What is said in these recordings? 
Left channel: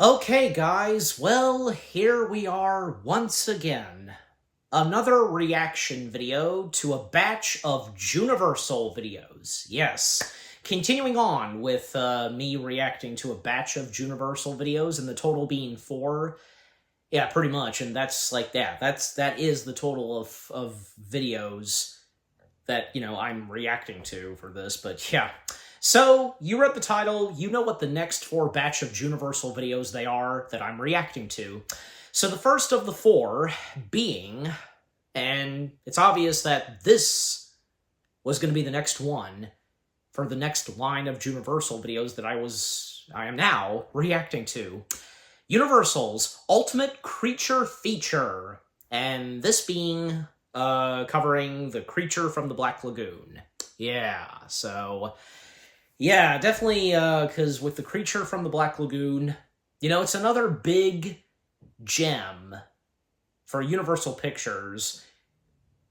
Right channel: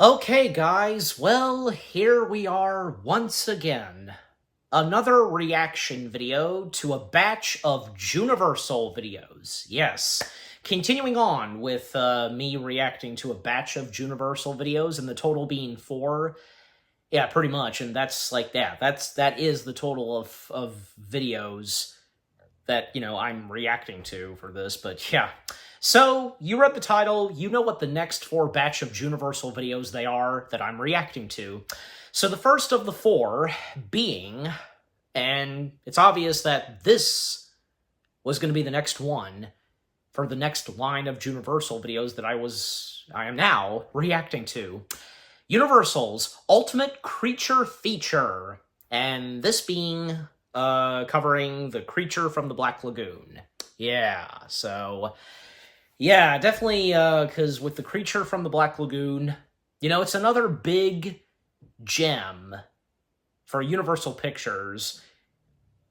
Okay, guys, well, here we are once again. Another reaction video to a batch of Juniversal videos. Yes, continuing on with me reacting to a batch of Juniversal videos, and the total being 4. Yeah, pretty much, and that's like that is the total of videos that, I'm reacting to for this, but yeah. So, you read the title, you know what the next 4 batch of Juniversal videos they are that I'm reacting to. So the first of the 4 being, and it's obvious that this was going to be the next one for the next line of Juniversal videos that I am now reacting to. Universal's Ultimate Creature Feature, and this being covering the creature from the Black Lagoon. Yeah, so yeah, definitely, because with the creature from the Black Lagoon, it's another big gem for Universal Pictures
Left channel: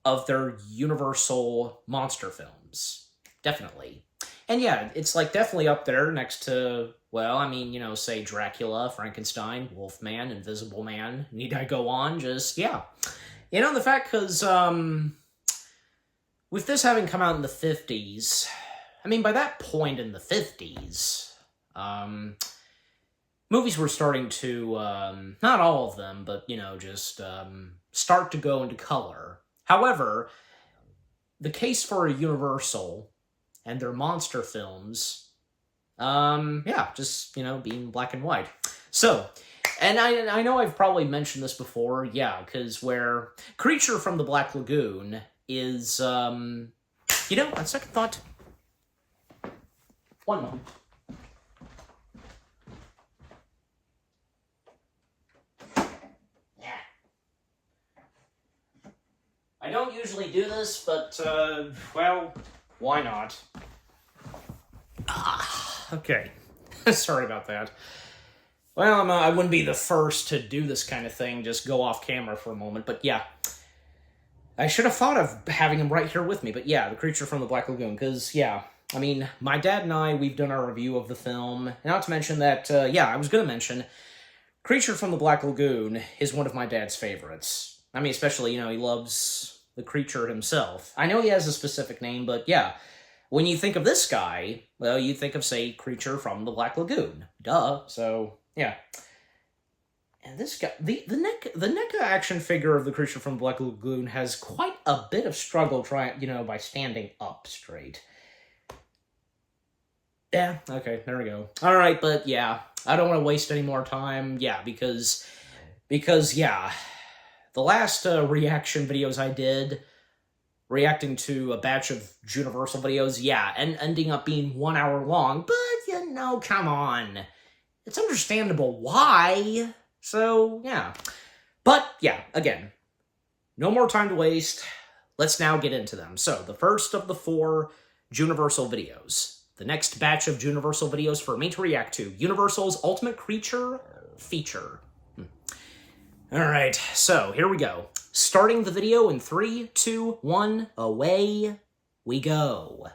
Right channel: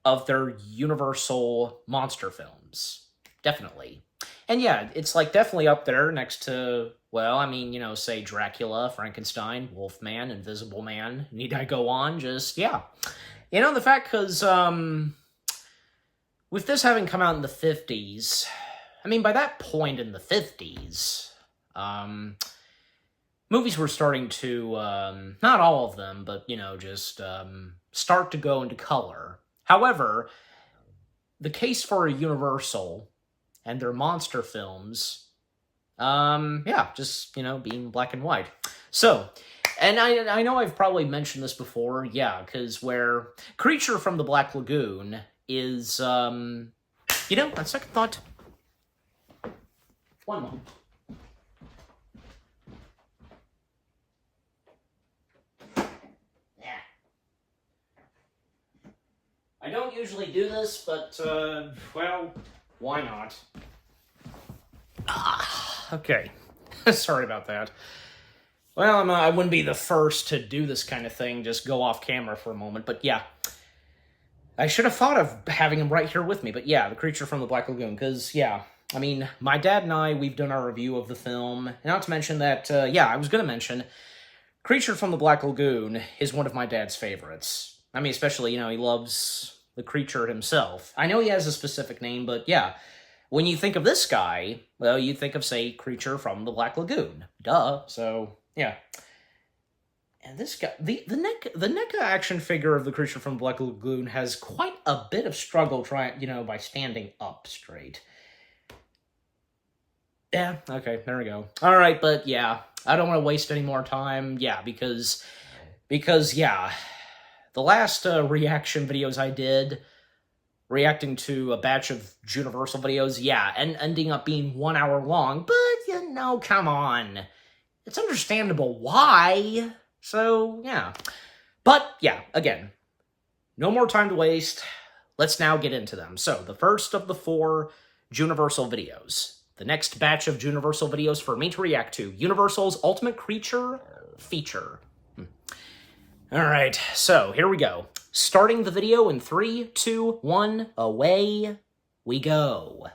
of their Universal monster films. Definitely. And yeah, it's like definitely up there next to, well, I mean, say Dracula, Frankenstein, Wolfman, Invisible Man. Need I go on? Just, yeah. The fact, because, with this having come out in the 50s, I mean, by that point in the 50s, movies were starting to, not all of them, but, just start to go into color. However, the case for Universal and their monster films, yeah, just, being black and white. So, and I know I've probably mentioned this before, yeah, because where Creature from the Black Lagoon is, on second thought, one moment. I don't usually do this, but, well, why not? Okay. Sorry about that. Well, I wouldn't be the first to do this kind of thing, just go off camera for a moment, but yeah. I should have thought of having him right here with me, but yeah, The Creature from the Black Lagoon, because, yeah, I mean, my dad and I, we've done our review of the film, not to mention that, yeah, I was going to mention, Creature from the Black Lagoon is one of my dad's favorites. I mean, especially, he loves the creature himself. I know he has a specific name, but yeah, when you think of this guy, well, you think of, say, Creature from the Black Lagoon. Duh. So, yeah. And this guy, the NECA action figure of the Creature from the Black Lagoon has quite a bit of struggle trying, by standing up straight. Yeah, okay, there we go. Alright, but yeah, I don't want to waste any more time, yeah, because, yeah, the last reaction videos I did, reacting to a batch of Juniversal videos, yeah, and ending up being 1 hour long, but, come on. It's understandable why, so, yeah. But, yeah, again, no more time to waste. Let's now get into them. So, the first of the 4 Juniversal videos. The next batch of Juniversal videos for me to react to. Universal's Ultimate Creature Feature. Alright, so here we go. Starting the video in 3, 2, 1, away we go.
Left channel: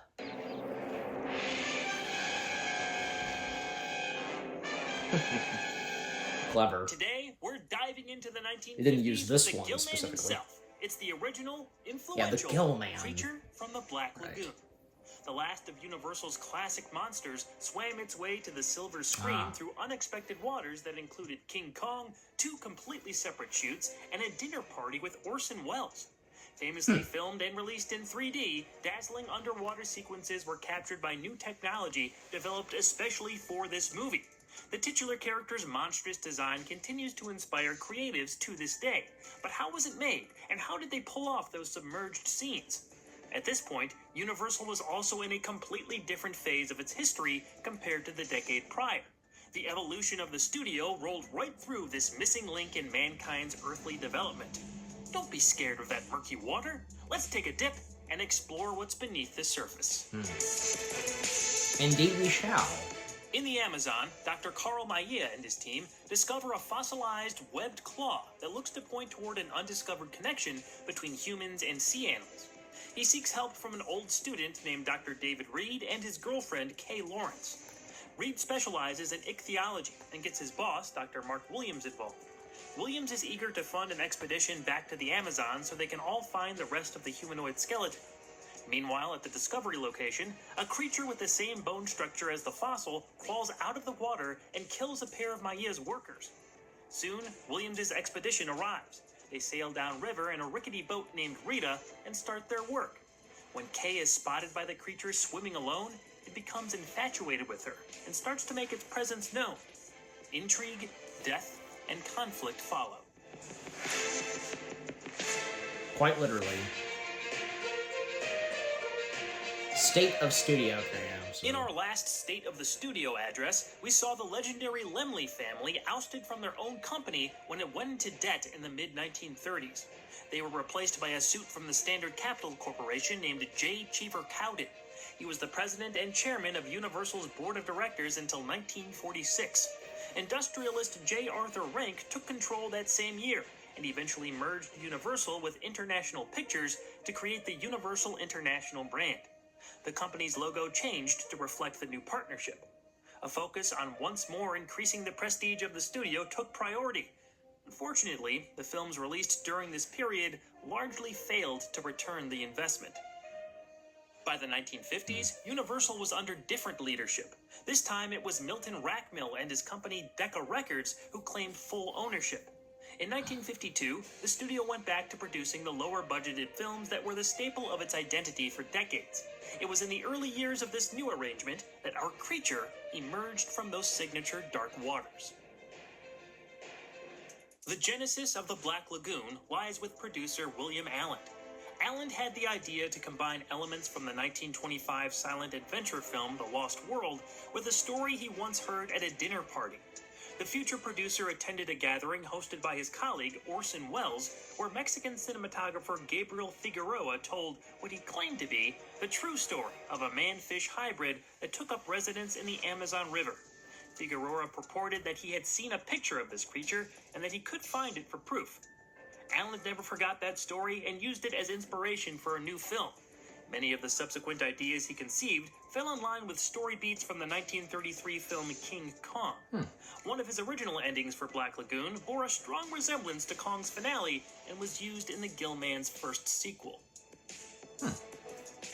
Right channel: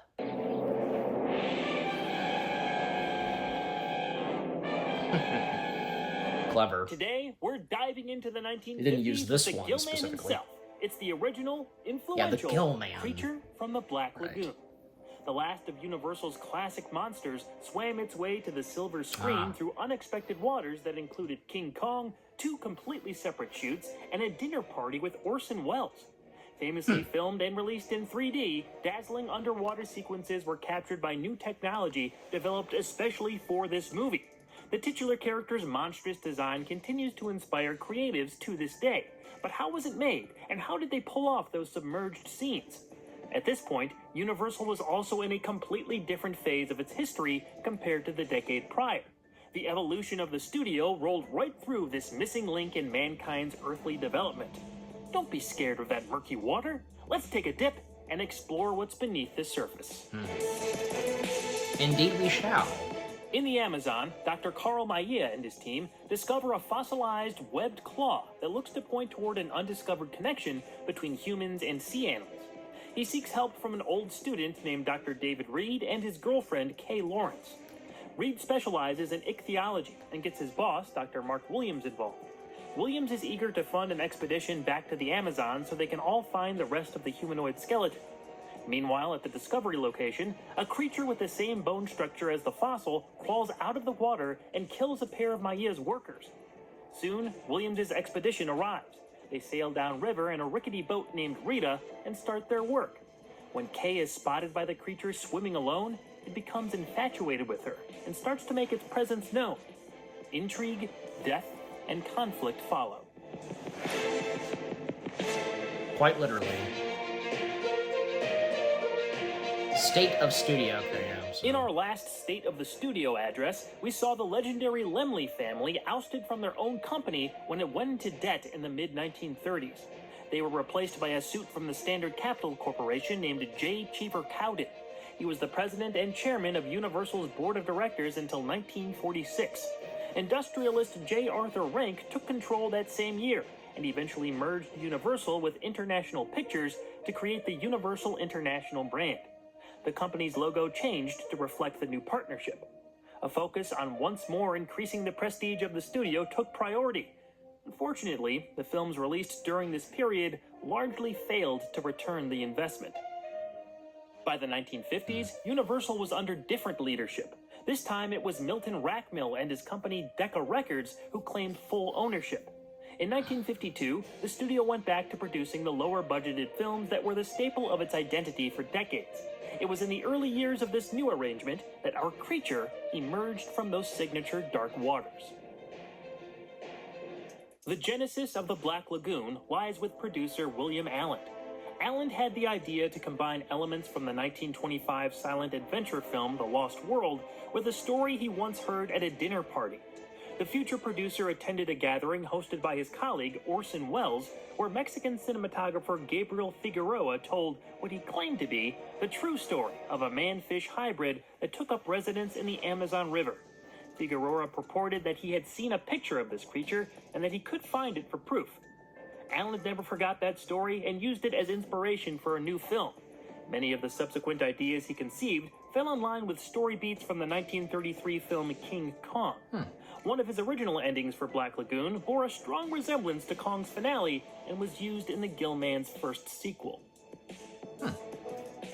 Clever. Today, we're diving into the 1950s. They didn't use this one specifically. It's the original, influential yeah, the Gill Man. Creature from the Black Lagoon. The last of Universal's classic monsters swam its way to the silver screen through unexpected waters that included King Kong, 2 completely separate shoots, and a dinner party with Orson Welles. Famously filmed and released in 3D, dazzling underwater sequences were captured by new technology developed especially for this movie. The titular character's monstrous design continues to inspire creatives to this day. But how was it made, and how did they pull off those submerged scenes? At this point, Universal was also in a completely different phase of its history compared to the decade prior. The evolution of the studio rolled right through this missing link in mankind's earthly development. Don't be scared of that murky water. Let's take a dip and explore what's beneath the surface. Indeed we shall. In the Amazon, Dr. Carl Maya and his team discover a fossilized webbed claw that looks to point toward an undiscovered connection between humans and sea animals. He seeks help from an old student named Dr. David Reed and his girlfriend, Kay Lawrence. Reed specializes in ichthyology and gets his boss, Dr. Mark Williams, involved. Williams is eager to fund an expedition back to the Amazon so they can all find the rest of the humanoid skeleton. Meanwhile, at the discovery location, a creature with the same bone structure as the fossil crawls out of the water and kills a pair of Maia's workers. Soon, Williams' expedition arrives. They sail downriver in a rickety boat named Rita and start their work. When Kay is spotted by the creature swimming alone, it becomes infatuated with her and starts to make its presence known. Intrigue, death, and conflict follow. Quite literally. State of studio okay now. So. In our last State of the Studio address, we saw the legendary Laemmle family ousted from their own company when it went into debt in the mid-1930s. They were replaced by a suit from the Standard Capital Corporation named J. Cheever Cowden. He was the president and chairman of Universal's board of directors until 1946. Industrialist J. Arthur Rank took control that same year and eventually merged Universal with International Pictures to create the Universal International brand. The company's logo changed to reflect the new partnership. A focus on once more increasing the prestige of the studio took priority. Unfortunately, the films released during this period largely failed to return the investment. By the 1950s, Universal was under different leadership. This time it was Milton Rackmill and his company Decca Records who claimed full ownership. In 1952, the studio went back to producing the lower-budgeted films that were the staple of its identity for decades. It was in the early years of this new arrangement that our creature emerged from those signature dark waters. The genesis of the Black Lagoon lies with producer William Allen. Allen had the idea to combine elements from the 1925 silent adventure film The Lost World with a story he once heard at a dinner party. The future producer attended a gathering hosted by his colleague Orson Welles, where Mexican cinematographer Gabriel Figueroa told what he claimed to be the true story of a man-fish hybrid that took up residence in the Amazon River. Figueroa purported that he had seen a picture of this creature and that he could find it for proof. Allen never forgot that story and used it as inspiration for a new film. Many of the subsequent ideas he conceived fell in line with story beats from the 1933 film King Kong. One of his original endings for Black Lagoon bore a strong resemblance to Kong's finale and was used in the Gill-Man's first sequel.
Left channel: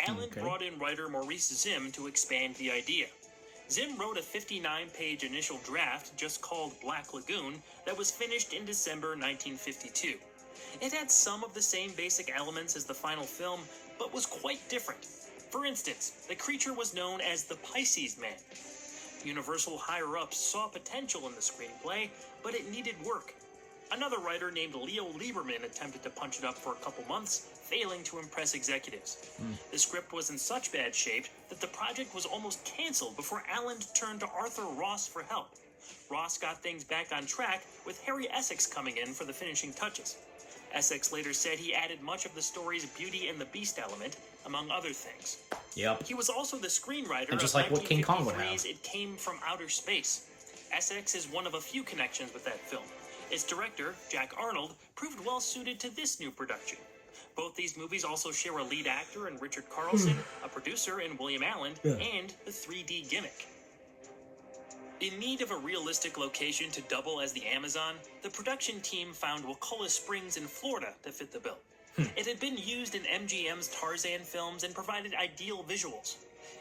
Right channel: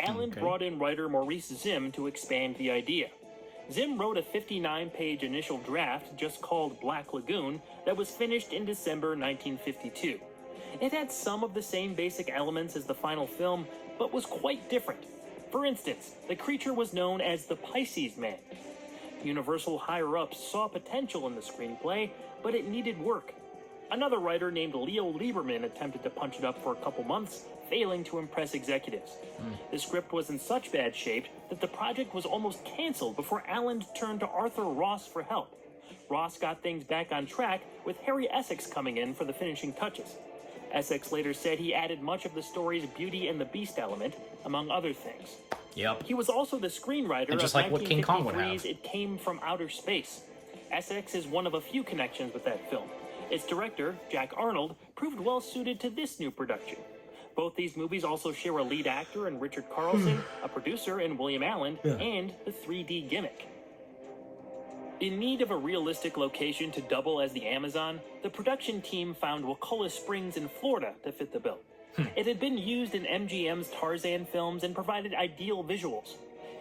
Allen brought in writer Maurice Zimm to expand the idea. Zimm wrote a 59-page initial draft just called Black Lagoon that was finished in December 1952. It had some of the same basic elements as the final film, but was quite different. For instance, the creature was known as the Pisces Man. Universal higher-ups saw potential in the screenplay, but it needed work. Another writer named Leo Lieberman attempted to punch it up for a couple months, failing to impress executives. The script was in such bad shape that the project was almost canceled before Allen turned to Arthur Ross for help. Ross got things back on track, with Harry Essex coming in for the finishing touches. Essex later said he added much of the story's Beauty and the Beast element, among other things. Yep. He was also the screenwriter and just of like what King Kong would have. 1953's It Came from Outer Space. Essex is one of a few connections with that film. Its director, Jack Arnold, proved well suited to this new production. Both these movies also share a lead actor in Richard Carlson, a producer in William Allen, and the 3D gimmick. In need of a realistic location to double as the Amazon, the production team found Wakulla Springs in Florida to fit the bill. It had been used in MGM's Tarzan films and provided ideal visuals.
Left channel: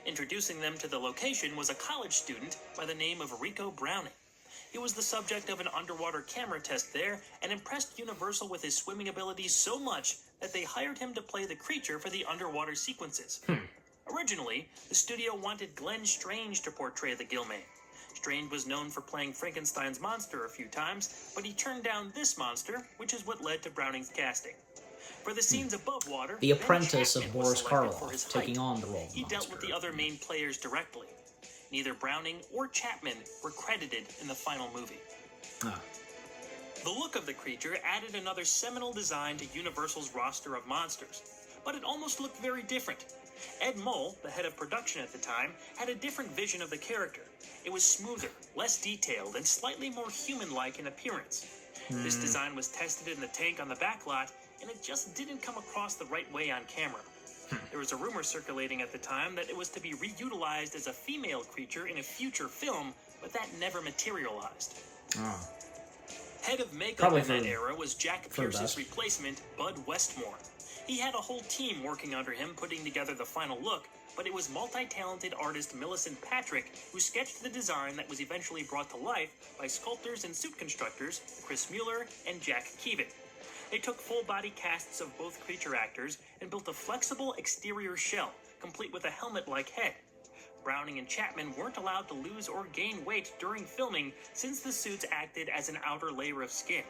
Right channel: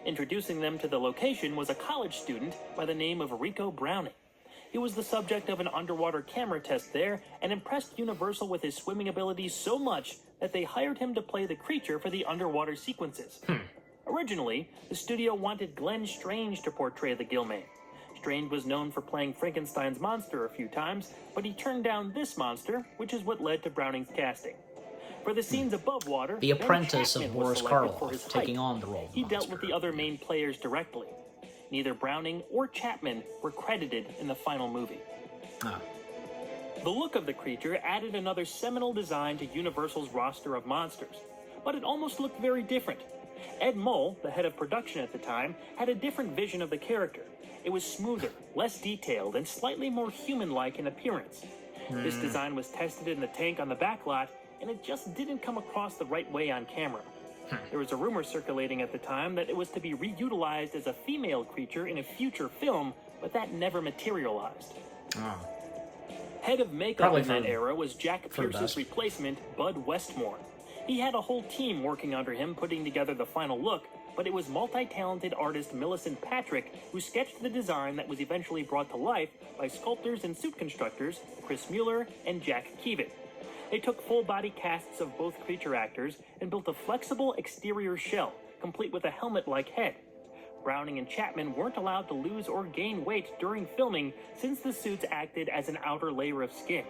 Introducing them to the location was a college student by the name of Rico Browning. He was the subject of an underwater camera test there and impressed Universal with his swimming abilities so much that they hired him to play the creature for the underwater sequences. Originally, the studio wanted Glenn Strange to portray the Gill-Man. Strange was known for playing Frankenstein's monster a few times, but he turned down this monster, which is what led to Browning's casting. For the scenes above water, The apprentice of Ben Chapman was Boris selected for Karloff, his height. taking on the role of the He monster. dealt with the other main players directly. Neither Browning or Chapman were credited in the final movie. The look of the creature added another seminal design to Universal's roster of monsters, but it almost looked very different. Ed Mull, the head of production at the time, had a different vision of the character. It was smoother, less detailed, and slightly more human-like in appearance. This design was tested in the tank on the back lot, and it just didn't come across the right way on camera. There was a rumor circulating at the time that it was to be reutilized as a female creature in a future film, but that never materialized. Oh. Head of makeup Probably in that era was Jack Pierce's replacement, Bud Westmore. He had a whole team working under him putting together the final look, but it was multi-talented artist Millicent Patrick who sketched the design that was eventually brought to life by sculptors and suit constructors Chris Mueller and Jack Keevan. They took full-body casts of both creature actors and built a flexible exterior shell, complete with a helmet-like head. Browning and Chapman weren't allowed to lose or gain weight during filming since the suits acted as an outer layer of skin.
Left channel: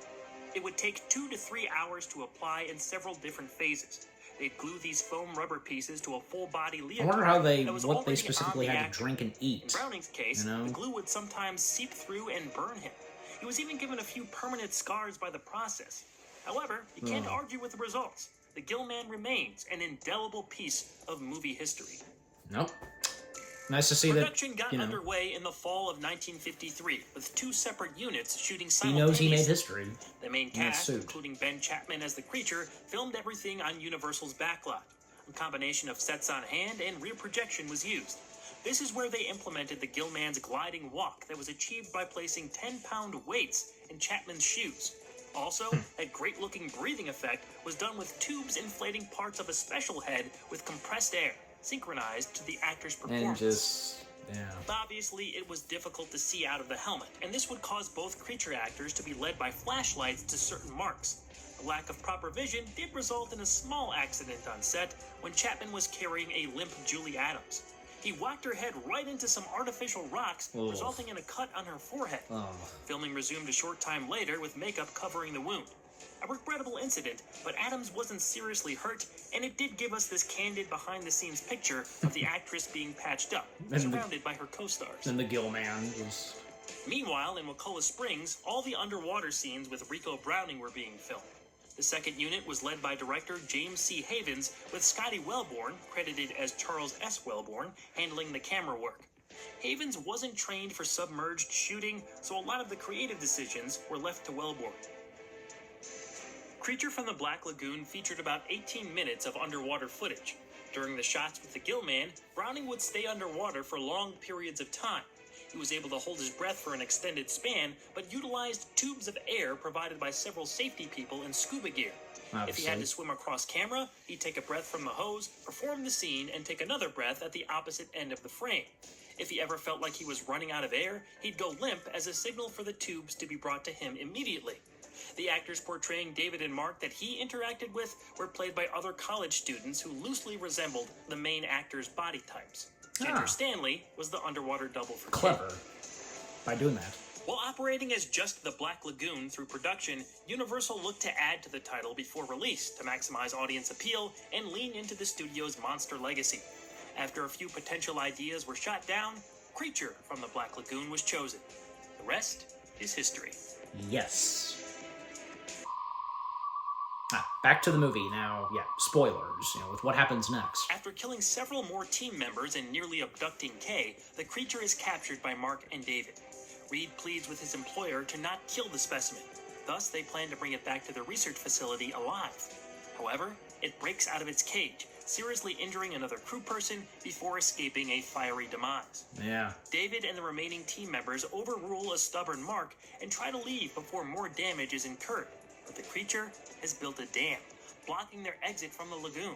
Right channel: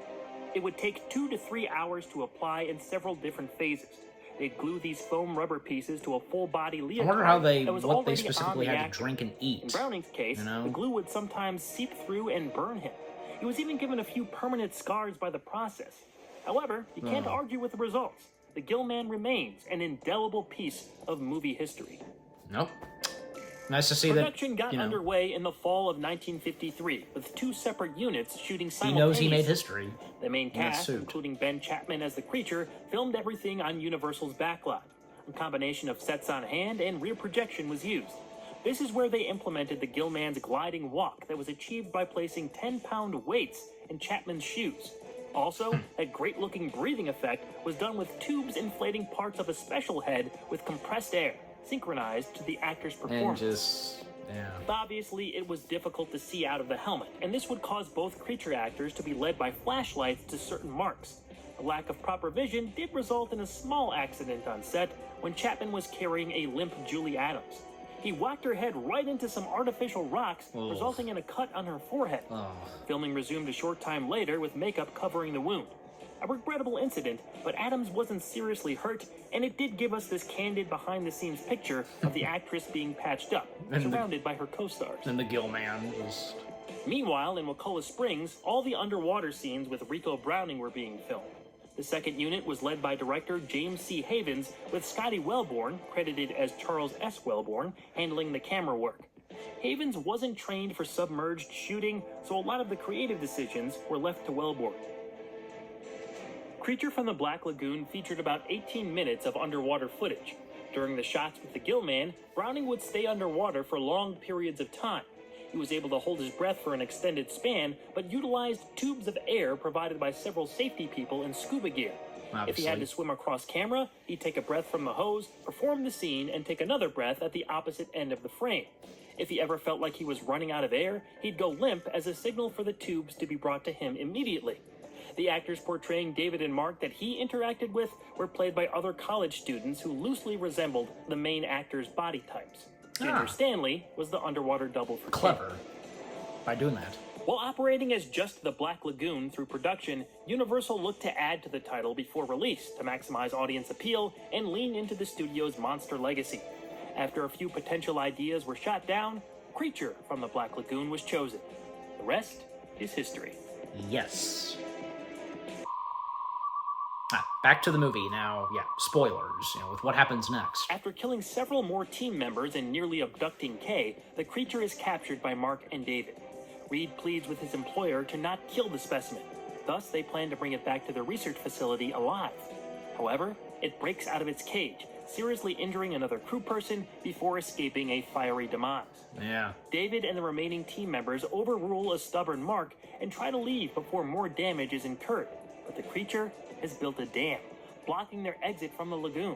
It would take 2 to 3 hours to apply in several different phases. They'd glue these foam rubber pieces to a full-body leotard. I wonder how what they specifically had to drink and eat. In Browning's case, the glue would sometimes seep through and burn him. He was even given a few permanent scars by the process. However, you can't argue with the results. The Gill-Man remains an indelible piece of movie history. Nope. Nice to see that, Production got underway in the fall of 1953, with 2 separate units shooting he simultaneously. knows he made history. The main cast, including Ben Chapman as the creature, filmed everything on Universal's backlot. A combination of sets on hand and rear projection was used. This is where they implemented the Gill-Man's gliding walk that was achieved by placing 10-pound weights in Chapman's shoes. Also, that great-looking breathing effect was done with tubes inflating parts of a special head with compressed air, synchronized to the actor's performance. Obviously, it was difficult to see out of the helmet, and this would cause both creature actors to be led by flashlights to certain marks. A lack of proper vision did result in a small accident on set when Chapman was carrying a limp Julie Adams. He whacked her head right into some artificial rocks, resulting in a cut on her forehead. Filming resumed a short time later with makeup covering the wound. A regrettable incident, but Adams wasn't seriously hurt, and it did give us this candid behind-the-scenes picture of the actress being patched up, surrounded by her co-stars. And the Gill-Man was... Meanwhile, in Wakulla Springs, all the underwater scenes with Rico Browning were being filmed. The second unit was led by director James C. Havens, with Scotty Wellborn, credited as Charles S. Wellborn, handling the camera work. Havens wasn't trained for submerged shooting, so a lot of the creative decisions were left to Wellborn. Creature from the Black Lagoon featured about 18 minutes of underwater footage. During the shots with the Gill-Man, Browning would stay underwater for long periods of time. He was able to hold his breath for an extended span, but utilized tubes of air provided by several safety people in scuba gear. If he had to swim across camera, he'd take a breath from the hose, perform the scene, and take another breath at the opposite end of the frame. If he ever felt like he was running out of air, he'd go limp as a signal for the tubes to be brought to him immediately. The actors portraying David and Mark that he interacted with were played by other college students who loosely resembled the main actors' body types. Ginger Stanley was the underwater double for Clever. By doing that. While operating as just the Black Lagoon through production, Universal looked to add to the title before release to maximize audience appeal and lean into the studio's monster legacy. After a few potential ideas were shot down, Creature from the Black Lagoon was chosen. The rest is history. Yes. Back to the movie now. Spoilers, with what happens next. After killing several more team members and nearly abducting Kay, the creature is captured by Mark and David. Reed pleads with his employer to not kill the specimen. Thus, they plan to bring it back to the research facility alive. However, it breaks out of its cage, seriously injuring another crew person before escaping a fiery demise. David and the remaining team members overrule a stubborn Mark and try to leave before more damage is incurred. But the creature has built a dam, blocking their exit from the lagoon.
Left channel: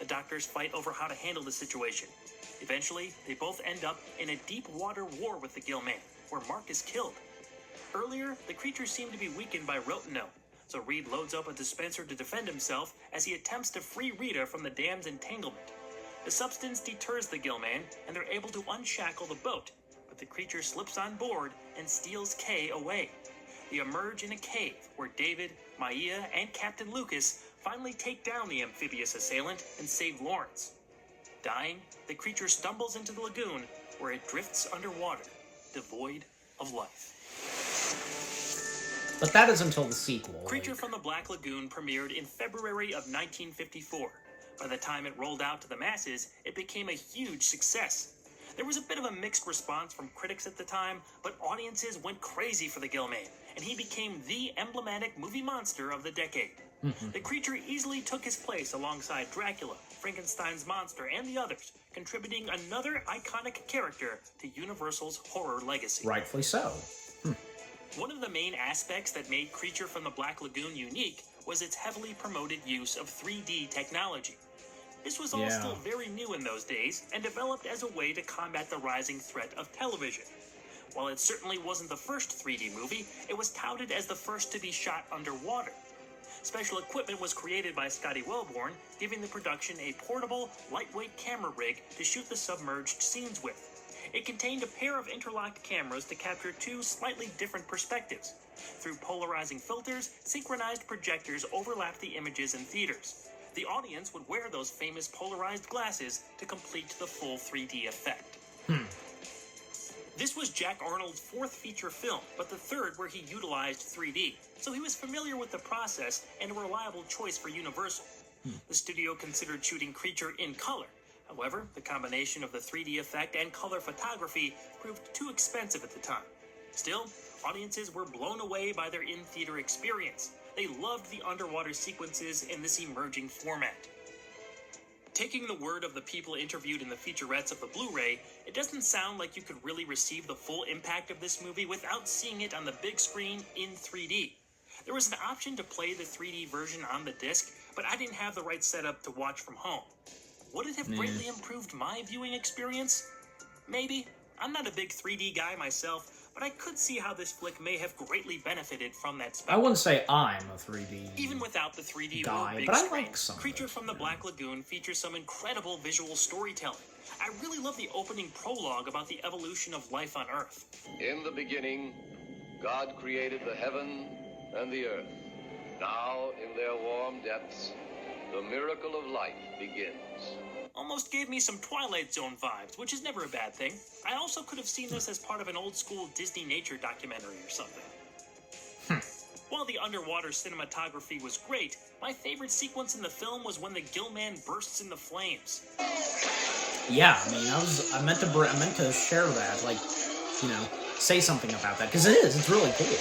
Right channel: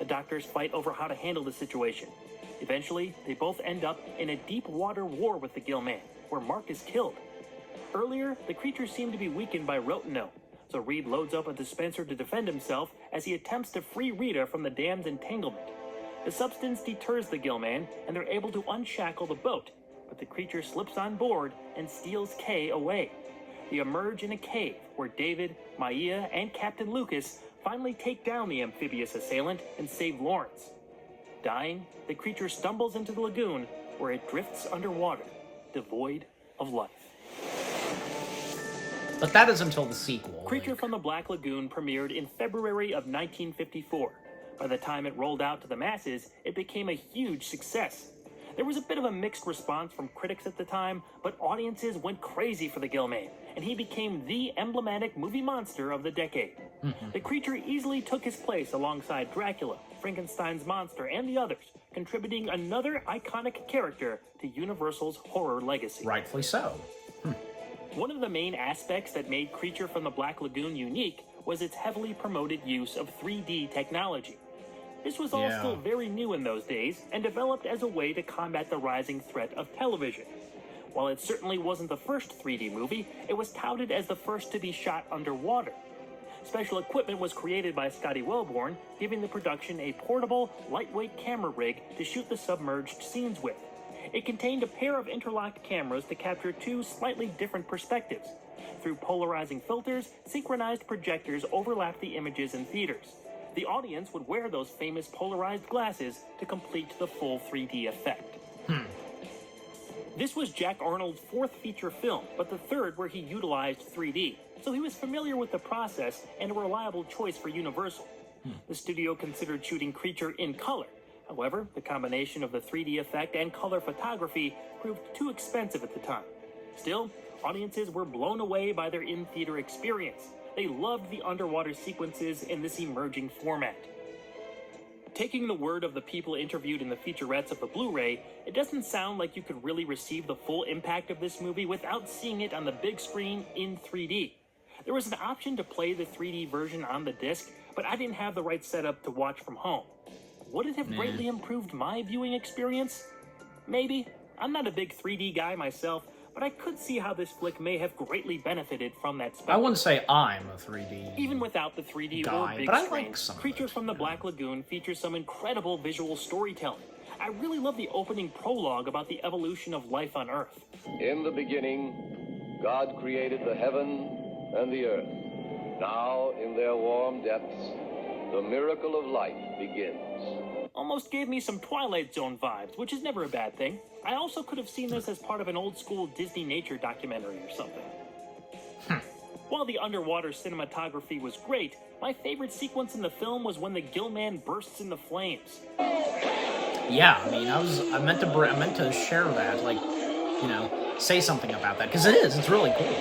The doctors fight over how to handle the situation. Eventually, they both end up in a deep water war with the Gill-Man, where Mark is killed. Earlier, the creature seemed to be weakened by rotenone, so Reed loads up a dispenser to defend himself as he attempts to free Rita from the dam's entanglement. The substance deters the Gill-Man, and they're able to unshackle the boat, but the creature slips on board and steals Kay away. They emerge in a cave where David, Maya, and Captain Lucas finally take down the amphibious assailant and save Lawrence. Dying, the creature stumbles into the lagoon where it drifts underwater, devoid of life. But that is until the sequel. Creature from the Black Lagoon premiered in February of 1954. By the time it rolled out to the masses, it became a huge success. There was a bit of a mixed response from critics at the time, but audiences went crazy for the Gill-Man, and he became the emblematic movie monster of the decade. The creature easily took his place alongside Dracula, Frankenstein's monster, and the others, contributing another iconic character to Universal's horror legacy. Rightfully so. One of the main aspects that made Creature from the Black Lagoon unique was its heavily promoted use of 3D technology. This was all still very new in those days, and developed as a way to combat the rising threat of television. While it certainly wasn't the first 3D movie, it was touted as the first to be shot underwater. Special equipment was created by Scotty Wellborn, giving the production a portable, lightweight camera rig to shoot the submerged scenes with. It contained a pair of interlocked cameras to capture two slightly different perspectives. Through polarizing filters, synchronized projectors overlapped the images in theaters. The audience would wear those famous polarized glasses to complete the full 3D effect. This was Jack Arnold's fourth feature film, but the third where he utilized 3D, so he was familiar with the process and a reliable choice for Universal. The studio considered shooting Creature in color. However, the combination of the 3D effect and color photography proved too expensive at the time. Still, audiences were blown away by their in-theater experience. They loved the underwater sequences in this emerging format. Taking the word of the people interviewed in the featurettes of the Blu-ray, it doesn't sound like you could really receive the full impact of this movie without seeing it on the big screen in 3D. There was an option to play the 3D version on the disc, but I didn't have the right setup to watch from home. Would it have greatly improved my viewing experience? Maybe. I'm not a big 3D guy myself, but I could see how this flick may have greatly benefited from that spectrum. I wouldn't say I'm a 3D Even without the 3D guy, or big but I screen, like some Creature of it, from the Black Lagoon features some incredible visual storytelling. I really love the opening prologue about the evolution of life on Earth. In the beginning, God created the heaven and the earth. Now, in their warm depths, the miracle of life begins. Almost gave me some Twilight Zone vibes, which is never a bad thing. I also could have seen this as part of an old-school Disney nature documentary or something. While the underwater cinematography was great, my favorite sequence in the film was when the Gillman bursts into flames. Yeah, I mean, I meant to share that, like, you know, say something about that, because it's really cool.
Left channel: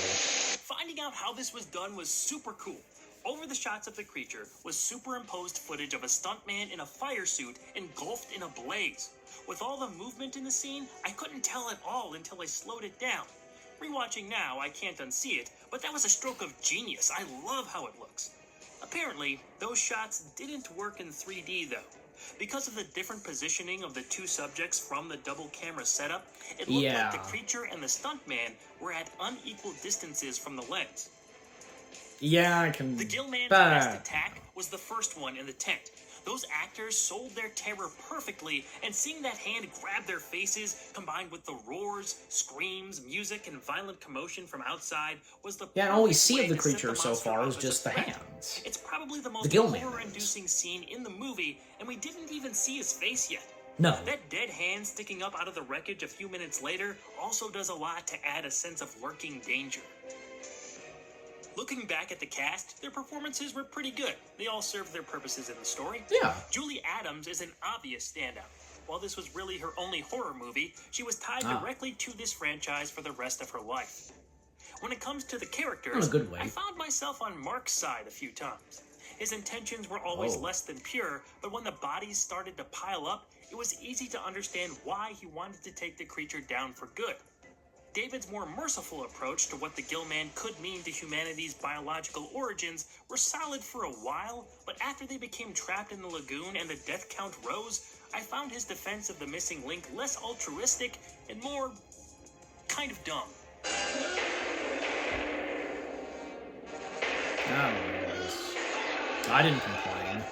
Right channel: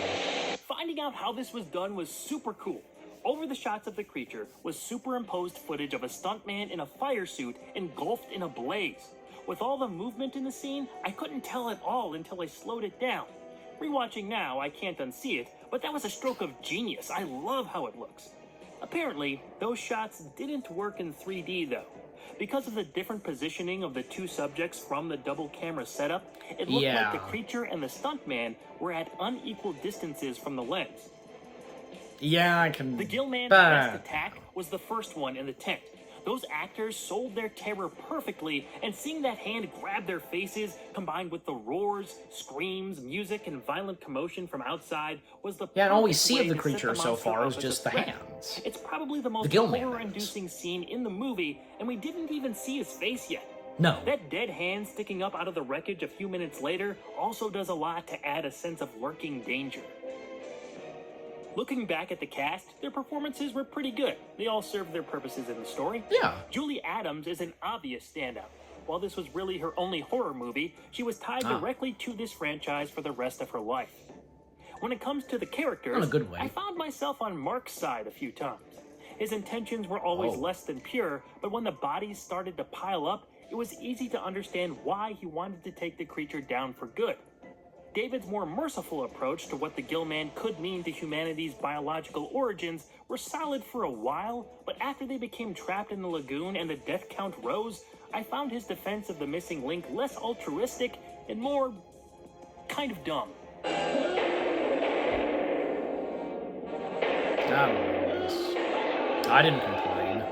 Finding out how this was done was super cool. Over the shots of the creature was superimposed footage of a stuntman in a fire suit engulfed in a blaze. With all the movement in the scene, I couldn't tell at all until I slowed it down. Rewatching now, I can't unsee it, but that was a stroke of genius. I love how it looks. Apparently, those shots didn't work in 3D though. Because of the different positioning of the two subjects from the double camera setup, it looked like the creature and the stuntman were at unequal distances from the lens. Yeah, I can... The Gillman's best attack was the first one in the tent. Those actors sold their terror perfectly, and seeing that hand grab their faces, combined with the roars, screams, music, and violent commotion from outside, was the and all we see of the creature so far is just the hands. It's probably the most horror-inducing scene in the movie, and we didn't even see his face yet. No. That dead hand sticking up out of the wreckage a few minutes later also does a lot to add a sense of lurking danger. Looking back at the cast, their performances were pretty good. They all served their purposes in the story. Yeah. Julie Adams is an obvious standout. While this was really her only horror movie, she was tied directly to this franchise for the rest of her life. When it comes to the characters, in a good way. I found myself on Mark's side a few times. His intentions were always less than pure, but when the bodies started to pile up, it was easy to understand why he wanted to take the creature down for good. David's more merciful approach to what the Gillman could mean to humanity's biological origins were solid for a while, but after they became trapped in the lagoon and the death count rose, I found his defense of the missing link less altruistic and more kind of dumb. I don't know. I didn't complain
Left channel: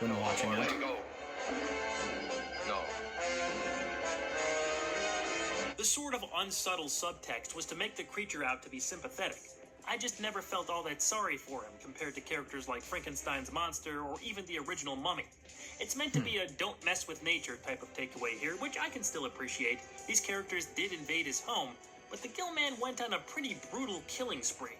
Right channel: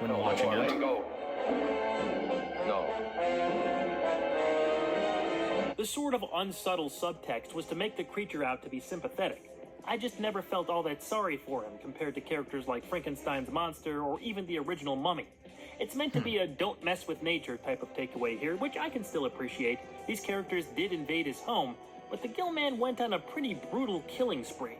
when watching it. The sort of unsubtle subtext was to make the creature out to be sympathetic. I just never felt all that sorry for him compared to characters like Frankenstein's monster or even the original Mummy. It's meant to be a don't mess with nature type of takeaway here, which I can still appreciate. These characters did invade his home, but the Gillman went on a pretty brutal killing spree.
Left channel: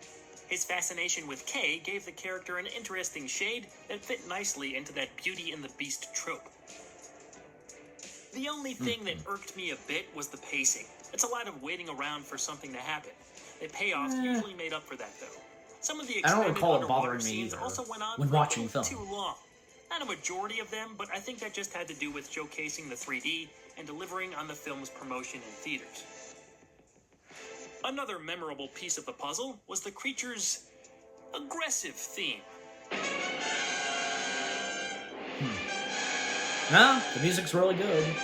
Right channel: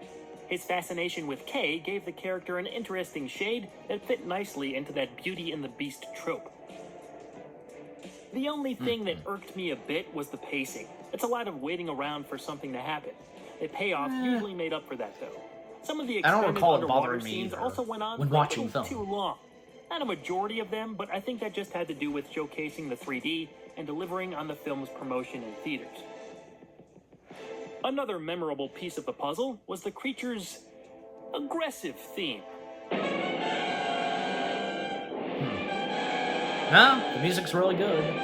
His fascination with Kay gave the character an interesting shade that fit nicely into that Beauty and the Beast trope. The only thing that irked me a bit was the pacing. It's a lot of waiting around for something to happen. The payoff usually made up for that, though. Some of the I don't recall it underwater bothering me scenes either also went on when for a watching little film. too long. Not a majority of them, but I think that just had to do with showcasing the 3D and delivering on the film's promotion in theaters. Another memorable piece of the puzzle was the creature's aggressive theme. No, the music's really good.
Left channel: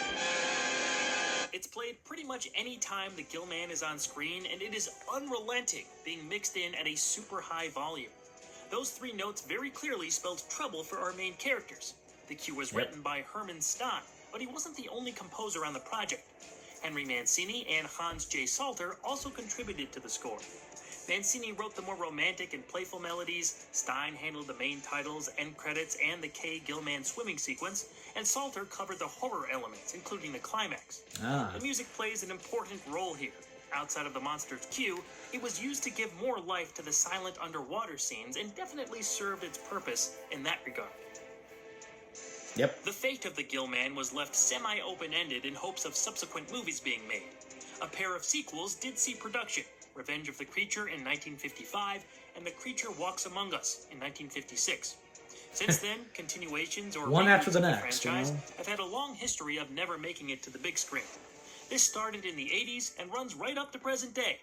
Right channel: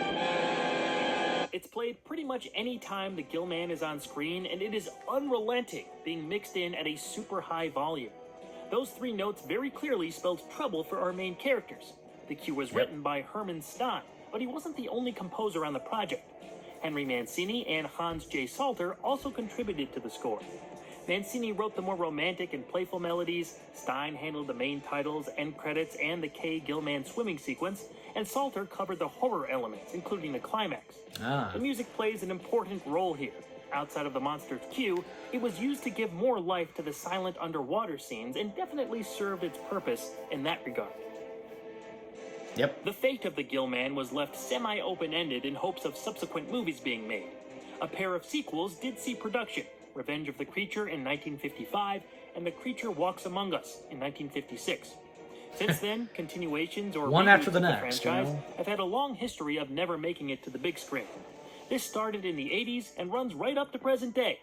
It's played pretty much any time the Gillman is on screen, and it is unrelenting, being mixed in at a super high volume. Those 3 notes very clearly spelled trouble for our main characters. The cue was written by Herman Stein, but he wasn't the only composer on the project. Henry Mancini and Hans J. Salter also contributed to the score. Mancini wrote the more romantic and playful melodies, Stein handled the main titles, end credits, and the Kay Gillman swimming sequence, and Salter covered the horror elements, including the climax. The music plays an important role here. Outside of the monster's cue, it was used to give more life to the silent underwater scenes and definitely served its purpose in that regard. Yep. The fate of the Gillman was left semi-open-ended in hopes of subsequent movies being made. A pair of sequels did see production, Revenge of the Creature in 1955 and The Creature Walks Among Us in 1956. Since then, continuations or one after the reboots of next, you know? have had a long history of never making it to the big screen. This started in the 80s and runs right up to present day.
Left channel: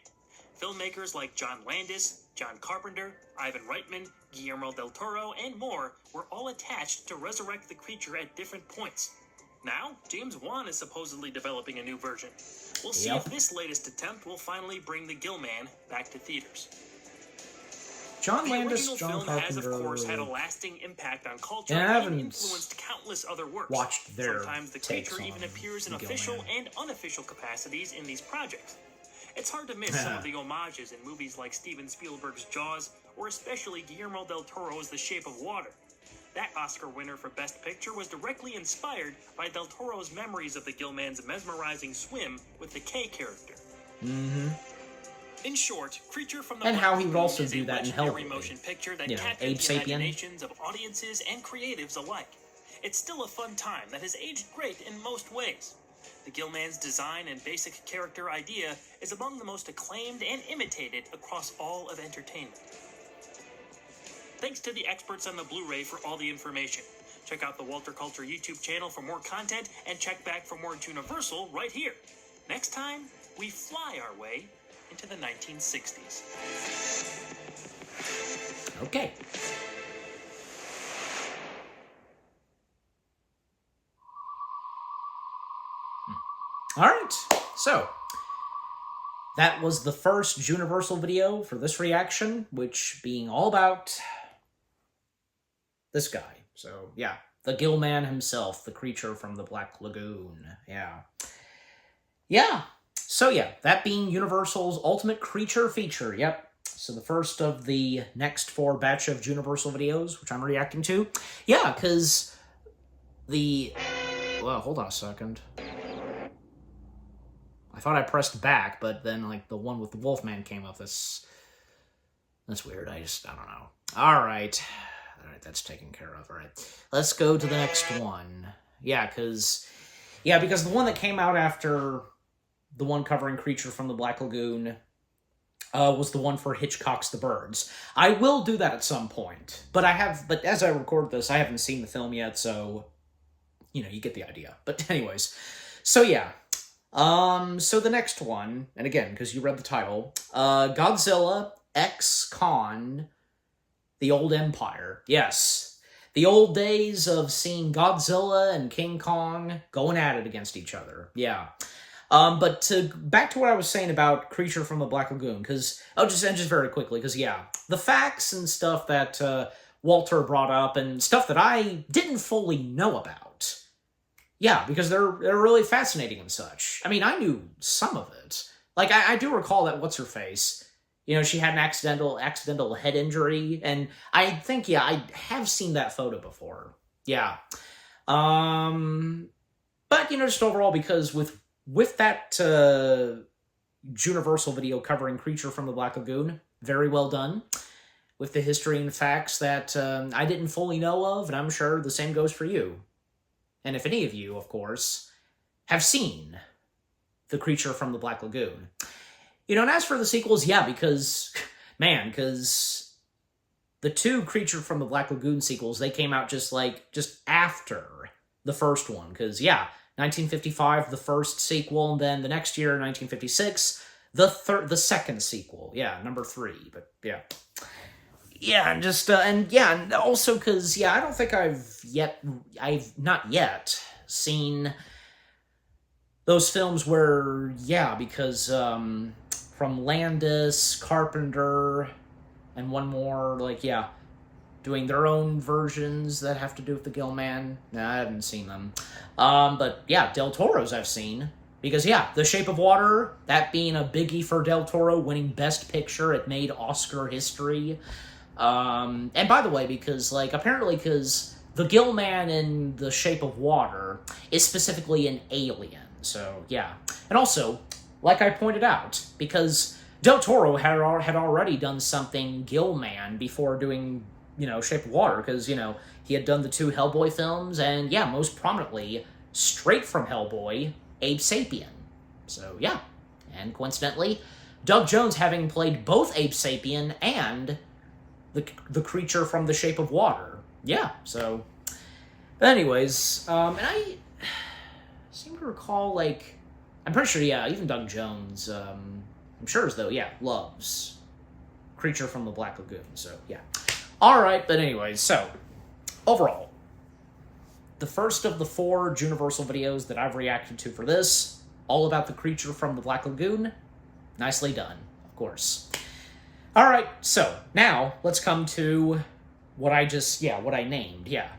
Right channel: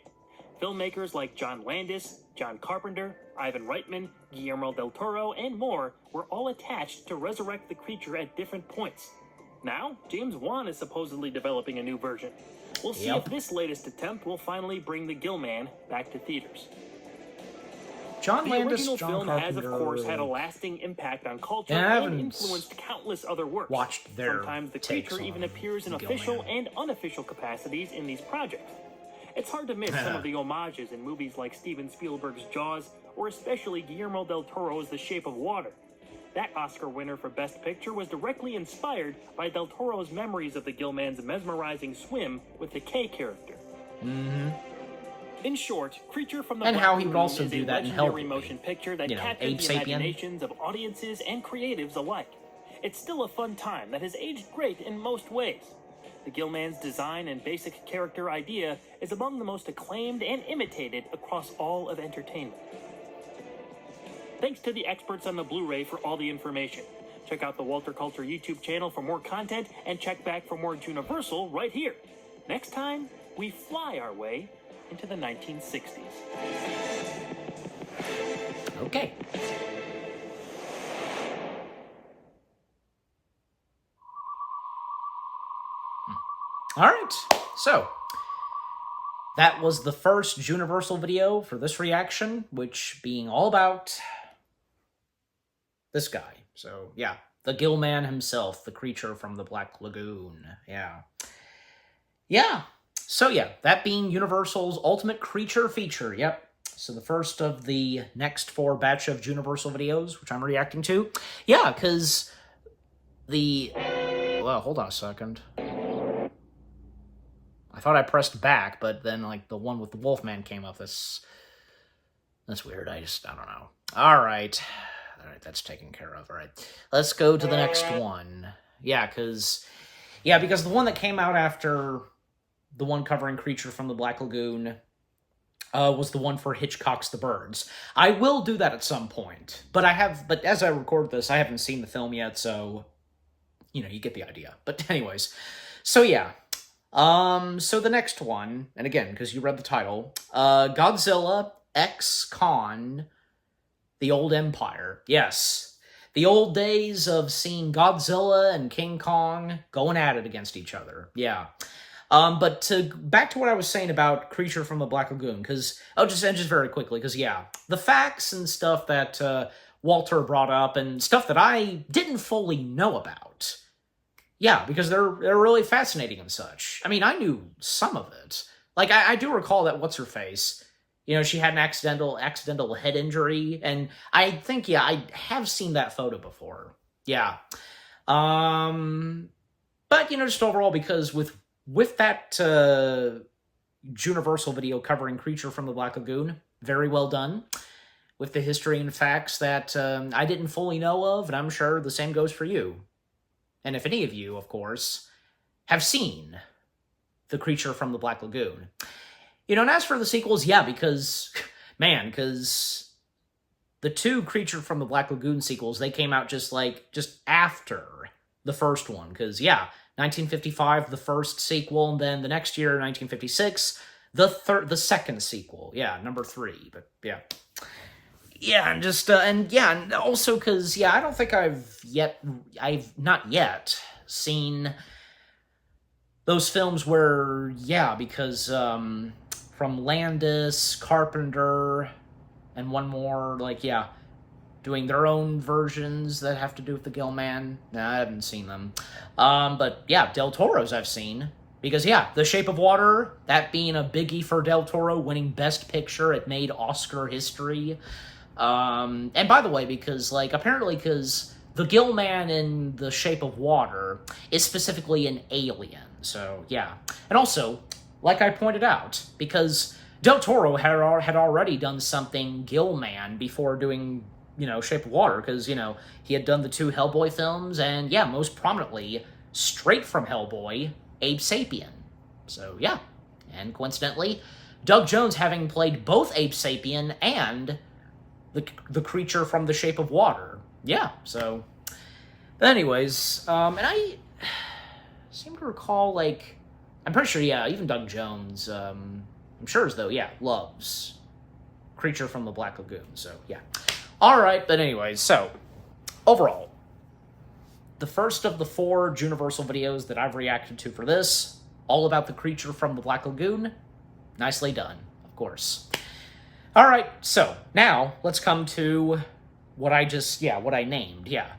Filmmakers like John Landis, John Carpenter, Ivan Reitman, Guillermo del Toro, and more were all attached to resurrect the creature at different points. Now, James Wan is supposedly developing a new version. We'll see if this latest attempt will finally bring the Gillman back to theaters. John The Landis, original John film Carpenter. has, of course, had a lasting impact on culture And I and haven't influenced countless other works. watched their Sometimes the takes creature even on appears in Gillman. official and unofficial capacities in these projects. It's hard to miss some of the homages in movies like Steven Spielberg's Jaws, or especially Guillermo del Toro's The Shape of Water. That Oscar winner for Best Picture was directly inspired by del Toro's memories of the Gillman's mesmerizing swim with the K character. In short, Creature from the And how he would Black also Lagoon do is a that in legendary Hellboy. motion picture that You know, captures Abe the Sapien. imaginations of audiences and creatives alike. It's still a fun time that has aged great in most ways. The Gillman's design and basic character idea is among the most acclaimed and imitated across all of entertainment. Thanks to the experts on the Blu-ray for all the information. Check out the Walter Culture YouTube channel for more content, and check back for more Juniversal right here. Next time, we fly our way into the 1960s. Okay. All right. So, that was the first Juniversal video for this reaction, which being all about this guy. So, yeah, the Gillman himself, the creature from the Black Lagoon. Yeah. Yeah. So, yeah, that being Universal's Ultimate Creature feature. Yep. So the first of the next 4 batch of Juniversal videos, which I'm reacting to. Yeah, because well, hold on a second. I thought I pressed back, but then, like, the one with the Wolfman came up. That's weird. I don't know. All right, that's taken care of. All right, let's go to the next one. Yeah, because the one that came out after the one covering Creature from the Black Lagoon was the one for Hitchcock's The Birds. I will do that at some point, but as I record this, I haven't seen the film yet, so, you get the idea. But anyways, so yeah. So the next one, and again, because you read the title, Godzilla X Kong, The Old Empire. Yes, the old days of seeing Godzilla and King Kong going at it against each other. Yeah. But back to what I was saying about Creature from the Black Lagoon, because, just very quickly, because, yeah, the facts and stuff that Walter brought up, and stuff that I didn't fully know about. Yeah, because they're really fascinating and such. I mean, I knew some of it. Like, I do recall that What's-Her-Face, she had an accidental head injury, and I think, yeah, I have seen that photo before. Yeah. But, just overall, because with that Juniversal video covering Creature from the Black Lagoon, very well done, with the history and facts that I didn't fully know of, and I'm sure the same goes for you. And if any of you, of course, have seen the Creature from the Black Lagoon. And as for the sequels, yeah, because the two Creature from the Black Lagoon sequels, they came out just after the first one. Because, yeah, 1955, the first sequel, and then the next year, 1956, the second sequel. Yeah, number 3, but yeah. Yeah, and also because, yeah, I don't think I've not yet seen those films where, yeah, because, from Landis, Carpenter, and one more, like, yeah, doing their own versions that have to do with the Gill-Man. Nah, I haven't seen them. But, yeah, Del Toro's I've seen. Because, yeah, The Shape of Water, that being a biggie for Del Toro, winning Best Picture, it made Oscar history. And by the way, because, like, apparently because the Gill-Man in The Shape of Water is specifically an alien. So, yeah. And also, like I pointed out, because Del Toro had already done something Gill-Man before doing, Shape of Water, because, he had done the 2 Hellboy films, and, yeah, most prominently, straight from Hellboy, Abe Sapien. So, yeah. And coincidentally, Doug Jones having played both Abe Sapien and the creature from The Shape of Water. Yeah, so... But anyways, and I seem to recall, like... I'm pretty sure, yeah, even Doug Jones, I'm sure as though, yeah, loves Creature from the Black Lagoon, so, yeah. Alright, but anyways, so, overall, the first of the 4 Juniversal videos that I've reacted to for this, all about the Creature from the Black Lagoon, nicely done, of course. Alright, so, now, let's come to what I named, yeah.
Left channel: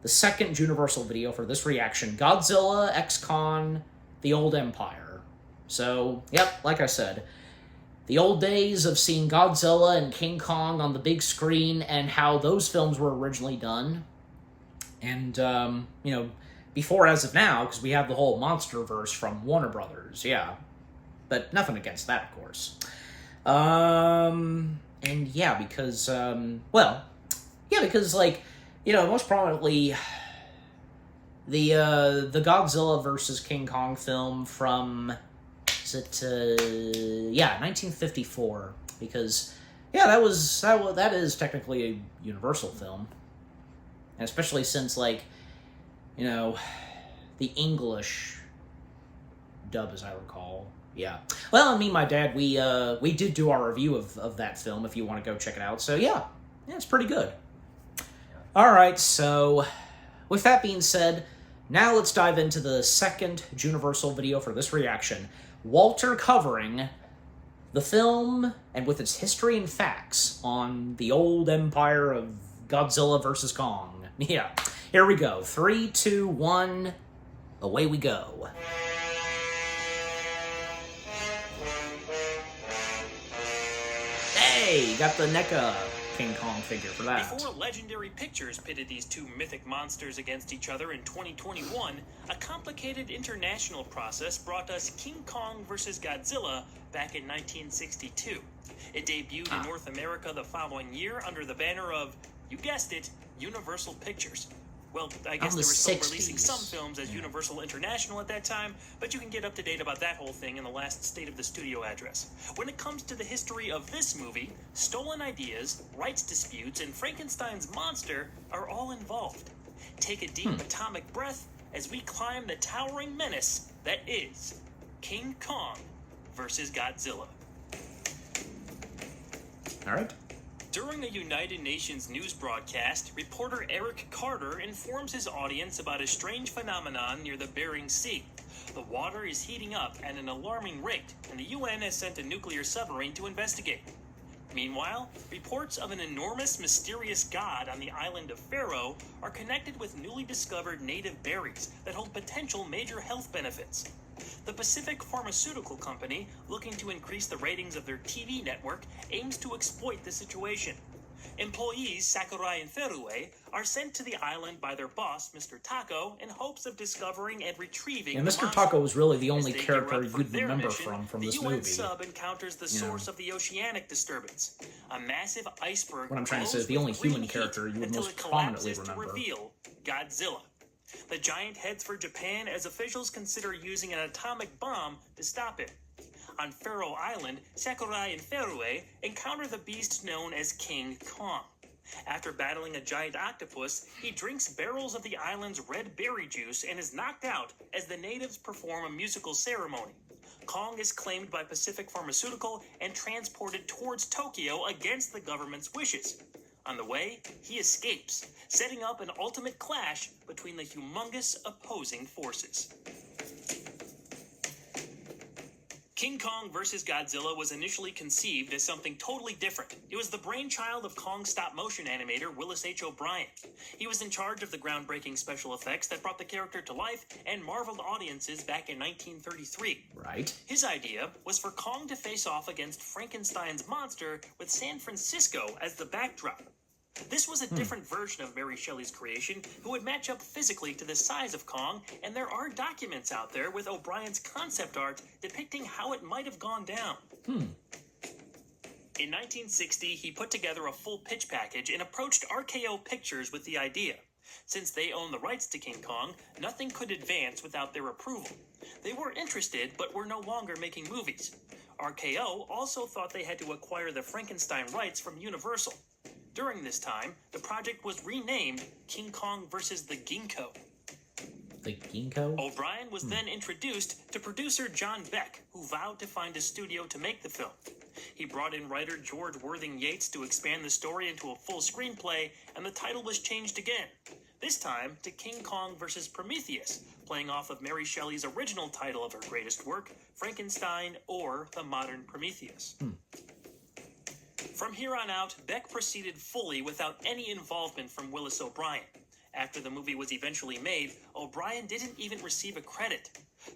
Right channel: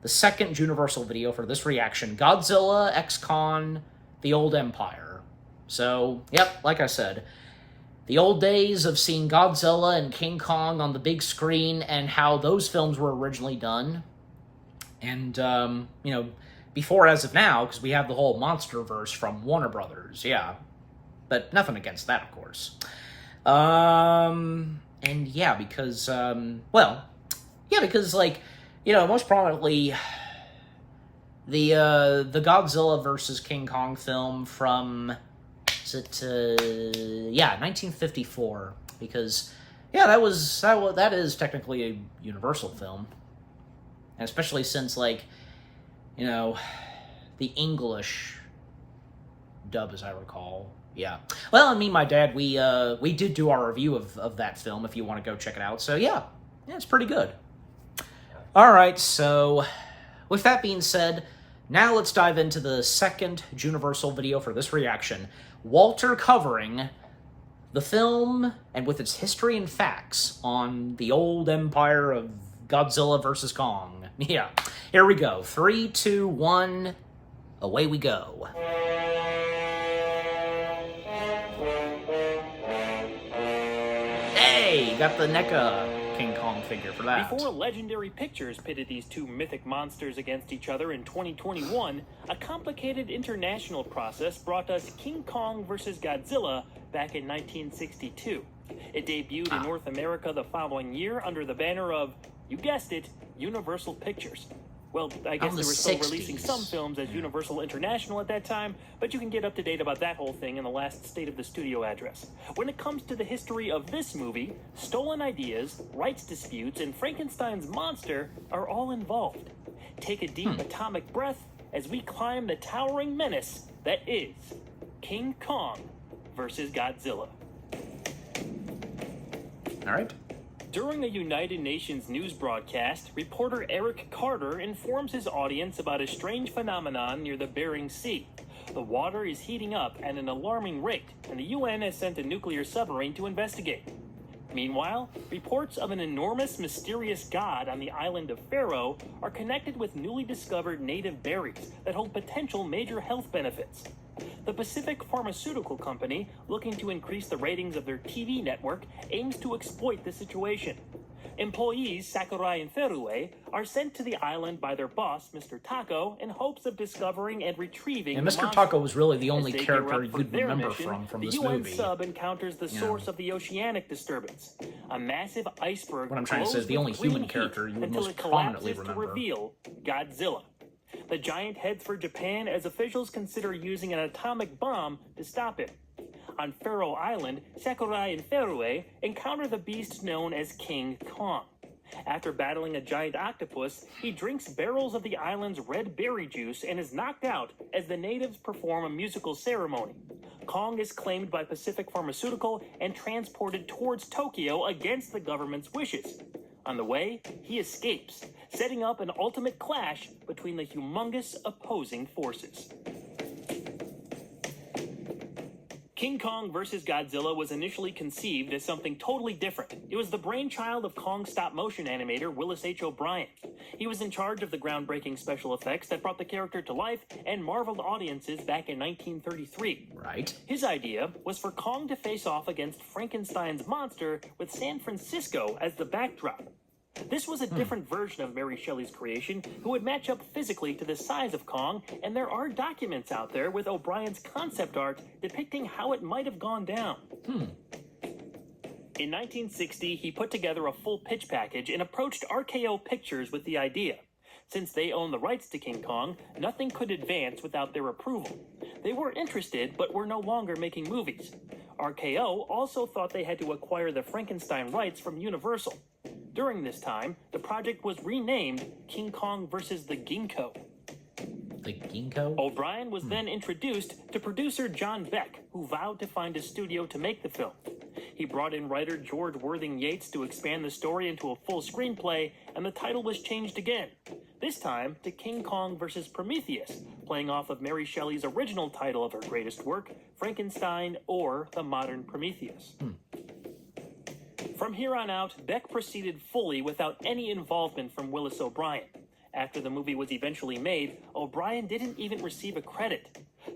The second Juniversal video for this reaction, Godzilla x Kong, The Old Empire. So, yep, like I said, the old days of seeing Godzilla and King Kong on the big screen and how those films were originally done. And, before as of now, because we have the whole Monsterverse from Warner Brothers, yeah. But nothing against that, of course. And yeah, because, like, most prominently, the Godzilla versus King Kong film from, 1954, because, yeah, that is technically a Universal film, and especially since, like, the English dub, as I recall, yeah. Well, and me and my dad, we did do our review of that film, if you want to go check it out, so yeah, it's pretty good. Alright, so, with that being said, now let's dive into the second Juniversal video for this reaction. Walter covering the film, and with its history and facts, on the old empire of Godzilla vs. Kong. Yeah, here we go. 3, 2, 1, away we go. Hey, got the NECA King Kong figure for that. Before Legendary Pictures pitted these 2 mythic monsters against each other in 2021, a complicated international process brought us King Kong vs. Godzilla back in 1962. It debuted in North America the following year under the banner of, you guessed it, Universal Pictures. Well, I guess they were still releasing some films as Universal International at that time, but you can get up to date about that whole thing in the last State of the Studio address. When it comes to the history of this movie, stolen ideas, rights disputes, and Frankenstein's monster are all involved. Take a deep atomic breath as we climb the towering menace that is King Kong versus Godzilla. All right. During a United Nations news broadcast, reporter Eric Carter informs his audience about a strange phenomenon near the Bering Sea. The water is heating up at an alarming rate, and the UN has sent a nuclear submarine to investigate. Meanwhile, reports of an enormous, mysterious god on the island of Faroe are connected with newly discovered native berries that hold potential major health benefits. The Pacific Pharmaceutical Company, looking to increase the ratings of their TV network, aims to exploit the situation. Employees Sakurai and Ferue are sent to the island by their boss, Mr. Taco, in hopes of discovering and retrieving. And Mr. Taco was really the only character you'd remember from this the UN movie. Sub encounters the source of the oceanic disturbance, a massive iceberg. What I'm trying to say is the only human character you would most prominently remember. Reveal Godzilla. The giant heads for Japan as officials consider using an atomic bomb to stop it. On Faroe Island, Sakurai and Ferue encounter the beast known as King Kong. After battling a giant octopus, he drinks barrels of the island's red berry juice and is knocked out as the natives perform a musical ceremony. Kong is claimed by Pacific Pharmaceutical and transported towards Tokyo against the government's wishes. On the way, he escapes, setting up an ultimate clash between the humongous opposing forces. King Kong vs. Godzilla was initially conceived as something totally different. It was the brainchild of Kong's stop-motion animator Willis H. O'Brien. He was in charge of the groundbreaking special effects that brought the character to life and marveled audiences back in 1933. Right. His idea was for Kong to face off against Frankenstein's monster with San Francisco as the backdrop. This was a different version of Mary Shelley's creation, who would match up physically to the size of Kong, and there are documents out there with O'Brien's concept art depicting how it might have gone down. In 1960, he put together a full pitch package and approached RKO Pictures with the idea. Since they owned the rights to King Kong, nothing could advance without their approval. They were interested, but were no longer making movies. RKO also thought they had to acquire the Frankenstein rights from Universal. During this time, the project was renamed King Kong vs. the Ginkgo. The Ginkgo? O'Brien was then introduced to producer John Beck, who vowed to find a studio to make the film. He brought in writer George Worthing Yates to expand the story into a full screenplay, and the title was changed again. This time to King Kong vs. Prometheus, playing off of Mary Shelley's original title of her greatest work, Frankenstein or The Modern Prometheus. From here on out, Beck proceeded fully without any involvement from Willis O'Brien. After the movie was eventually made, O'Brien didn't even receive a credit.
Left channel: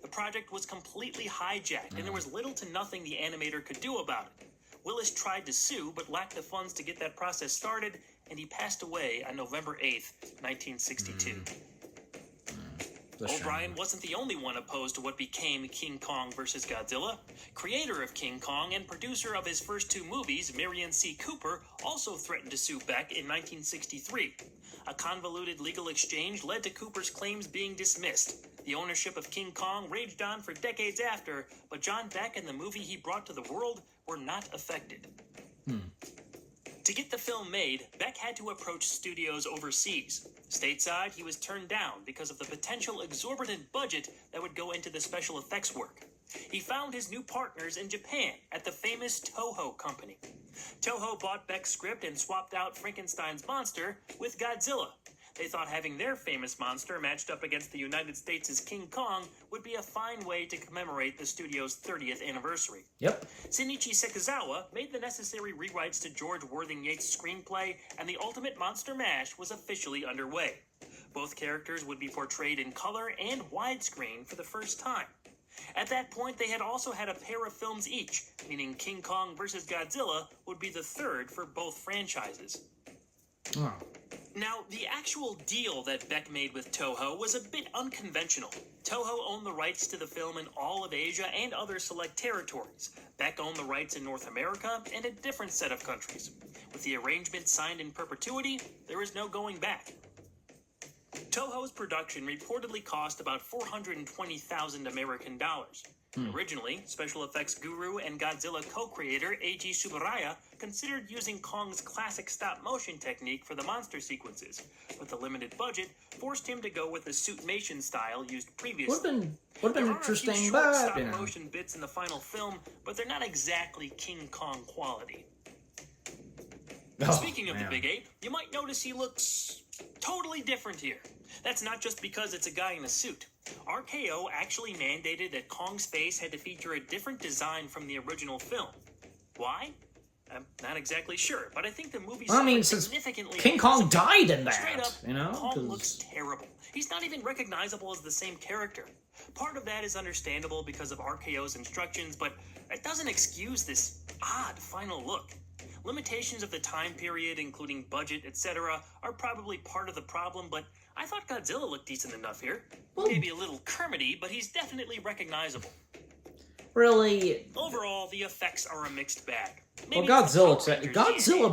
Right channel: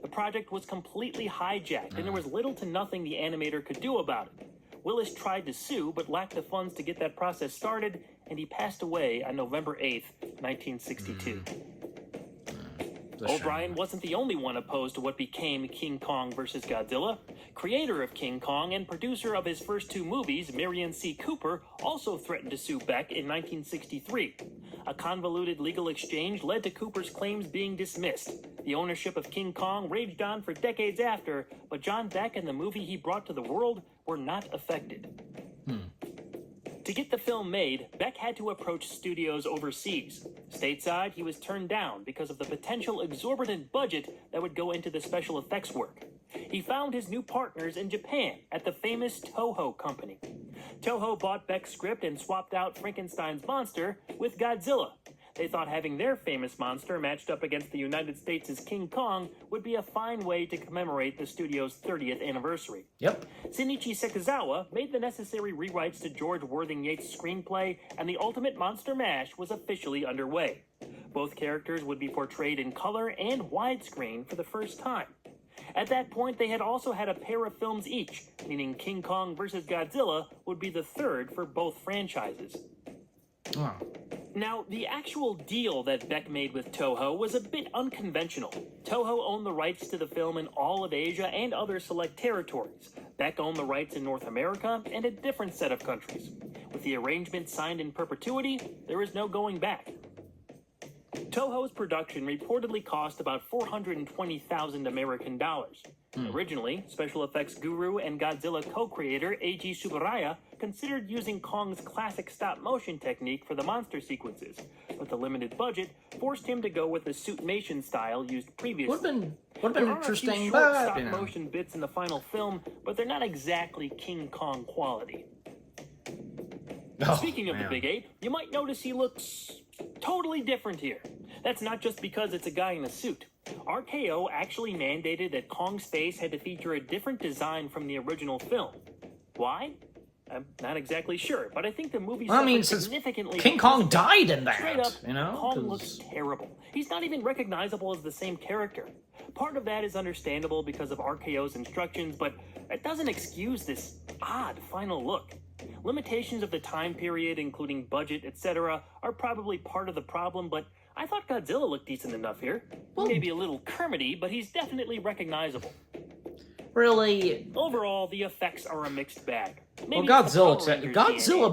The project was completely hijacked, and there was little to nothing the animator could do about it. Willis tried to sue, but lacked the funds to get that process started, and he passed away on November 8th, 1962. O'Brien wasn't the only one opposed to what became King Kong vs. Godzilla. Creator of King Kong and producer of his first two movies, Marion C. Cooper, also threatened to sue Beck in 1963. A convoluted legal exchange led to Cooper's claims being dismissed. The ownership of King Kong raged on for decades after, but John Beck and the movie he brought to the world were not affected. To get the film made, Beck had to approach studios overseas. Stateside, he was turned down because of the potential exorbitant budget that would go into the special effects work. He found his new partners in Japan at the famous Toho Company. Toho bought Beck's script and swapped out Frankenstein's monster with Godzilla. They thought having their famous monster matched up against the United States' King Kong would be a fine way to commemorate the studio's 30th anniversary. Yep. Shinichi Sekizawa made the necessary rewrites to George Worthing Yates' screenplay, and the ultimate monster mash was officially underway. Both characters would be portrayed in color and widescreen for the first time. At that point, they had also had a pair of films each, meaning King Kong vs. Godzilla would be the third for both franchises. Oh. Now, the actual deal that Beck made with Toho was a bit unconventional. Toho owned the rights to the film in all of Asia and other select territories. Beck owned the rights in North America and a different set of countries. With the arrangement signed in perpetuity, there was no going back. Toho's production reportedly cost about $420,000 American dollars. Originally, special effects guru and Godzilla co-creator Eiji Tsuburaya considered using Kong's classic stop-motion technique for the monster sequences, but the limited budget forced him to go with the suitmation style used previously. Would have been interesting, but stop-motion bits in the final film, but they're not exactly King Kong quality. Speaking of the big ape, you might notice he looks totally different here. That's not just because it's a guy in a suit. RKO actually mandated that Kong's face had to feature a different design from the original film. Why? I'm not exactly sure, but I think the movie since significantly King Kong died in Straight that, up, you know? Kong looks terrible. He's not even recognizable as the same character. Part of that is understandable because of RKO's instructions, but it doesn't excuse this odd final look. Limitations of the time period, including budget, etc., are probably part of the problem, but I thought Godzilla looked decent enough here. Maybe a little Kermity, but he's definitely recognizable. Really? Overall, the effects are a mixed bag. Well, Godzilla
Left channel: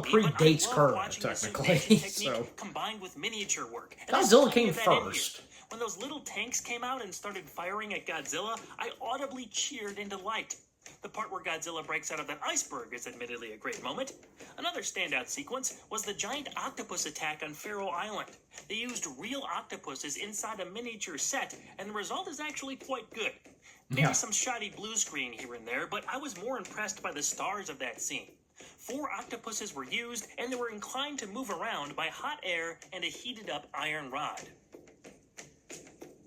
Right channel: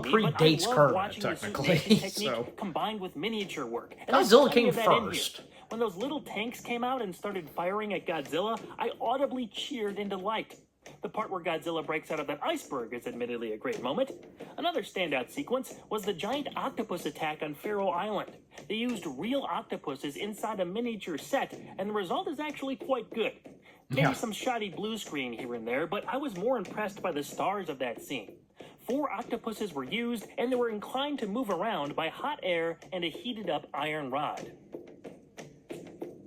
predates Kermit, technically, so... combined with miniature work. Godzilla came first. When those little tanks came out and started firing at Godzilla, I audibly cheered in delight. The part where Godzilla breaks out of that iceberg is admittedly a great moment. Another standout sequence was the giant octopus attack on Faroe Island. They used real octopuses inside a miniature set, and the result is actually quite good. Maybe some shoddy blue screen here and there, but I was more impressed by the stars of that scene. 4 octopuses were used, and they were inclined to move around by hot air and a heated-up iron rod.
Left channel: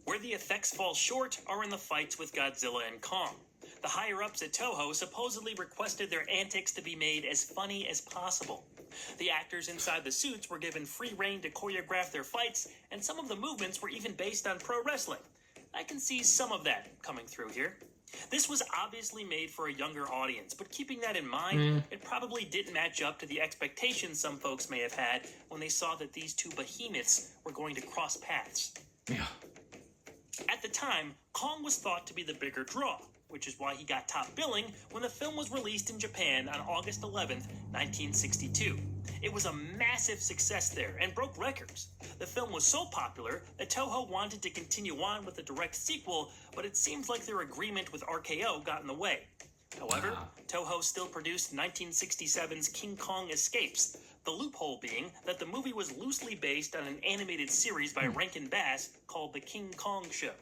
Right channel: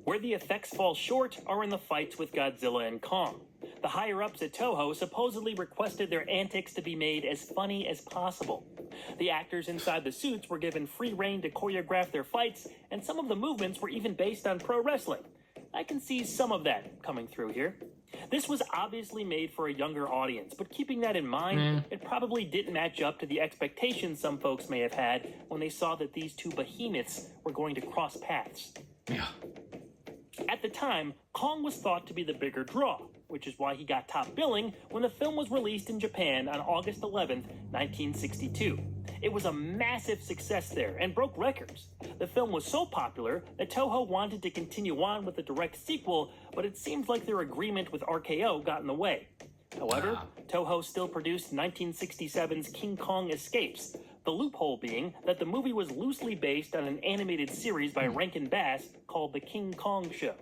Where the effects fall short are in the fights with Godzilla and Kong. The higher-ups at Toho supposedly requested their antics to be made as funny as possible. The actors inside the suits were given free rein to choreograph their fights, and some of the movements were even based on pro wrestling. I can see some of that coming through here. This was obviously made for a younger audience, but keeping that in mind, it probably didn't match up to the expectations some folks may have had when they saw that these two behemoths were going to cross paths. Yeah. At the time, Kong was thought to be the bigger draw, which is why he got top billing when the film was released in Japan on August 11th, 1962. It was a massive success there and broke records. The film was so popular that Toho wanted to continue on with a direct sequel, but it seems like their agreement with RKO got in the way. However, Toho still produced 1967's King Kong Escapes, the loophole being that the movie was loosely based on an animated series by Rankin Bass called The King Kong Show.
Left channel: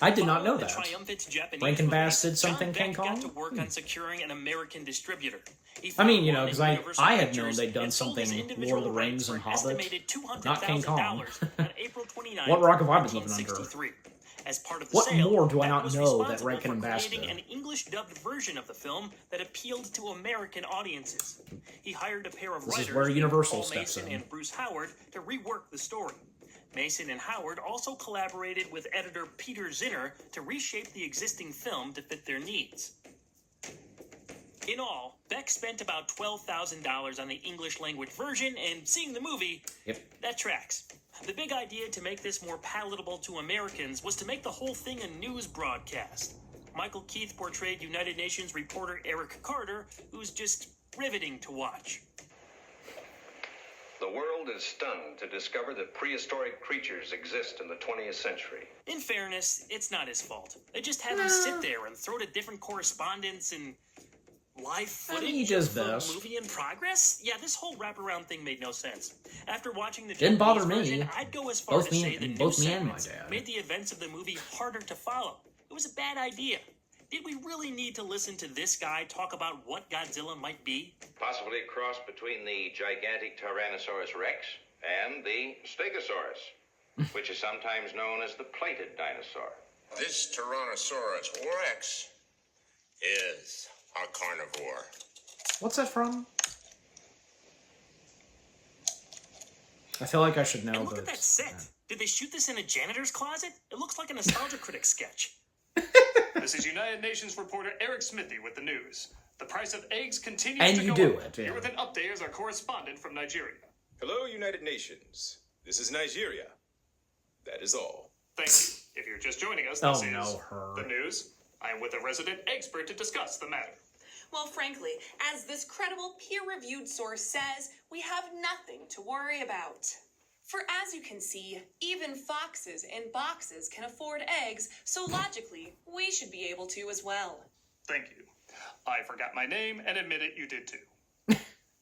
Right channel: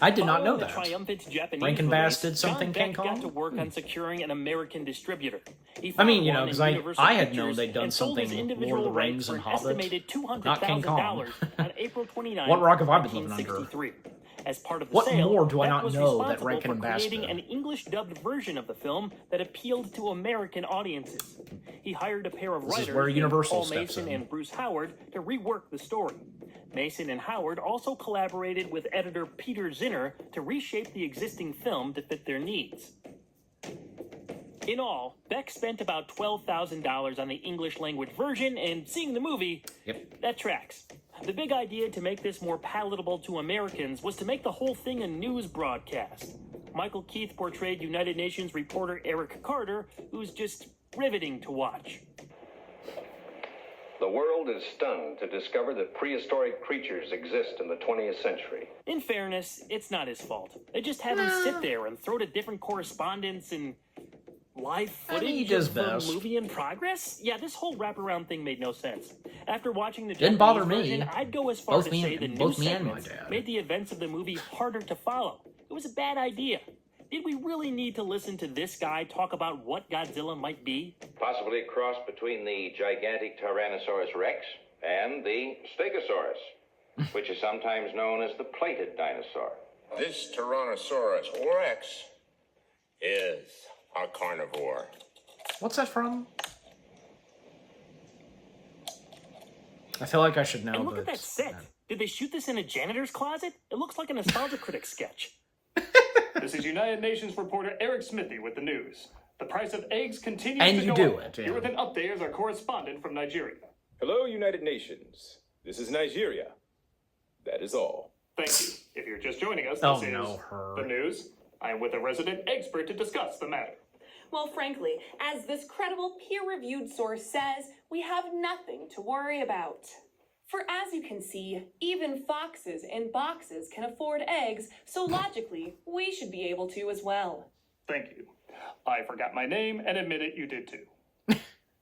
I did not know The that. triumphant Japanese Rankin Bass release, did something John King Beck got Kong? to work on securing an American distributor. He I mean, found you know, one because at I Universal had known Pictures they'd done and sold his something individual Lord of the rights Rings for and an Hobbit, estimated but not King Kong. $200,000 on April 29, What rock have I been living under? 1963. As part of the What sale, more do I Beck not was know that responsible Rankin for and Bass creating did? an English-dubbed version of the film that appealed to American audiences. He hired a pair of This writers, is where Universal Paul steps Mason in. and Bruce Howard, to rework the story. Mason and Howard also collaborated with editor Peter Zinner to reshape the existing film to fit their needs. In all, Beck spent about $12,000 on the English-language version, and seeing the movie, that tracks. The big idea to make this more palatable to Americans was to make the whole thing a news broadcast. Michael Keith portrayed United Nations reporter Eric Carter, who's just riveting to watch. The world is stunned to discover that prehistoric creatures exist in the 20th century. In fairness, it's not his fault. They just had him sit there and throw to different correspondents and live footage he does of the best. movie in progress? Yeah, this whole wraparound thing made no sense. After watching the Didn't bother Japanese me. version, I'd go as far Both to me say and- the both new me and my segments dad. made the events of the movie harder to follow. It was a bad idea. Did we really need to listen to this guy talk about what Godzilla might be? Possibly a cross between the gigantic Tyrannosaurus rex and the Stegosaurus, which is sometimes known as the plated dinosaur. This Tyrannosaurus rex is a carnivore. What's that from? I feel like I should know, And look but at that set. Did they shoot this in a janitor's closet? It looks like a Nostalgia Critic sketch. This is United Nations reporter Eric Smithy with the news. The price of eggs continues And to you go do up. it, yeah. Here with an update is our correspondent from Nigeria. Hello, United Nations. This is Nigeria. That is all. Thank you. If you're just joining us, Oh, this is no, her. the news. I'm with a resident expert to discuss the matter. Well, frankly, as this credible peer-reviewed source says, we have nothing to worry about. For as you can see, even foxes in boxes can afford eggs, so logically, we should be able to as well. Thank you. I forgot my name and admit it, you did too.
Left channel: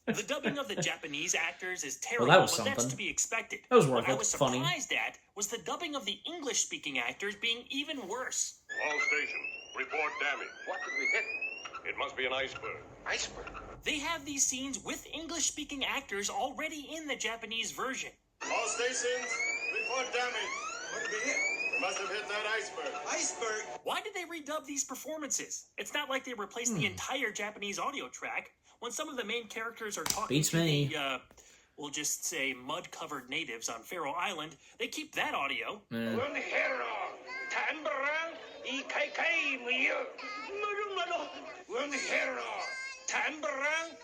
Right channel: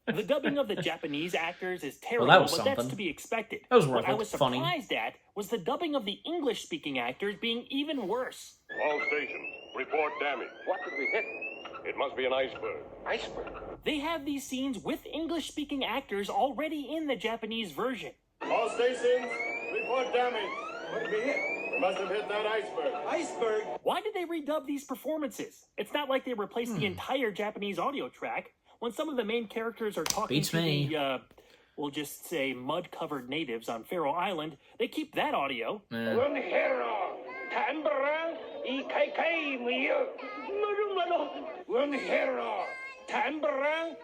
The dubbing of the Japanese actors is terrible, Well, that was but that's something. to be expected. That was worth What I it. was Funny. surprised at was the dubbing of the English-speaking actors being even worse. All stations, report damage. What did we hit? It must be an iceberg. Iceberg. They have these scenes with English-speaking actors already in the Japanese version. All stations, report damage. What did we hit? We must have hit that iceberg. Iceberg? Why did they redub these performances? It's not like they replaced the entire Japanese audio track. When some of the main characters are talking Beats to me. the, we'll just say mud-covered natives on Faroe Island, they keep that audio.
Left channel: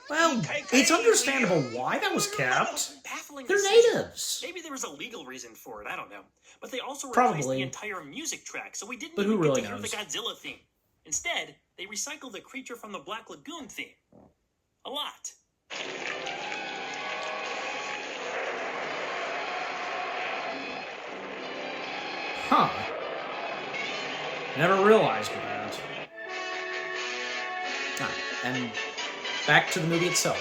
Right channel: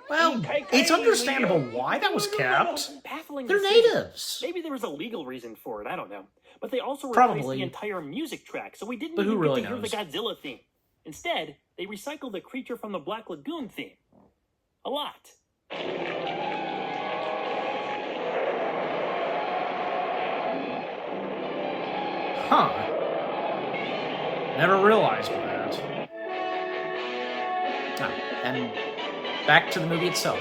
Well, it's understandable why that was kept. Baffling They're decision. natives. Maybe there was a legal reason for it, I don't know. But they also replaced Probably. the entire music track, so we didn't But who even really get to knows? hear the Godzilla theme. Instead, they recycled the Creature from the Black Lagoon theme. A lot. Huh. Never realized that. And back to the movie itself.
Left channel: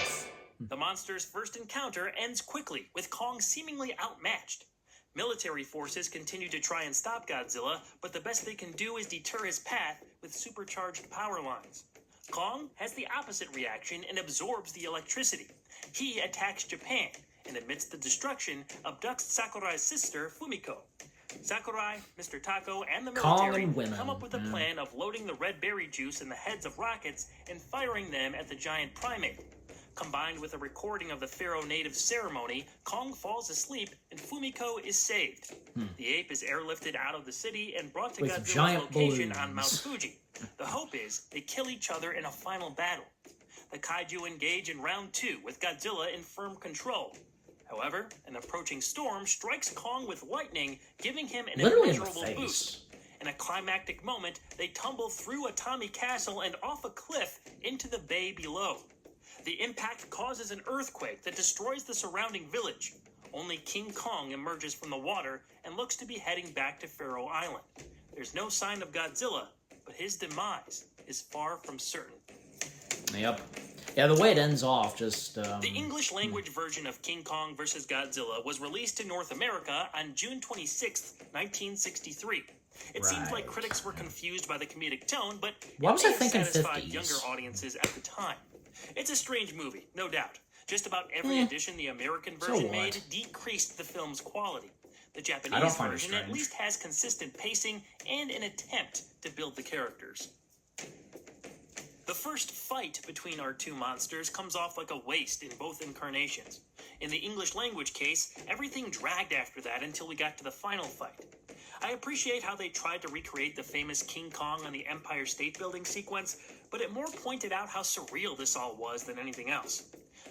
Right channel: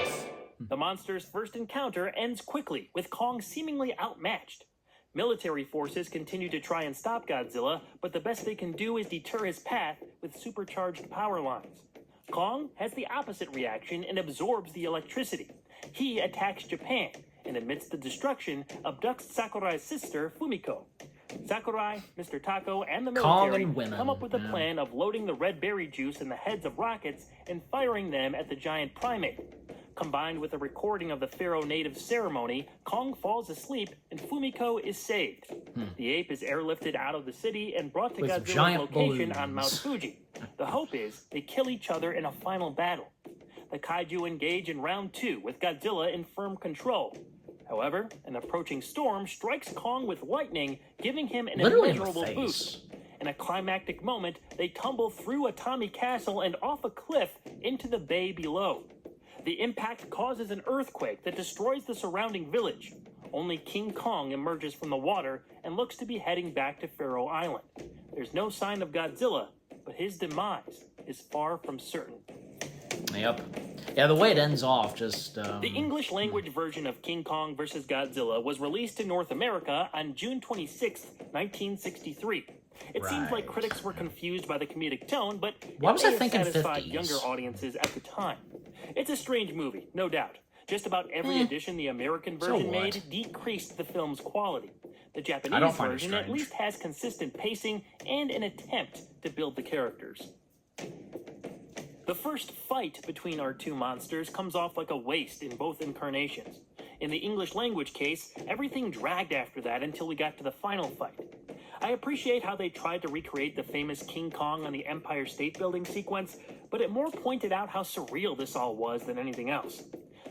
The monster's first encounter ends quickly, with Kong seemingly outmatched. Military forces continue to try and stop Godzilla, but the best they can do is deter his path with supercharged power lines. Kong has the opposite reaction and absorbs the electricity. He attacks Japan, and amidst the destruction, abducts Sakurai's sister, Fumiko. Sakurai, Mr. Tako, and the Kong military and women, come up with a yeah. plan of loading the red berry juice in the heads of rockets and firing them at the giant primate. Combined with a recording of the Pharaoh native ceremony, Kong falls asleep and Fumiko is saved. The ape is airlifted out of the city and brought to With Godzilla's giant location on balloons. Mount Fuji. The hope is they kill each other in a final battle. The kaiju engage in round 2 with Godzilla in firm control. However, an approaching storm strikes Kong with lightning, giving him an Literally in the immeasurable face. boost. In a climactic moment, they tumble through a Tommy Castle and off a cliff into the bay below. The impact causes an earthquake that destroys the surrounding village. Only King Kong emerges from the water and looks to be heading back to Pharaoh Island. There's no sign of Godzilla, but his demise is far from certain. Yep. Yeah, the way it ends off just... The English language version of King Kong vs. Godzilla was released in North America on June 26, 1963. It seems Right. like critics were confused by the comedic tone, but Why it was may I have thinking satisfied 50s? younger audiences at the time. It's a strange movie, no doubt. Just about every edition the American So version what? made decreased the film's quality. The I Japanese don't find it version at strange. least has consistent pacing and an attempt to build the characters. The first fight between our two monsters comes off like a waste in both incarnations. In the English language case, everything dragged after that until we got to the final fight. I appreciate how they tried to recreate the famous King Kong on the Empire State Building sequence, but it more pointed out how surreal this all was than anything else.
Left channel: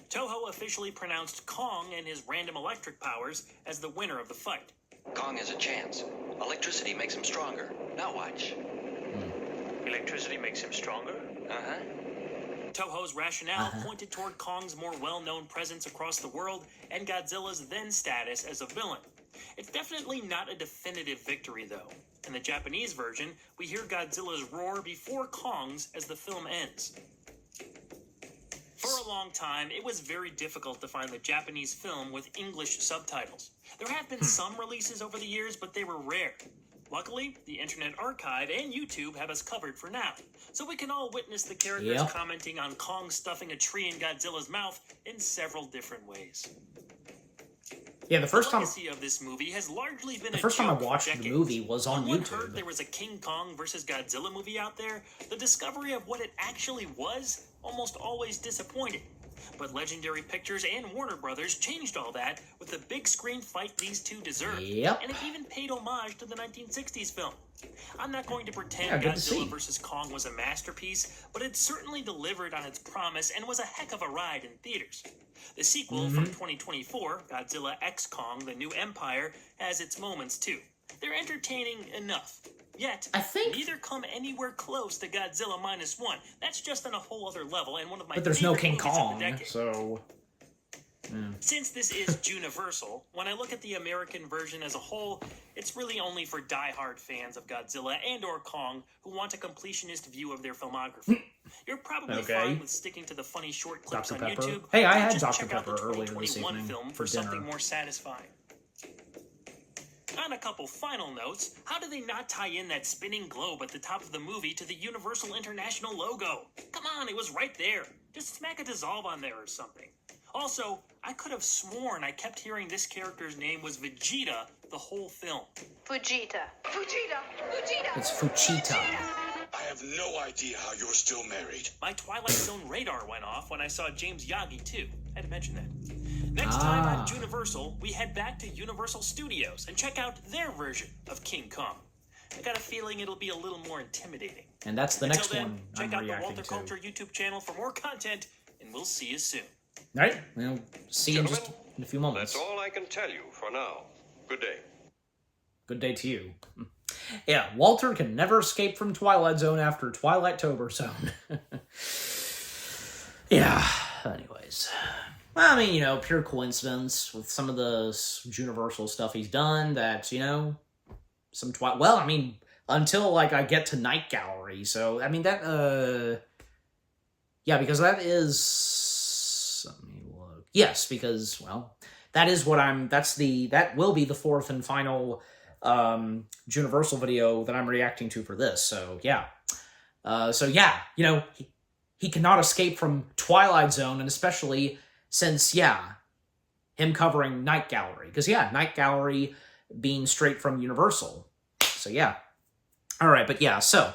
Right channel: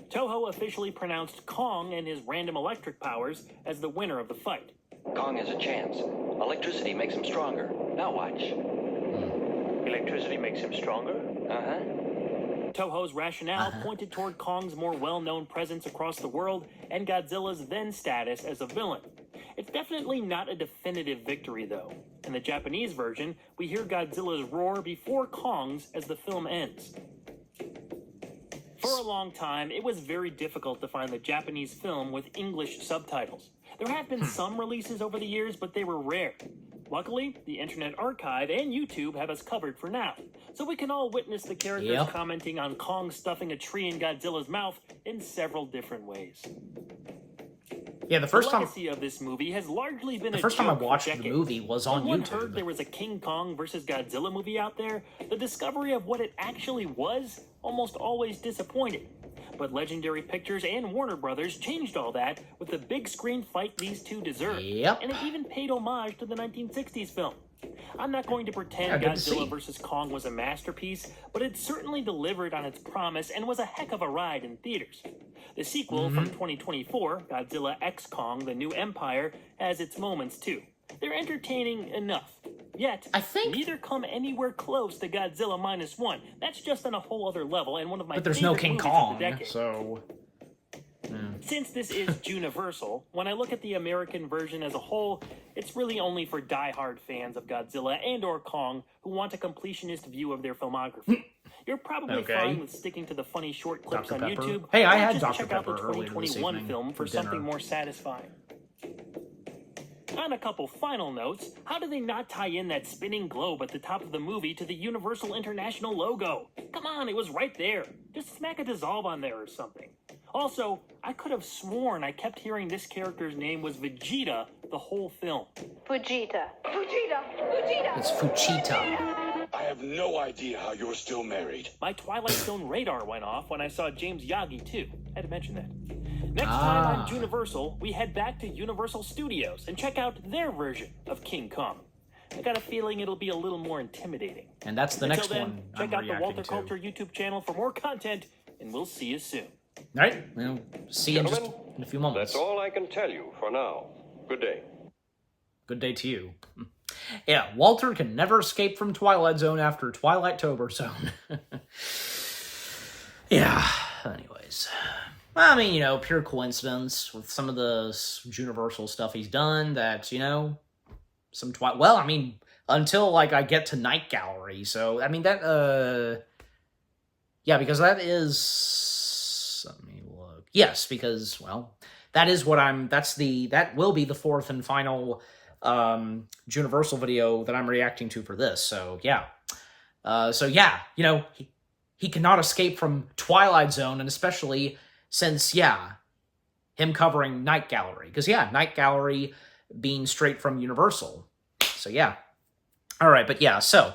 Toho officially pronounced Kong and his random electric powers as the winner of the fight. Kong has a chance. Electricity makes him stronger. Now watch. Electricity makes him stronger? Uh-huh. Toho's rationale pointed toward Kong's more well-known presence across the world and Godzilla's then status as a villain. It's definitely not a definitive victory, though. In the Japanese version, we hear Godzilla's roar before Kong's as the film ends. For a long time, it was very difficult to find the Japanese film with English subtitles. There have been some releases over the years, but they were rare. Luckily, the Internet Archive and YouTube have us covered for now, so we can all witness the characters commenting on Kong stuffing a tree in Godzilla's mouth in several different ways. Yeah, the first time legacy of this movie has largely been the a first time I joke for watched the decades. movie was on When one heard YouTube. there was a King Kong vs. Godzilla movie out there, the discovery of what it actually was almost always disappointed. But Legendary Pictures and Warner Brothers changed all that with the big screen fight these two deserved. Yep. And it even paid homage to the 1960s film. I'm not going to pretend Yeah, good to see. Godzilla vs. Kong was a masterpiece, but it certainly delivered on its promise and was a heck of a ride in theaters. The sequel from 2024, Godzilla X Kong: The New Empire, has its moments too. They're entertaining enough. Yet, I think- neither come anywhere close to Godzilla -1. That's just on a whole other level, and one of my But there's no favorite King movies of the Kong, decade. so... Since this is Juniversal, when I look at the American version as a whole, it's really only for die-hard fans of Godzilla and or Kong who want a completionist view of their filmography. You're probably Okay. fine with sticking to the funny short clips Dr. on Pepper. YouTube. Hey, I or had just Dr. check out the Pepper earlier this 2021 evening film for something dinner. more satisfying. On a couple final notes, how do they not tie in that spinning globe at the top of the movie to the Universal International logo? Come on, it was right there. Just smack a dissolve on there or something. Also, I could have sworn I kept hearing this character's name was Vegeta the whole film. Fujita. It's Fuchita. I have no idea how you're still married. My Twilight Zone radar went off when I saw James Yagi too. Had to mention that. Next time on Juniversal, we head back to Universal Studios and check out their version of King Kong. I got a feeling it'll be a little more intimidating. And that's the Until next then, one check I'm out the reacting Walter to. Culture YouTube channel for more content, and we'll see you soon. Alright, we'll see you in just Gentlemen, in a few moments. That's all I can tell you for now. Good day. Good day to you. Yeah, Walter can never escape from Twilight Zone after Twilight-tober Zone. Yeah, anyways. I mean, you know, pure coincidence with some of the Juniversal stuff he's done that, you know, some well, I mean, until, like, I get to Night Gallery, so, I mean, that, yeah, Yeah, because that is... Let me look. Yes, because, well, that is what that will be the fourth and final Juniversal video that I'm reacting to for this, so yeah. You know, he cannot escape from Twilight Zone, and especially since, yeah, him covering Night Gallery. Because, yeah, Night Gallery being straight from Universal. So, yeah. Alright, but yeah, so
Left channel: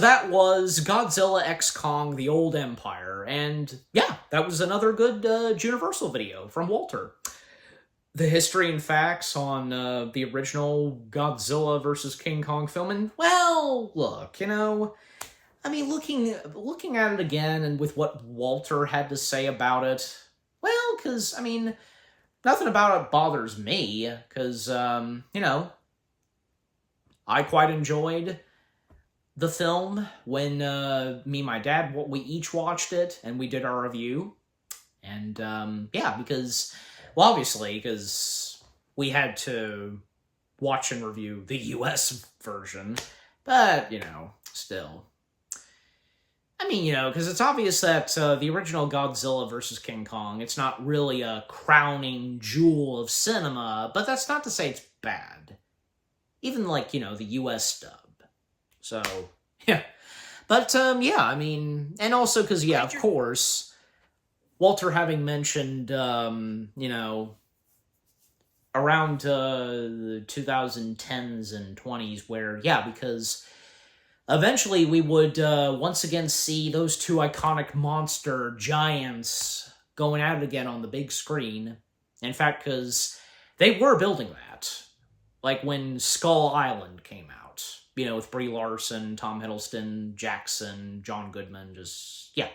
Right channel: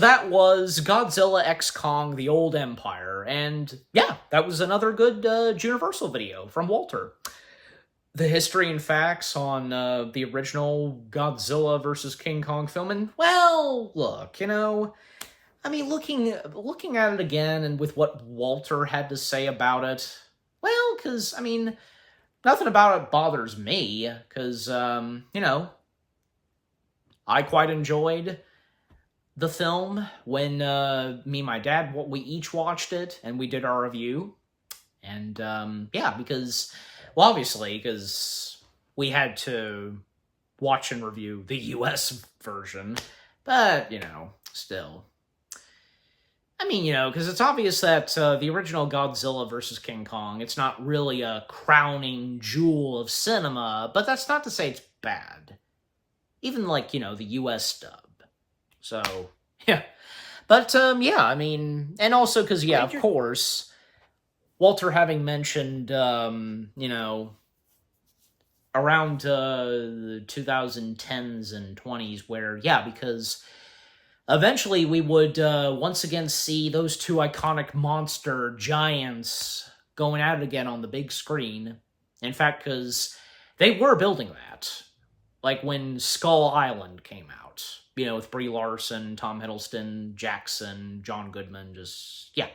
that was Godzilla x Kong, The Old Empire, and yeah, that was another good Juniversal video from Walter. The history and facts on the original Godzilla versus King Kong film, and, well, look, you know, I mean, looking at it again, and with what Walter had to say about it, well, because, I mean, nothing about it bothers me, because, you know, I quite enjoyed the film when me and my dad, we each watched it, and we did our review, and, yeah, because, well, obviously, because we had to watch and review the US version, but, you know, still. I mean, you know, because it's obvious that the original Godzilla vs. King Kong, it's not really a crowning jewel of cinema, but that's not to say it's bad. Even, like, you know, the US dub. So, yeah. But, yeah, I mean, and also because, yeah, of course, Walter having mentioned, you know, around the 2010s and 20s where, yeah, because eventually we would once again see those two iconic monster giants going at it again on the big screen. In fact, because they were building that. Like when Skull Island came out. You know, with Brie Larson, Tom Hiddleston, Jackson, John Goodman, just, yeah.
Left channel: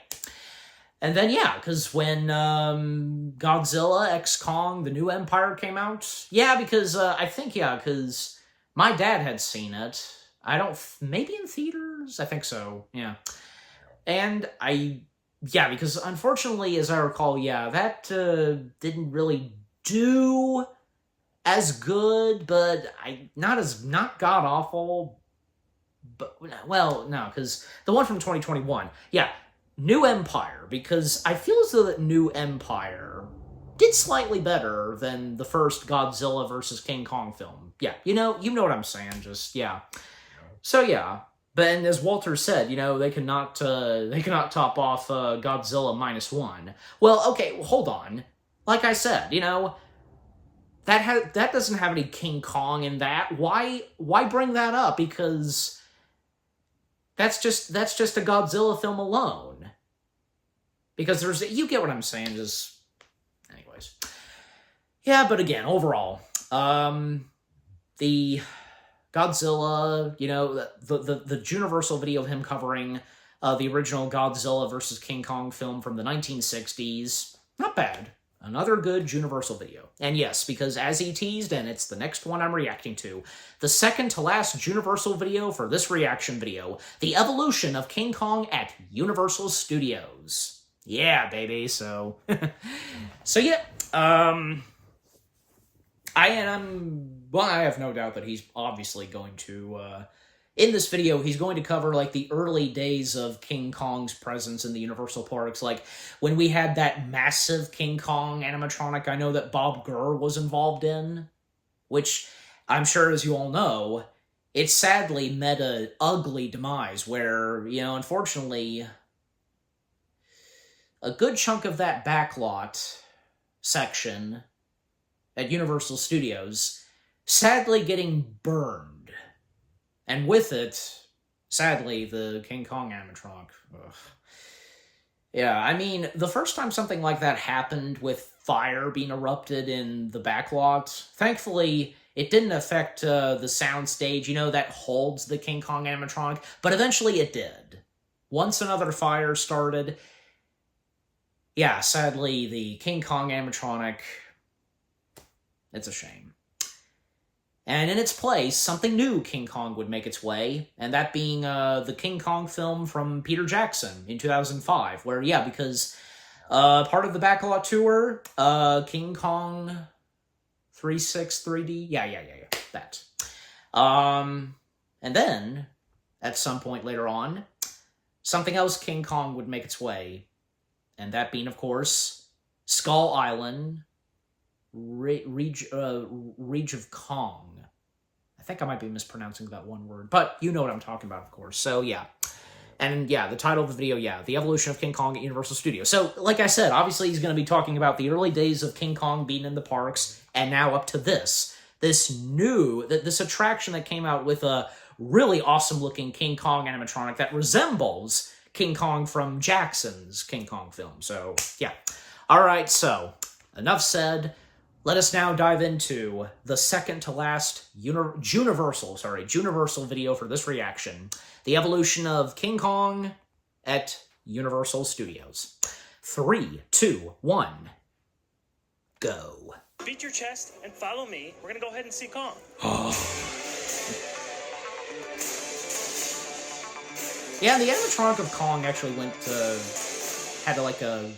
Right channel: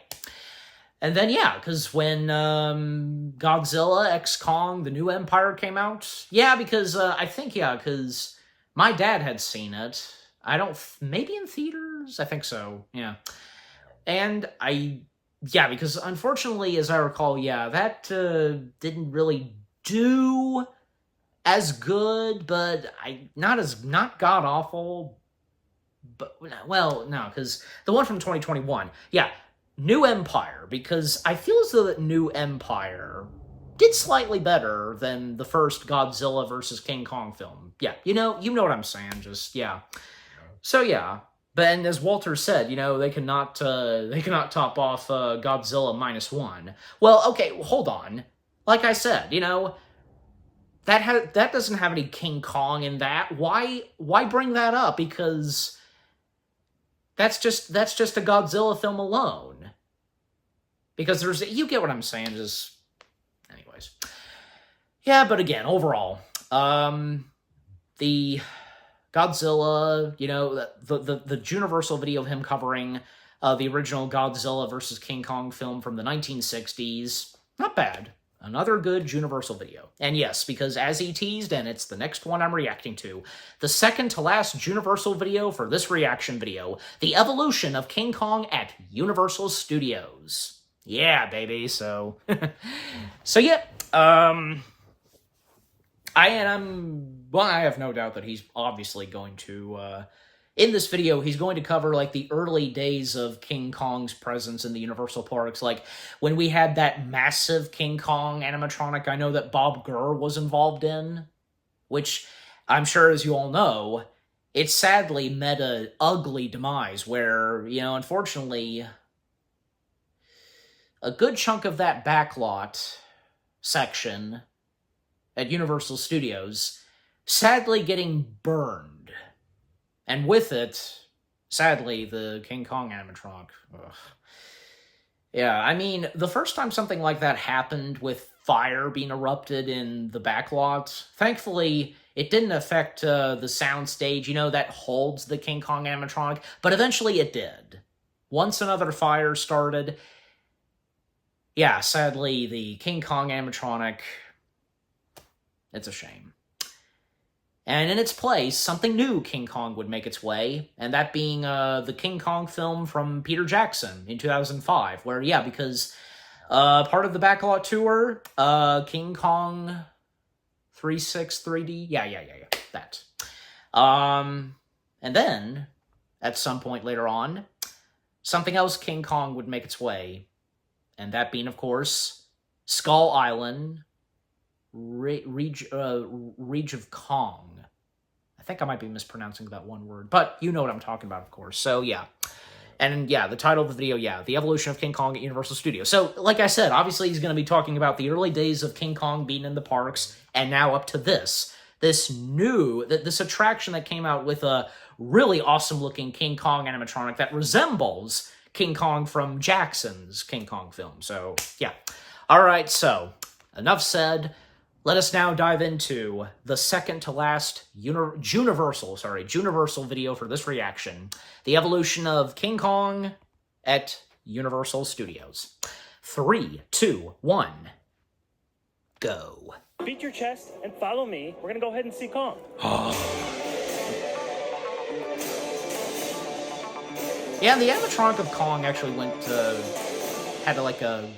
And then, yeah, because when Godzilla x Kong, The New Empire came out, yeah, because I think, yeah, because my dad had seen it. I don't, maybe in theaters? I think so, yeah. And yeah, because unfortunately, as I recall, yeah, that didn't really do as good, but not god-awful, but, well, no, because the one from 2021, yeah, New Empire, because I feel as though that New Empire did slightly better than the first Godzilla vs. King Kong film. Yeah, you know what I'm saying, just, yeah. So, yeah, but and as Walter said, you know, they cannot top off Godzilla -1. Well, okay, hold on. Like I said, you know, that doesn't have any King Kong in that. Why bring that up? Because that's just a Godzilla film alone. Because you get what I'm saying, just, anyways. Yeah, but again, overall, the Godzilla, you know, the Juniversal video of him covering the original Godzilla vs. King Kong film from the 1960s, not bad. Another good Juniversal video. And yes, because as he teased, and it's the next one I'm reacting to, the second to last Juniversal video for this reaction video, the evolution of King Kong at Universal Studios. Yeah, baby, so... so yeah, I have no doubt that he's obviously going to, in this video, he's going to cover, like, the early days of King Kong's presence in the Universal parks, like, when we had that massive King Kong animatronic I know that Bob Gurr was involved in, which, I'm sure, as you all know, it sadly met an ugly demise where, you know, unfortunately, a good chunk of that backlot section at Universal Studios sadly getting burned. And with it, sadly, the King Kong animatronic. Ugh. Yeah, I mean, the first time something like that happened with fire being erupted in the backlot, thankfully, it didn't affect the soundstage, you know, that holds the King Kong animatronic, but eventually it did. Once another fire started, yeah, sadly, the King Kong animatronic, it's a shame. And in its place, something new King Kong would make its way, and that being the King Kong film from Peter Jackson in 2005, where, yeah, because part of the backlot tour, King Kong 3.6 3D, yeah, that. And then, at some point later on, something else King Kong would make its way And that being, of course, Skull Island, Reach of Kong. I think I might be mispronouncing that one word, but you know what I'm talking about, of course. So, yeah. And, yeah, the title of the video, yeah, The Evolution of King Kong at Universal Studios. So, like I said, obviously he's going to be talking about the early days of King Kong being in the parks, and now up to this attraction that came out with a really awesome-looking King Kong animatronic that resembles King Kong from Jackson's King Kong film. So, yeah. All right, so, enough said. Let us now dive into the second to last Juniversal video for this reaction. The evolution of King Kong at Universal Studios. 3, 2, 1, go. Beat your chest and follow me. We're gonna go ahead and see Kong. Yeah, the animatronic of Kong actually had like a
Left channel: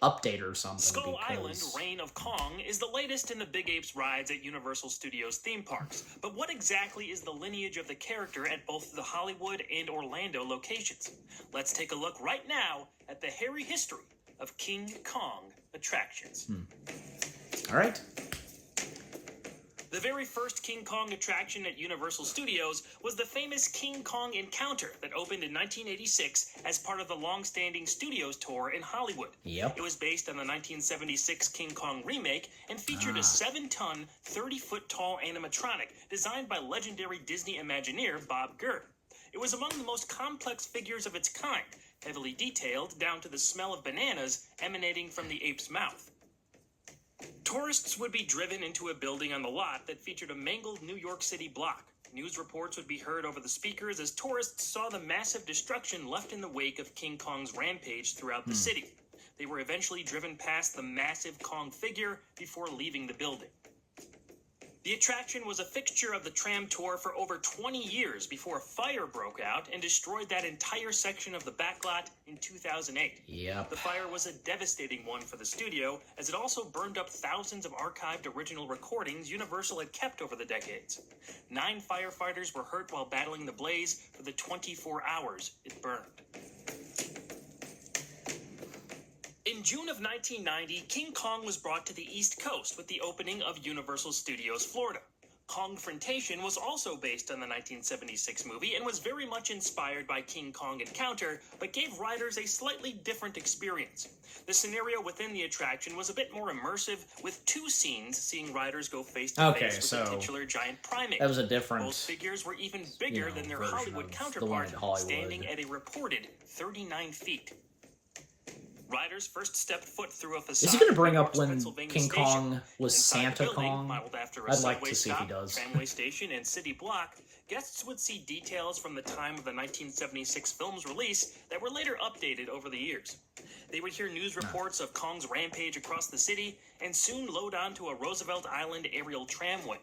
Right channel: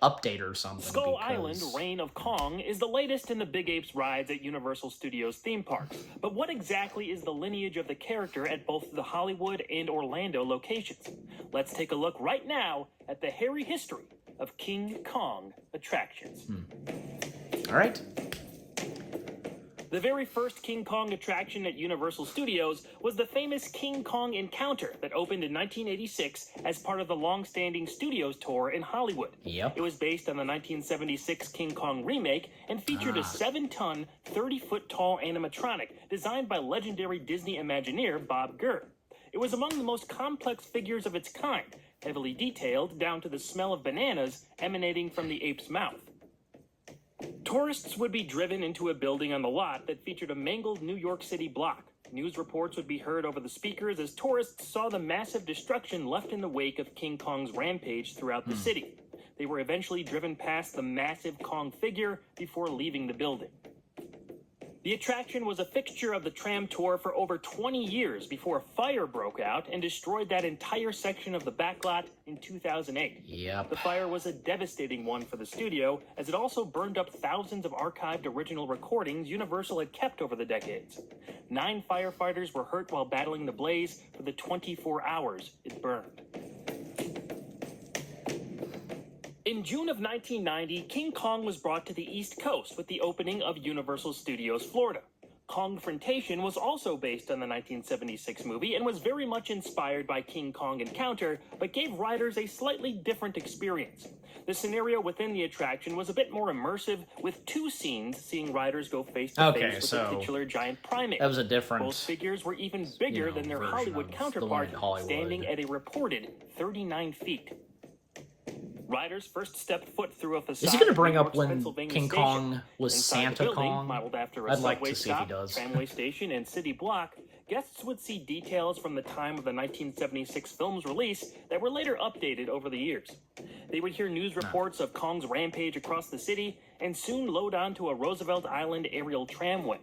update or something. Skull Island, Reign of Kong, is the latest in the Big Apes rides at Universal Studios theme parks. But what exactly is the lineage of the character at both the Hollywood and Orlando locations? Let's take a look right now at the hairy history of King Kong attractions. All right. The very first King Kong attraction at Universal Studios was the famous King Kong Encounter that opened in 1986 as part of the long-standing Studios tour in Hollywood. Yep. It was based on the 1976 King Kong remake and featured a 7-ton, 30-foot-tall animatronic designed by legendary Disney Imagineer Bob Gurr. It was among the most complex figures of its kind, heavily detailed down to the smell of bananas emanating from the ape's mouth. Tourists would be driven into a building on the lot that featured a mangled New York City block. News reports would be heard over the speakers as tourists saw the massive destruction left in the wake of King Kong's rampage throughout the city. They were eventually driven past the massive Kong figure before leaving the building. The attraction was a fixture of the tram tour for over 20 years before a fire broke out and destroyed that entire section of the backlot in 2008. Yep. The fire was a devastating one for the studio, as it also burned up thousands of archived original recordings Universal had kept over the decades. 9 firefighters were hurt while battling the blaze for the 24 hours it burned. In June of 1990, King Kong was brought to the East Coast with the opening of Universal Studios Florida. Kongfrontation was also based on the 1976 movie and was very much inspired by King Kong Encounter, but gave riders a slightly different experience. The scenario within the attraction was a bit more immersive, with 2 scenes seeing riders go face-to-face with the titular giant primate. That was a different... Both figures were even bigger than their Hollywood counterpart, standing at a reported 39 feet. Riders first stepped foot through a facade. Is he going to bring up when King Kong was Santa Kong? I'd like to see if he does. Tramway station and city block, guests would see details from the time of the 1976 film's release that were later updated over the years. They would hear news reports of Kong's rampage across the city and soon load onto a Roosevelt Island aerial tramway.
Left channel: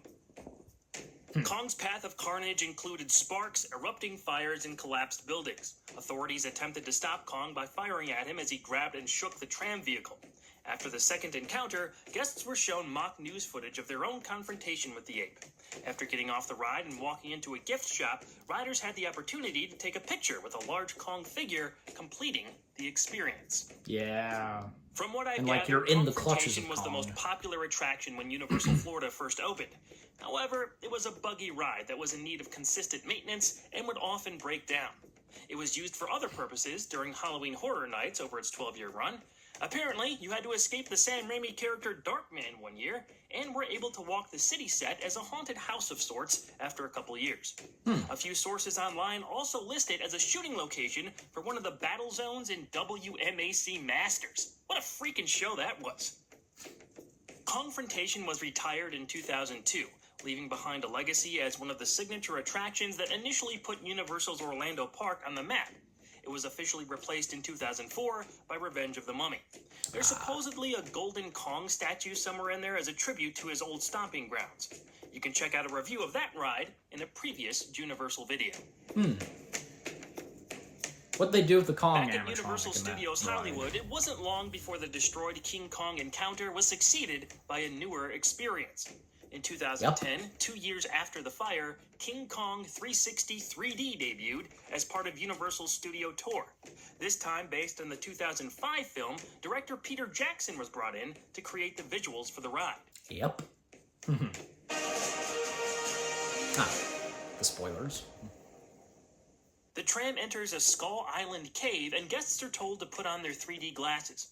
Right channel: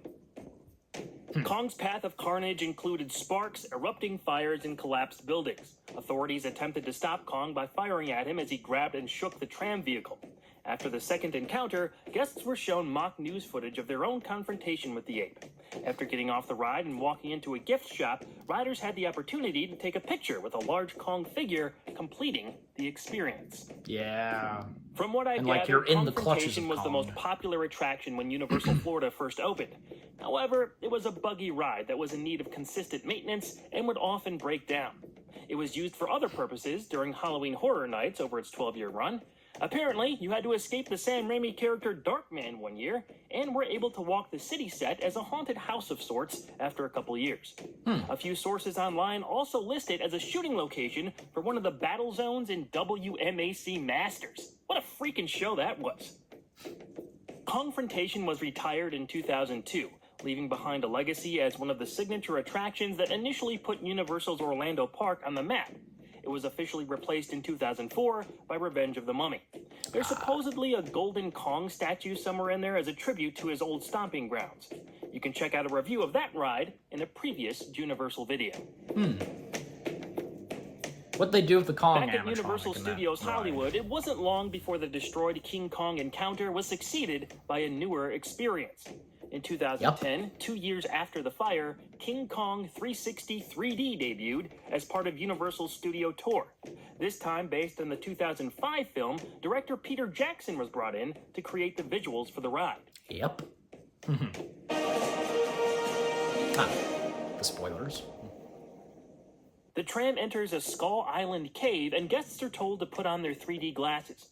Kong's path of carnage included sparks, erupting fires, and collapsed buildings. Authorities attempted to stop Kong by firing at him as he grabbed and shook the tram vehicle. After the second encounter, guests were shown mock news footage of their own confrontation with the ape. After getting off the ride and walking into a gift shop, riders had the opportunity to take a picture with a large Kong figure, completing the experience. Yeah. From what I and like you're in the clutches of Kong was Kong. the most popular attraction when Universal Florida first opened. However, it was a buggy ride that was in need of consistent maintenance and would often break down. It was used for other purposes during Halloween Horror Nights over its 12-year run. Apparently, you had to escape the Sam Raimi character Darkman one year, and were able to walk the city set as a haunted house of sorts after a couple years. A few sources online also list it as a shooting location for one of the battle zones in WMAC Masters. What a freaking show that was! Kongfrontation was retired in 2002, leaving behind a legacy as one of the signature attractions that initially put Universal's Orlando Park on the map. It was officially replaced in 2004 by Revenge of the Mummy. There's supposedly a golden Kong statue somewhere in there as a tribute to his old stomping grounds. You can check out a review of that ride in a previous Juniversal video. What'd they do with the Kong Back at animatronic Universal in that Studios ride? Hollywood, it wasn't long before the destroyed King Kong Encounter was succeeded by a newer experience. In 2010, 2 years after the fire, King Kong 360 3D debuted as part of Universal's studio tour. This time based on the 2005 film, director Peter Jackson was brought in to create the visuals for the ride. Yep. The spoilers. The tram enters a Skull Island cave, and guests are told to put on their 3D glasses.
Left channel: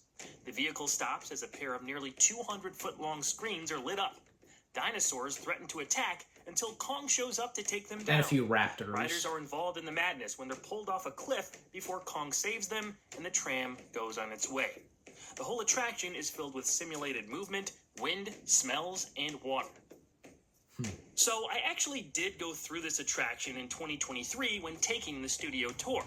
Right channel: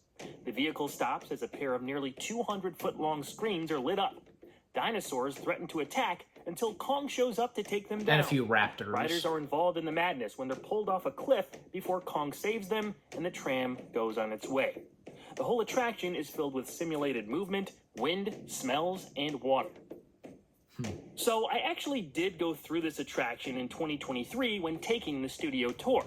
The vehicle stops as a pair of nearly 200-foot-long screens are lit up. Dinosaurs threaten to attack until Kong shows up to take them down. And a few raptors. Riders are involved in the madness when they're pulled off a cliff before Kong saves them and the tram goes on its way. The whole attraction is filled with simulated movement, wind, smells, and water. So I actually did go through this attraction in 2023 when taking the studio tour.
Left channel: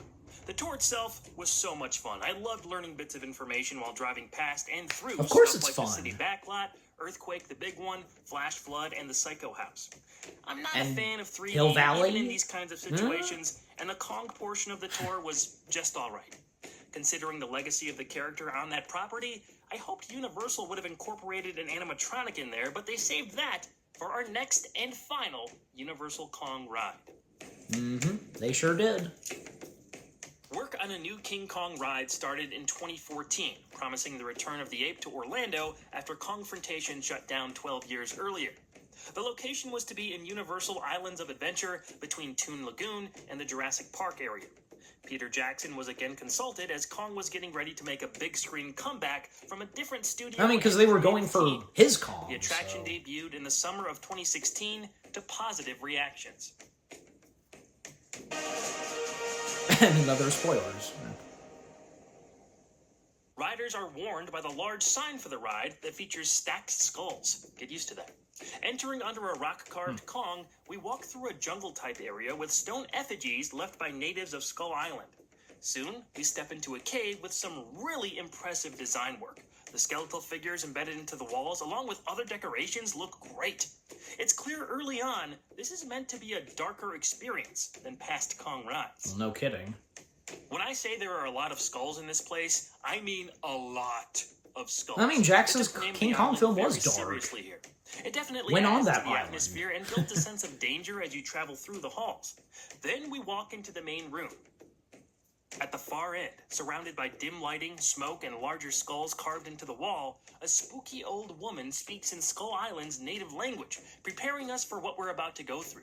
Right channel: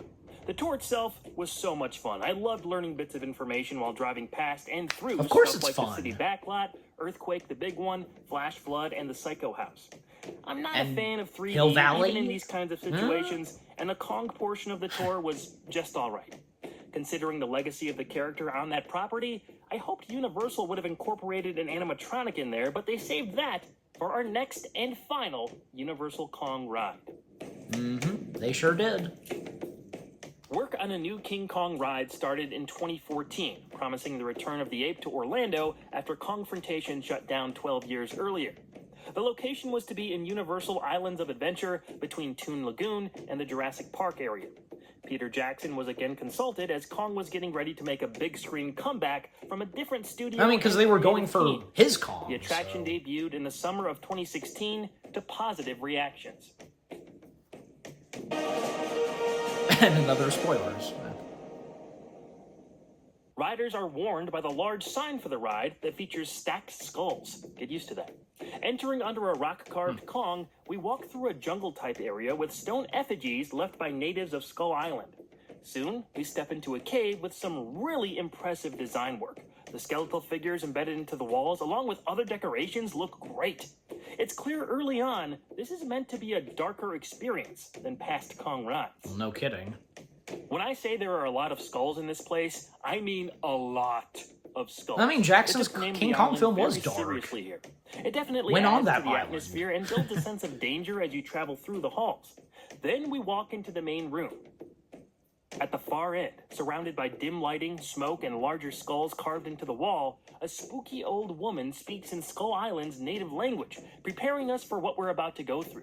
The tour itself was so much fun. I loved learning bits of information while driving past and through of course stuff it's like fun. the city backlot, Earthquake the Big One, Flash Flood, and the Psycho House. I'm not And a fan of 3D Hill Valley? even in these kinds of situations, and the Kong portion of the tour was just alright. Considering the legacy of the character on that property, I hoped Universal would have incorporated an animatronic in there, but they saved that for our next and final Universal Kong ride. They sure did. Work on a new King Kong ride started in 2014, promising the return of the ape to Orlando after Kongfrontation shut down 12 years earlier. The location was to be in Universal Islands of Adventure between Toon Lagoon and the Jurassic Park area. Peter Jackson was again consulted as Kong was getting ready to make a big screen comeback from a different studio. I mean, because they were going for his Kong. The attraction debuted in the summer of 2016 to positive reactions. And another spoilers. Riders are warned by the large sign for the ride that features stacked skulls. Get used to that. Entering under a rock-carved Kong, we walk through a jungle-type area with stone effigies left by natives of Skull Island. Soon, we step into a cave with some really impressive design work. The skeletal figures embedded into the walls, along with other decorations, look great. It's clear early on, this is meant to be a darker experience than past Kong rides. Well, no kidding. When I say there are a lot of skulls in this place, I mean a lot of skulls. I mean, Jackson's It took King Kong Island film was very dark. seriously here. It definitely Went on adds that to the island. atmosphere and builds a sense of danger as you travel through the halls. Then we walk into the main room. At the far end, surrounded by dim lighting, smoke, and larger skulls carved into the wall, a spooky old woman speaks in Skull Island's native language, preparing us for what we're about to go through.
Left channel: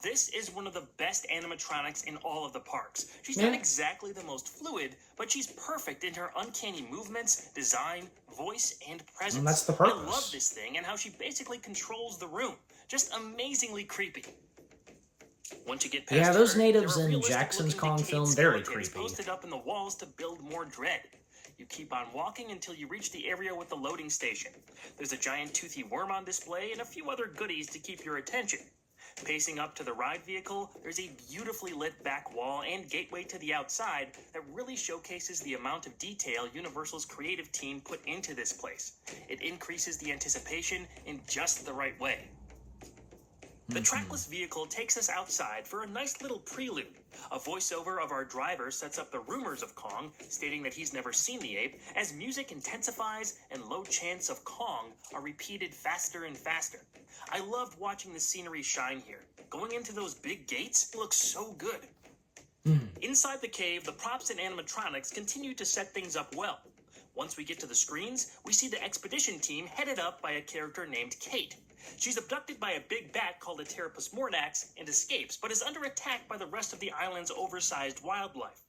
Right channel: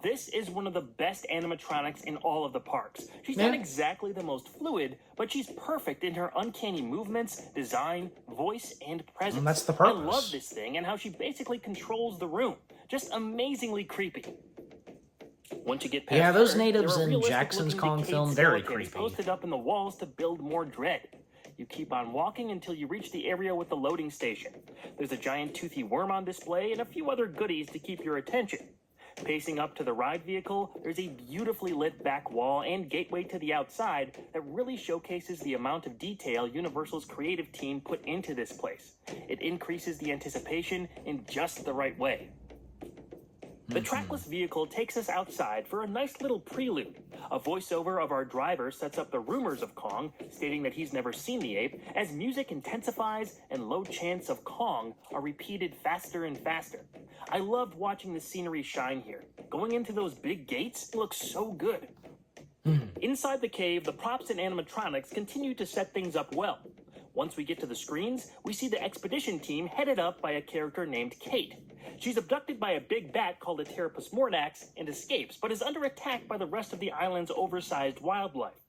This is one of the best animatronics in all of the parks. She's not exactly the most fluid, but she's perfect in her uncanny movements, design, voice, and presence. And that's the I purpose. love this thing and how she basically controls the room. Just amazingly creepy. Once you get past Yeah, those her, natives there are in realistic Jackson's looking Kong decayed film, very skeletons creepy. posted up in the walls to build more dread. You keep on walking until you reach the area with the loading station. There's a giant toothy worm on display and a few other goodies to keep your attention. Pacing up to the ride vehicle, there's a beautifully lit back wall and gateway to the outside that really showcases the amount of detail Universal's creative team put into this place. It increases the anticipation in just the right way. The trackless vehicle takes us outside for a nice little prelude. A voiceover of our driver sets up the rumors of Kong, stating that he's never seen the ape, as music intensifies and low chants of Kong are repeated faster and faster. I loved watching the scenery shine here. Going into those big gates looks so good. Inside the cave, the props and animatronics continue to set things up well. Once we get to the screens, we see the expedition team headed up by a character named Kate. She's abducted by a big bat called a Pteropus mordax and escapes, but is under attack by the rest of the island's oversized wildlife.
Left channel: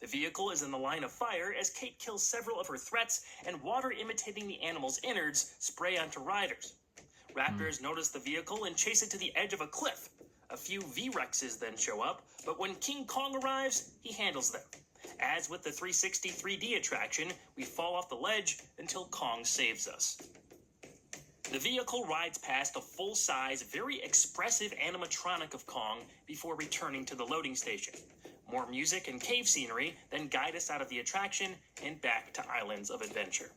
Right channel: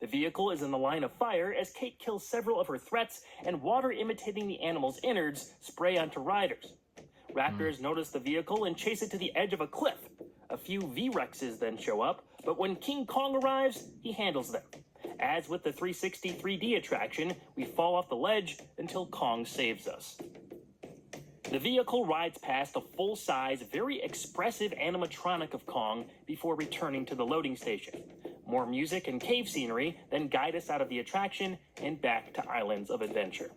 The vehicle is in the line of fire as Kate kills several of her threats, and water imitating the animal's innards spray onto riders. Raptors notice the vehicle and chase it to the edge of a cliff. A few V-Rexes then show up, but when King Kong arrives, he handles them. As with the 360 3D attraction, we fall off the ledge until Kong saves us. The vehicle rides past a full-size, very expressive animatronic of Kong before returning to the loading station. More music and cave scenery then guide us out of the attraction and back to Islands of Adventure.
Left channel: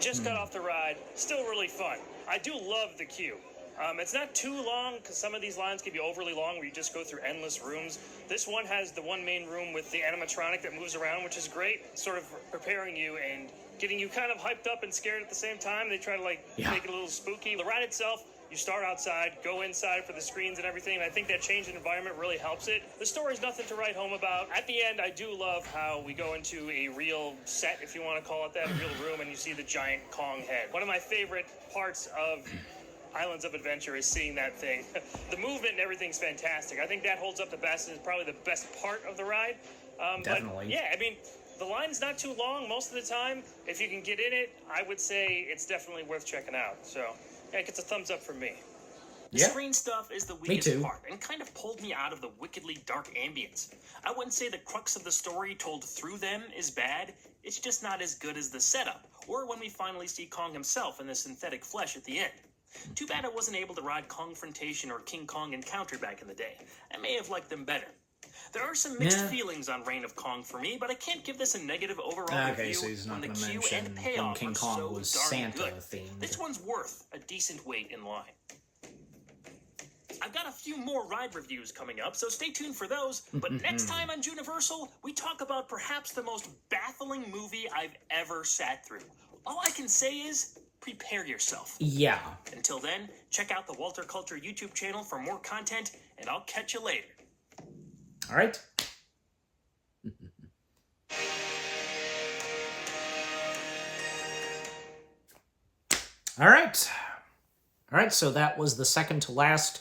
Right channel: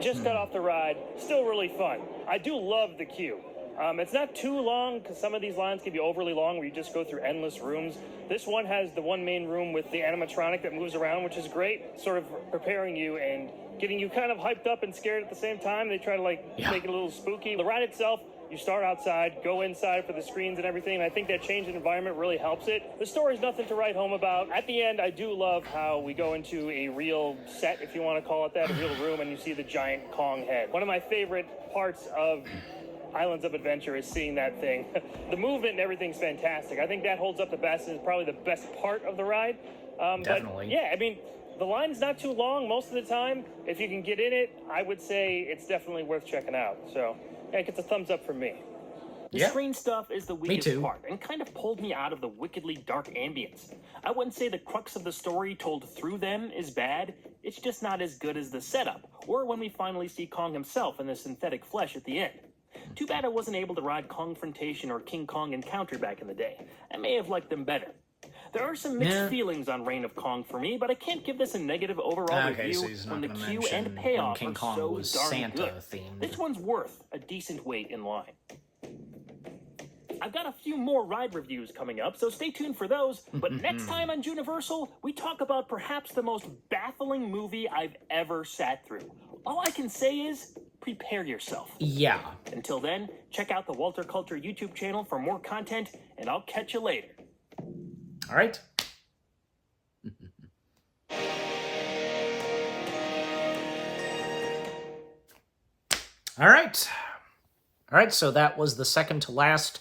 Just got off the ride. Still really fun. I do love the queue. It's not too long, because some of these lines can be overly long where you just go through endless rooms. This one has the one main room with the animatronic that moves around, which is great, sort of preparing you and getting you kind of hyped up and scared at the same time. They try to, make it a little spooky. The ride itself, you start outside, go inside for the screens and everything, and I think that change in environment really helps it. The story's nothing to write home about. At the end, I do love how we go into a real set, if you want to call it that, a real room, and you see the giant Kong head. One of my favorite parts of Islands of Adventure is seeing that thing. The movement and everything's fantastic. I think that holds up the best, and is probably the best part of the ride. Definitely. But yeah, I mean, the line's not too long most of the time. If you can get in it, I would say it's definitely worth checking out. So, yeah, it gets a thumbs up from me. The screen stuff is the weakest part, and kind of pulled me out of the wickedly dark ambience. I wouldn't say the crux of the story told through them is bad, it's just not as good as the setup, or when we finally see Kong himself in the synthetic flesh at the end. Too bad I wasn't able to ride Kongfrontation or King Kong Encounter back in the day. I may have liked them better. There are some mixed feelings on Reign of Kong for me, but I can't give this a negative overall review. Okay, so he's not going to mention when King Kong was Santa-themed. This one's worth a decent wait in line. I've got a few more ride reviews coming up, so stay tuned for those. But next time on Juniversal, we talk about perhaps the most baffling movie I've ever sat through. All I can say is, prepare yourself. Yeah. Until then, check out the Walter Culture YouTube channel for more content, and I'll catch you later. All right. All right. All right, so that was the second to last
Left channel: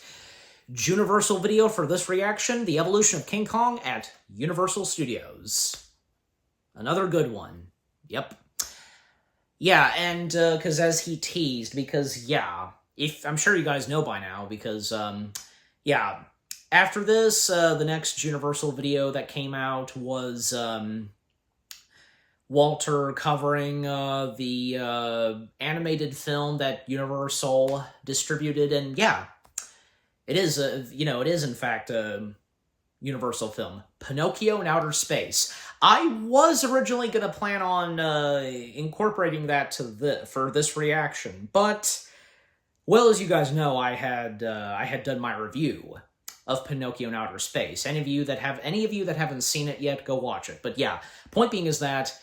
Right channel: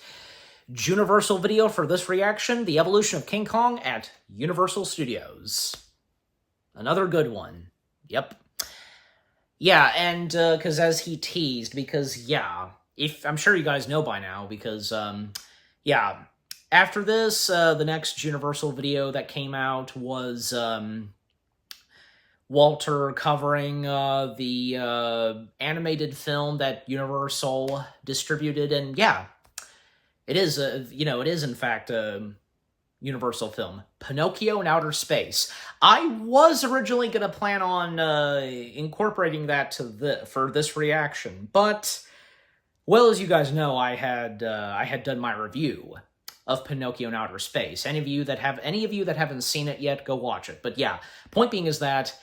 Juniversal video for this reaction, The Evolution of King Kong at Universal Studios. Another good one. Yep. Yeah, and, because as he teased, because, yeah, I'm sure you guys know by now, because, yeah, after this, the next Juniversal video that came out was, Walter covering, the, animated film that Universal distributed, and, yeah, it is, it is, in fact, a Universal film, Pinocchio in Outer Space. I was originally going to plan on incorporating that to for this reaction, but, well, as you guys know, I had done my review of Pinocchio in Outer Space. Any of you that haven't seen it yet, go watch it. But yeah, point being is that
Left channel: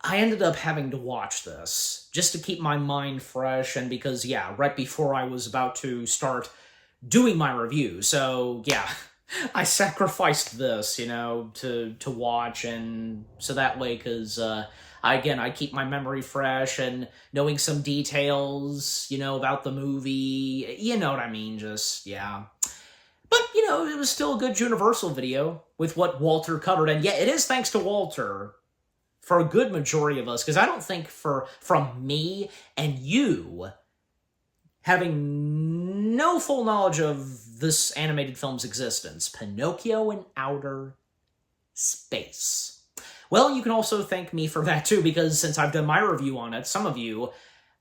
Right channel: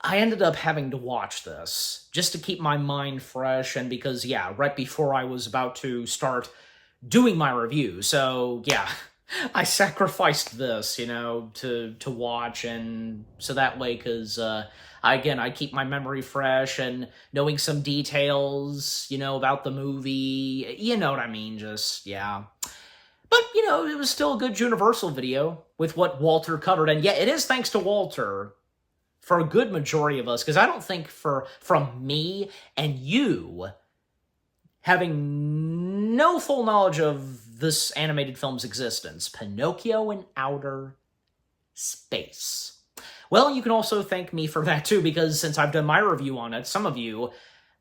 I ended up having to watch this just to keep my mind fresh, and because, yeah, right before I was about to start doing my review, so, yeah, I sacrificed this, to watch, and so that way, because, I keep my memory fresh, and knowing some details, about the movie, you know what I mean, just, yeah. But, it was still a good Juniversal video with what Walter covered, and yeah, it is thanks to Walter for a good majority of us, because I don't think from me and you having no full knowledge of this animated film's existence, Pinocchio in Outer Space. Well, you can also thank me for that too, because since I've done my review on it, some of you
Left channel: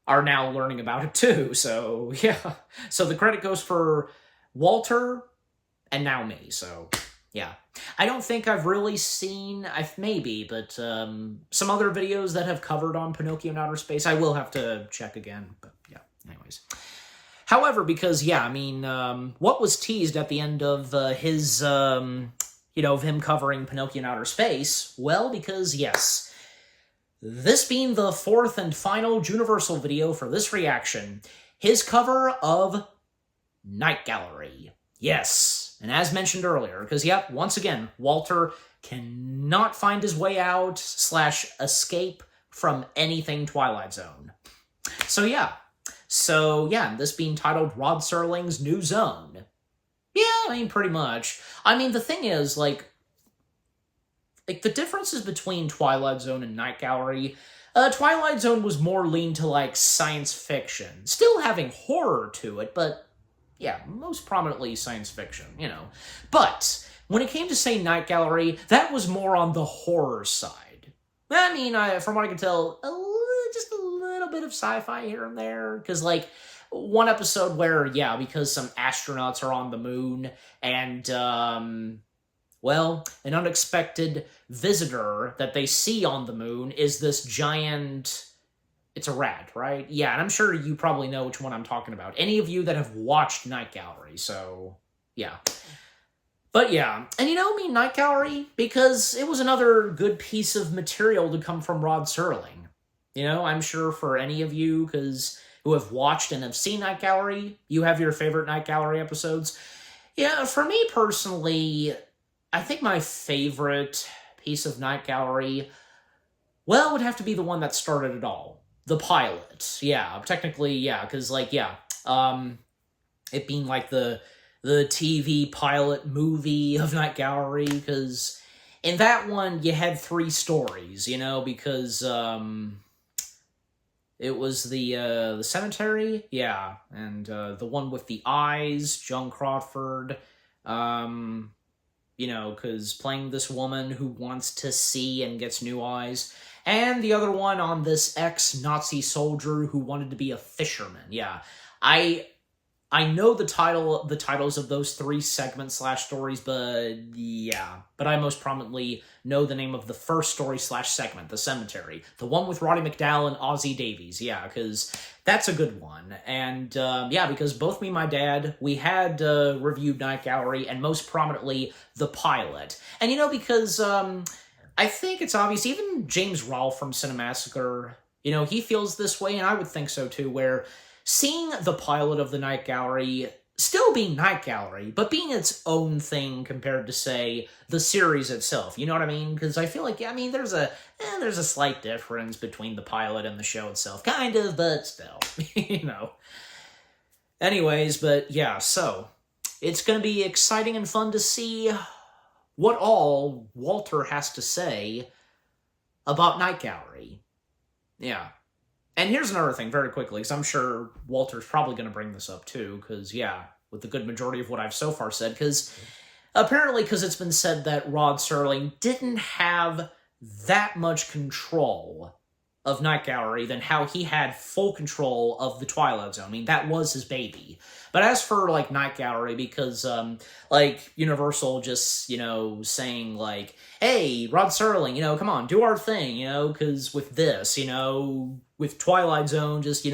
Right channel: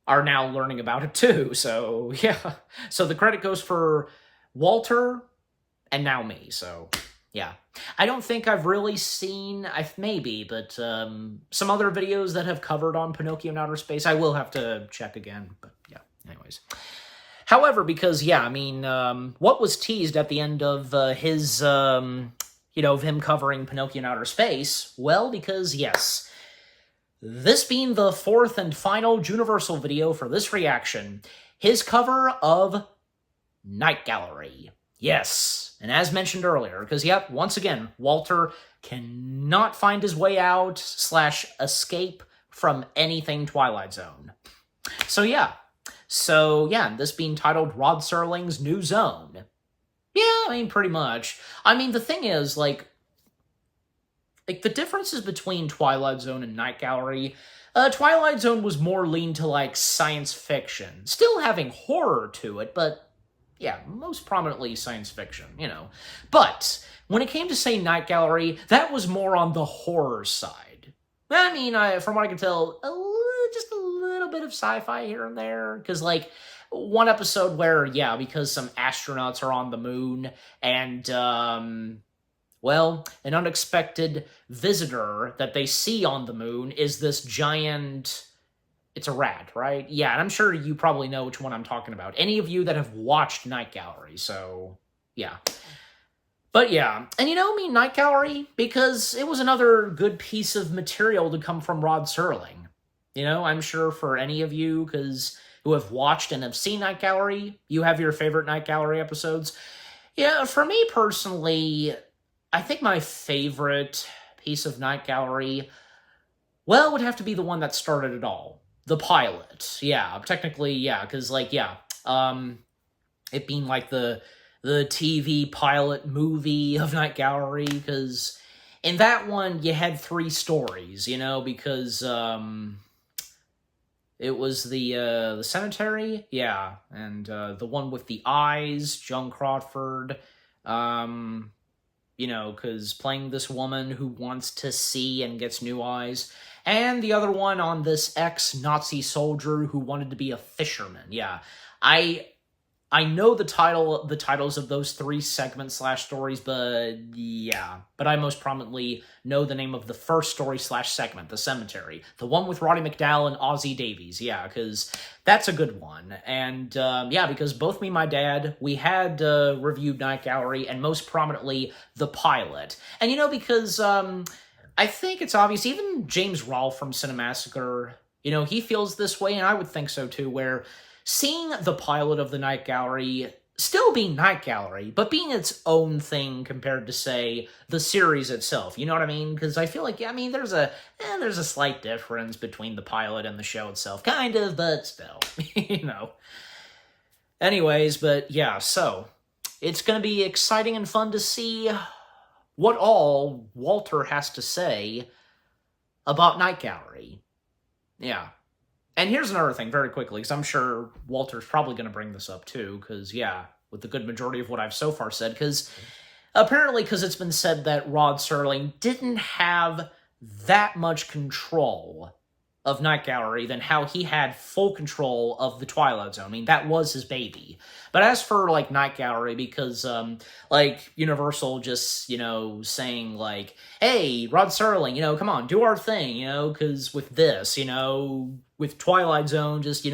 are now learning about it too, so yeah. So the credit goes for Walter and now me, so yeah. I don't think I've really seen, maybe, but some other videos that have covered on Pinocchio in Outer Space. I will have to check again, but yeah, anyways. However, because, yeah, I mean, what was teased at the end of his, of him covering Pinocchio in Outer Space? Well, because, yes, this being the fourth and final Juniversal video for this reaction, his cover of Night Gallery. Yes, and as mentioned earlier, because, yep, once again, Walter cannot find his way out / escape from anything Twilight Zone. So, yeah. This being titled Rod Serling's New Zone. Yeah, I mean, pretty much. I mean, the thing is, like the differences between Twilight Zone and Night Gallery, Twilight Zone was more lean to, science fiction. Still having horror to it, but, yeah, most prominently science fiction, But, when it came to, say, Night Gallery, that was more on the horror side. I mean, from what I can tell, just a little bit of sci-fi here and there, because, one episode where, yeah, because some astronauts are on the moon, and, an unexpected visitor that they see on the moon is this giant It's a rat, right? Yeah, and I'm sure you probably know which one I'm talking about. Any of you that have watched Night Gallery, so yeah. But yeah, and Night Gallery, because it was another good piece of material to come from Rod Serling. I'm sure for any of you, who have watched and have seen Night Gallery, you have your favorite Night Gallery episodes. Yeah, for me personally, I think my favorite piece of Night Gallery, well, would have to be the one that started it all. The pilot. Yeah, technically, yeah, because, it being, the TV pilot movie of Night Gallery, because in that one, you had 3 stories, because, it was the cemetery, yeah, and, the one with the eyes, Joan Crawford, because playing this woman who wants to see and gets new eyes, and the other one on this ex-Nazi soldier who wanted to be a fisherman. Yeah, I know the titles of those 3 segments / stories, but yeah. But I most prominently know the name of the first story / segment, The Cemetery. The one with Roddy McDowall and Ozzie Davies, yeah, because that's a good one. And yeah, because both me and my dad, we had reviewed Night Gallery, and most prominently, the pilot. And because I think it's obvious, even James Rolfe from Cinemassacre, he feels this way, and I would think so too, where seeing the pilot of the Night Gallery still being Night Gallery, but being its own thing compared to, say, the series itself. You know what I mean? Because I feel like, there's a slight difference between the pilot and the show itself. Kind of, but still, Anyways, but yeah, so it's going to be exciting and fun to see what all Walter has to say about Night Gallery. Yeah. And here's another thing, very quickly, because I'm sure Walter's probably going to bring this up too, because, yeah, with the good majority of what I've so far said, because it's been said that Rod Serling didn't have that much control of Night Gallery than how he had full control of the Twilight Zone. I mean, that was his baby. But as for, Night Gallery, because, Universal just, saying, hey, Rod Serling, come on, do our thing, because with this, with Twilight Zone, just,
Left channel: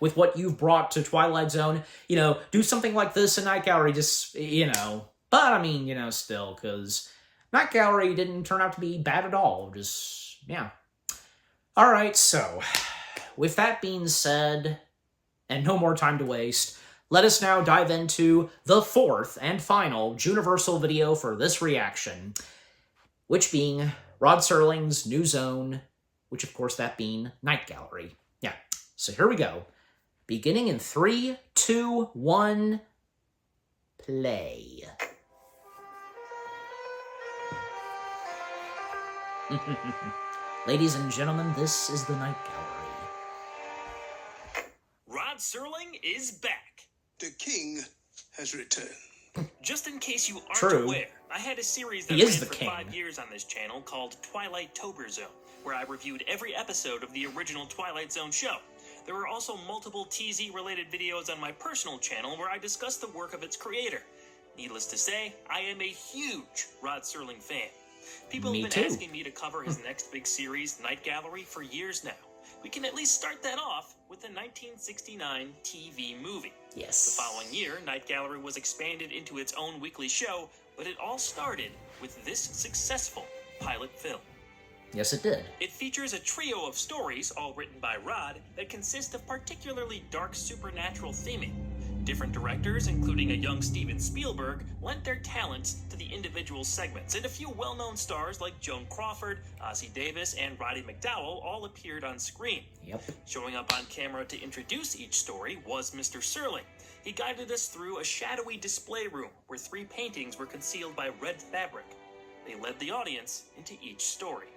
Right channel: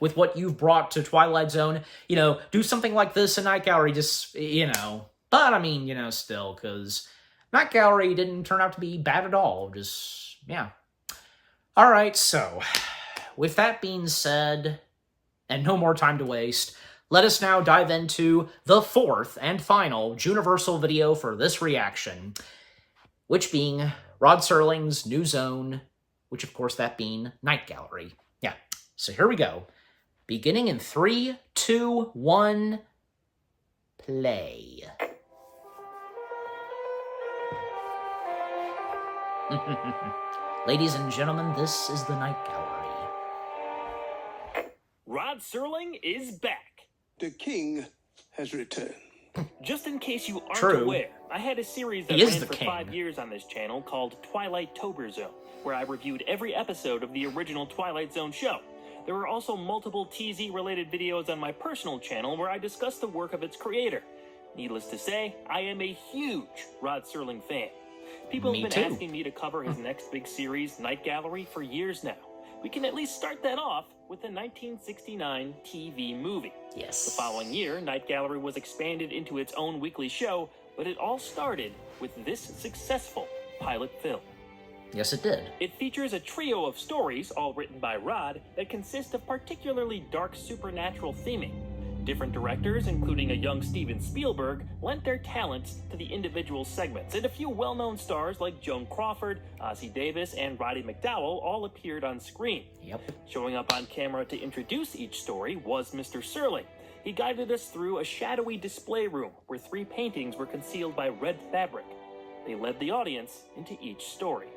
with what you've brought to Twilight Zone, do something like this in Night Gallery, just, But, I mean, still, because Night Gallery didn't turn out to be bad at all, just, yeah. Alright, so, with that being said, and no more time to waste, let us now dive into the 4th and final Juniversal video for this reaction, which being Rod Serling's new zone, which of course that being Night Gallery. Yeah, so here we go. Beginning in 3, 2, 1, play. Ladies and gentlemen, this is the Night Gallery. Rod Serling is back. The king has returned. Just in case you aren't True. aware, I had a series that He is ran the for king. 5 years on this channel called Twilight Tober Zone, where I reviewed every episode of the original Twilight Zone show. There were also multiple TZ-related videos on my personal channel where I discussed the work of its creator. Needless to say, I am a huge Rod Serling fan. People Me have been too. asking me to cover his next big series, Night Gallery, for years now. We can at least start that off with the 1969 TV movie. Yes. The following year, Night Gallery was expanded into its own weekly show, but it all started with this successful pilot film. Yes, it did. It features a trio of stories, all written by Rod, that consist of particularly dark supernatural theming. Different directors, including a young Steven Spielberg, lent their talents to the individual segments, and a few well-known stars like Joan Crawford, Ozzie Davis, and Roddy McDowall all appeared on screen. Yep. Showing up on camera to introduce each story was Mr. Serling. He guided us through a shadowy display room where 3 paintings were concealed by red fabric. They led the audience into each story.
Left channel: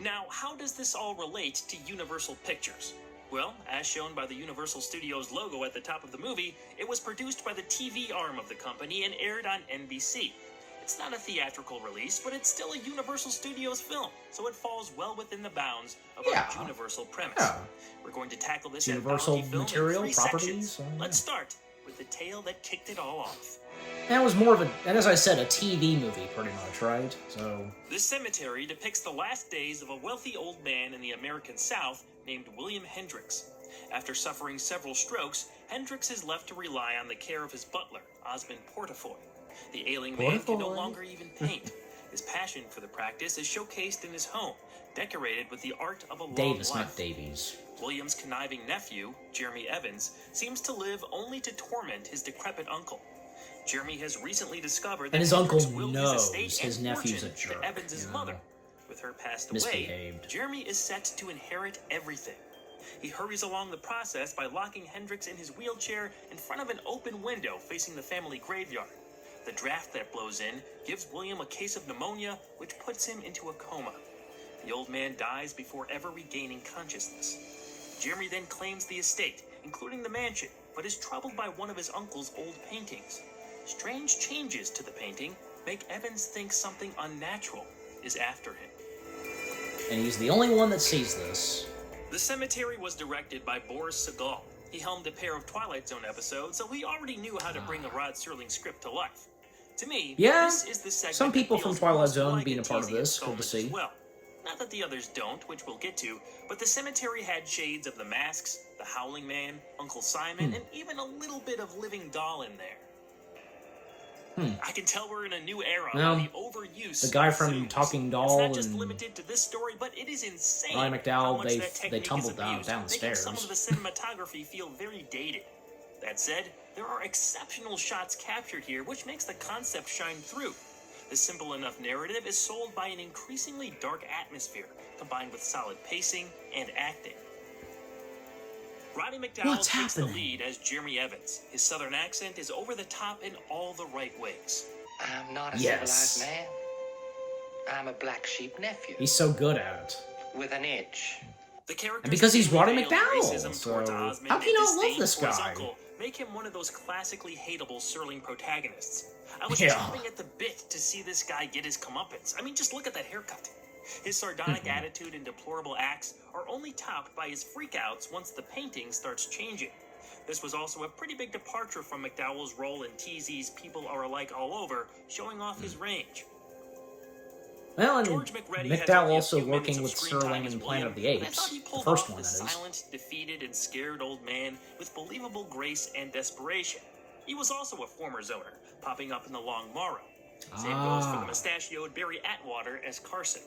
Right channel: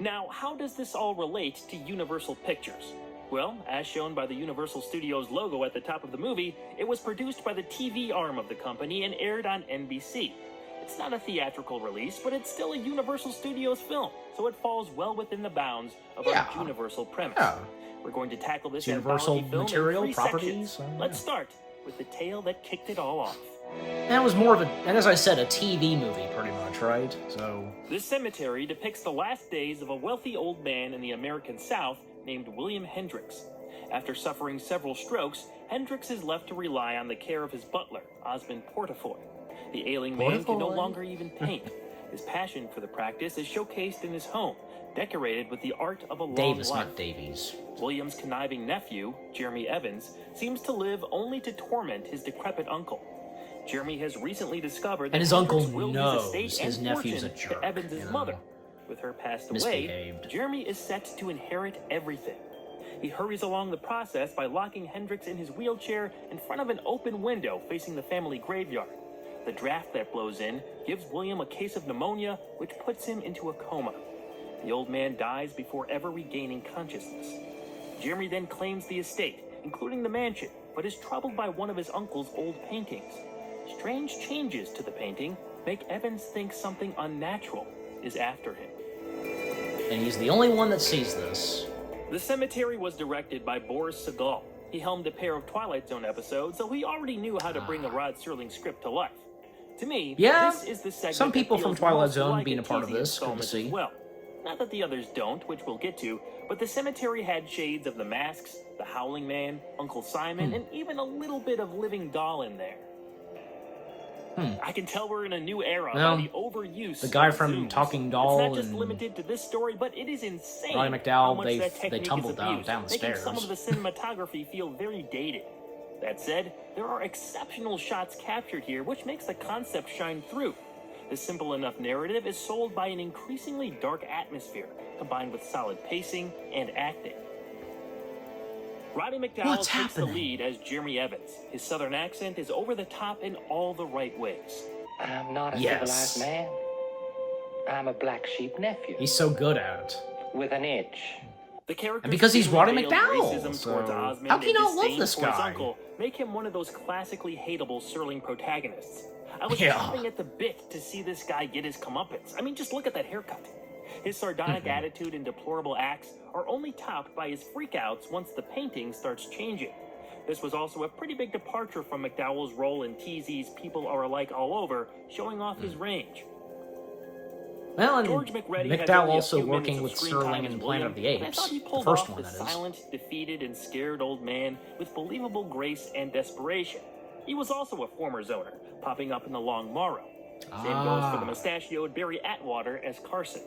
Now, how does this all relate to Universal Pictures? Well, as shown by the Universal Studios logo at the top of the movie, it was produced by the TV arm of the company and aired on NBC. It's not a theatrical release, but it's still a Universal Studios film, so it falls well within the bounds of our Universal premise. Yeah. We're going to tackle this Universal anthology film material, in 3 properties, sections. Let's start with the tale that kicked it all off. And it was more of a, and as I said, a TV movie, pretty much, right? So This cemetery depicts the last days of a wealthy old man in the American South named William Hendricks. After suffering several strokes, Hendricks is left to rely on the care of his butler, Osmond Portafoy. The ailing man can no longer even paint. His passion for the practice is showcased in his home, decorated with the art of a long Davis, life. not Davies. William's conniving nephew, Jeremy Evans, seems to live only to torment his decrepit uncle. Jeremy has recently discovered that And his uncle Hendricks willed knows his estate his and nephew's a fortune jerk, to Evans' you know? mother. With her passed away, Misbehaved. Jeremy is set to inherit everything. He hurries along the process by locking Hendricks in his wheelchair in front of an open window facing the family graveyard. The draft that blows in gives William a case of pneumonia, which puts him into a coma. The old man dies before ever regaining consciousness. Jeremy then claims the estate, including the mansion, but is troubled by one of his uncle's old paintings. Strange changes to the painting make Evans think something unnatural is after him. And he's the only one that sees this. The cemetery was directed by Boris Segal. He helmed a pair of Twilight Zone episodes, so he already knew how to bring a Rod Serling script to life. To me, Yeah, this is the segment some people that from feels Twilight most Zone like being a part of teasing this, good to installment see. as well. Not that the others don't, which we'll get to, but the cemetery had shades of The Masks, The Howling Man, Uncle Simon, and even a little bit of Living Doll in there. I can tell we're in a new era. Well, the overuse the guy of from zooms. Talking It's Doll not just and limited to this story, but it is insane. Roddy how McDowell, much that they technique tumbled is down abused, the making some stairs. of the cinematography feel very dated. That said, there are exceptional shots captured here, which makes the concept shine through. The simple enough narrative is sold by an increasingly dark atmosphere, combined with solid pacing and acting. Roddy McDowell What's takes the happening? lead as Jeremy Evans. His southern accent is over the top in all the right ways. I'm not a Yes. civilized man. I'm a black sheep nephew He's so good at it. with an itch. The character's And because he's Roddy veiled McDowell, racism so towards Osmond how can you and not love disdain this for his guy? uncle make him one of those classically hateable Serling protagonists. I was Yeah. chomping at the bit to see this guy get his comeuppance. I mean, just look at that haircut. His sardonic attitude and deplorable acts are only topped by his freakouts once the painting starts changing. This was also a pretty big departure from McDowell's role in TZ's People Are Alike All Over, showing off his range. Well, and George McReady has McDowell only a also few minutes working of with screen time Serling as and Planet of the William, but I Apes. thought he The pulled first off one, the that is. silent, defeated, and scared old man with believable grace and desperation. He was also a former zoner, popping up in The Long Morrow. Same goes for the mustachioed Barry Atwater as Carson.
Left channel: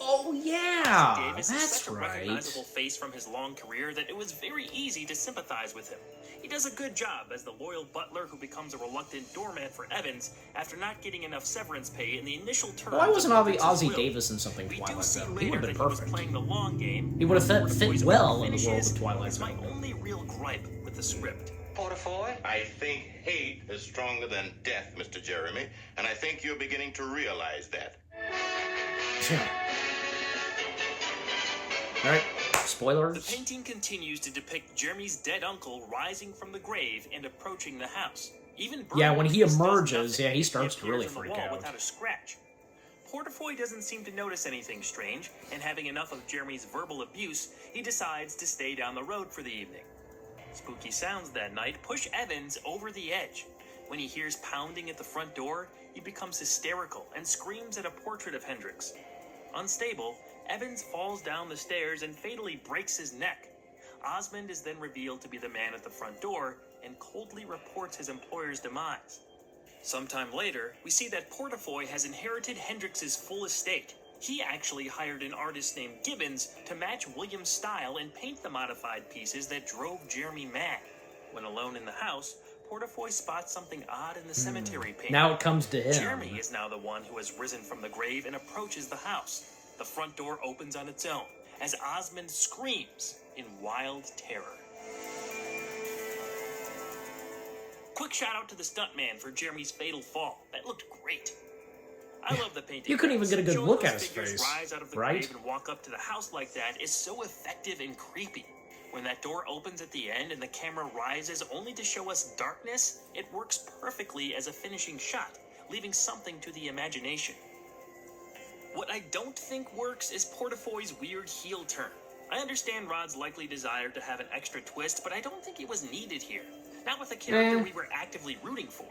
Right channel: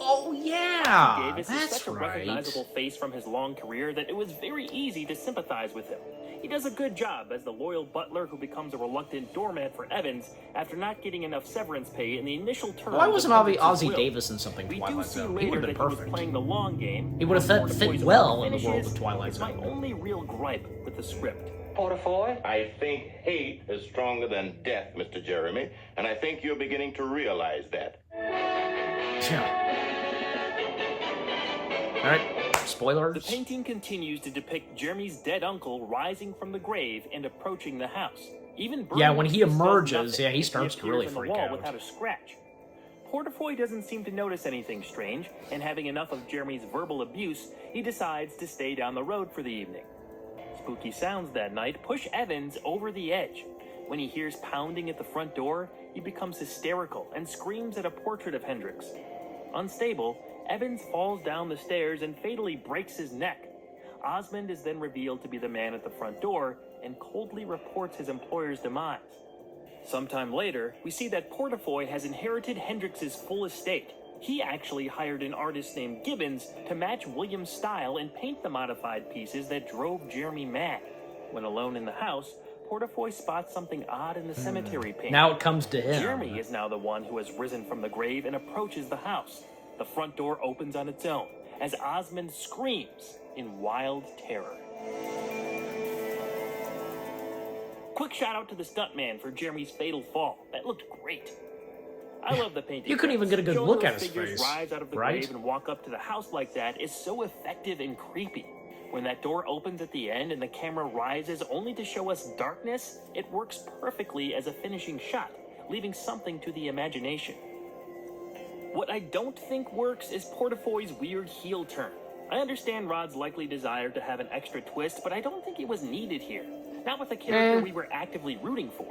Oh yeah, Davis is that's such a right. recognizable face from his long career that it was very easy to sympathize with him. He does a good job as the loyal butler who becomes a reluctant doormat for Evans after not getting enough severance pay in the initial terms. Why wasn't of Ozzy Evans's will. Davis in something We do Twilight see Zone? He later would have been that he was perfect. playing the long game. He would have fit Poison well in the finishes world of Twilight is my Zone. only real gripe with the script. Portafoy? I think hate is stronger than death, Mr. Jeremy, and I think you're beginning to realize that. Yeah. Alright, The spoilers. painting continues to depict Jeremy's dead uncle rising from the grave and approaching the house. Even Yeah, when he Bruce does emerges, nothing. yeah, he starts to appears really on the freak wall out. Without a scratch. Portafoy doesn't seem to notice anything strange, and having enough of Jeremy's verbal abuse, he decides to stay down the road for the evening. Spooky sounds that night push Evans over the edge. When he hears pounding at the front door, he becomes hysterical and screams at a portrait of Hendricks. Unstable, Evans falls down the stairs and fatally breaks his neck. Osmond is then revealed to be the man at the front door and coldly reports his employer's demise. Sometime later, we see that Portafoy has inherited Hendricks' full estate. He actually hired an artist named Gibbons to match William's style and paint the modified pieces that drove Jeremy mad. When alone in the house, Portafoy spots something odd in the cemetery painting. Now it comes to him. Jeremy is now the one who has risen from the grave and approaches the house. The front door opens on its own as Osmond screams in wild terror. Quick shout out to the stuntman for Jeremy's fatal fall. That looked great. I love the painting. You couldn't even get a good Showing look those at his figures face, rise out of the right? grave and walk up to the house like that is so effective and creepy. When that door opens at the end and the camera rises only to show us darkness, it works perfectly as a finishing shot, leaving something to the imagination. What I don't think works is Portafoy's weird heel turn. I understand Rod's likely desire to have an extra twist, but I don't think it was needed here. not with a character we were actively rooting for.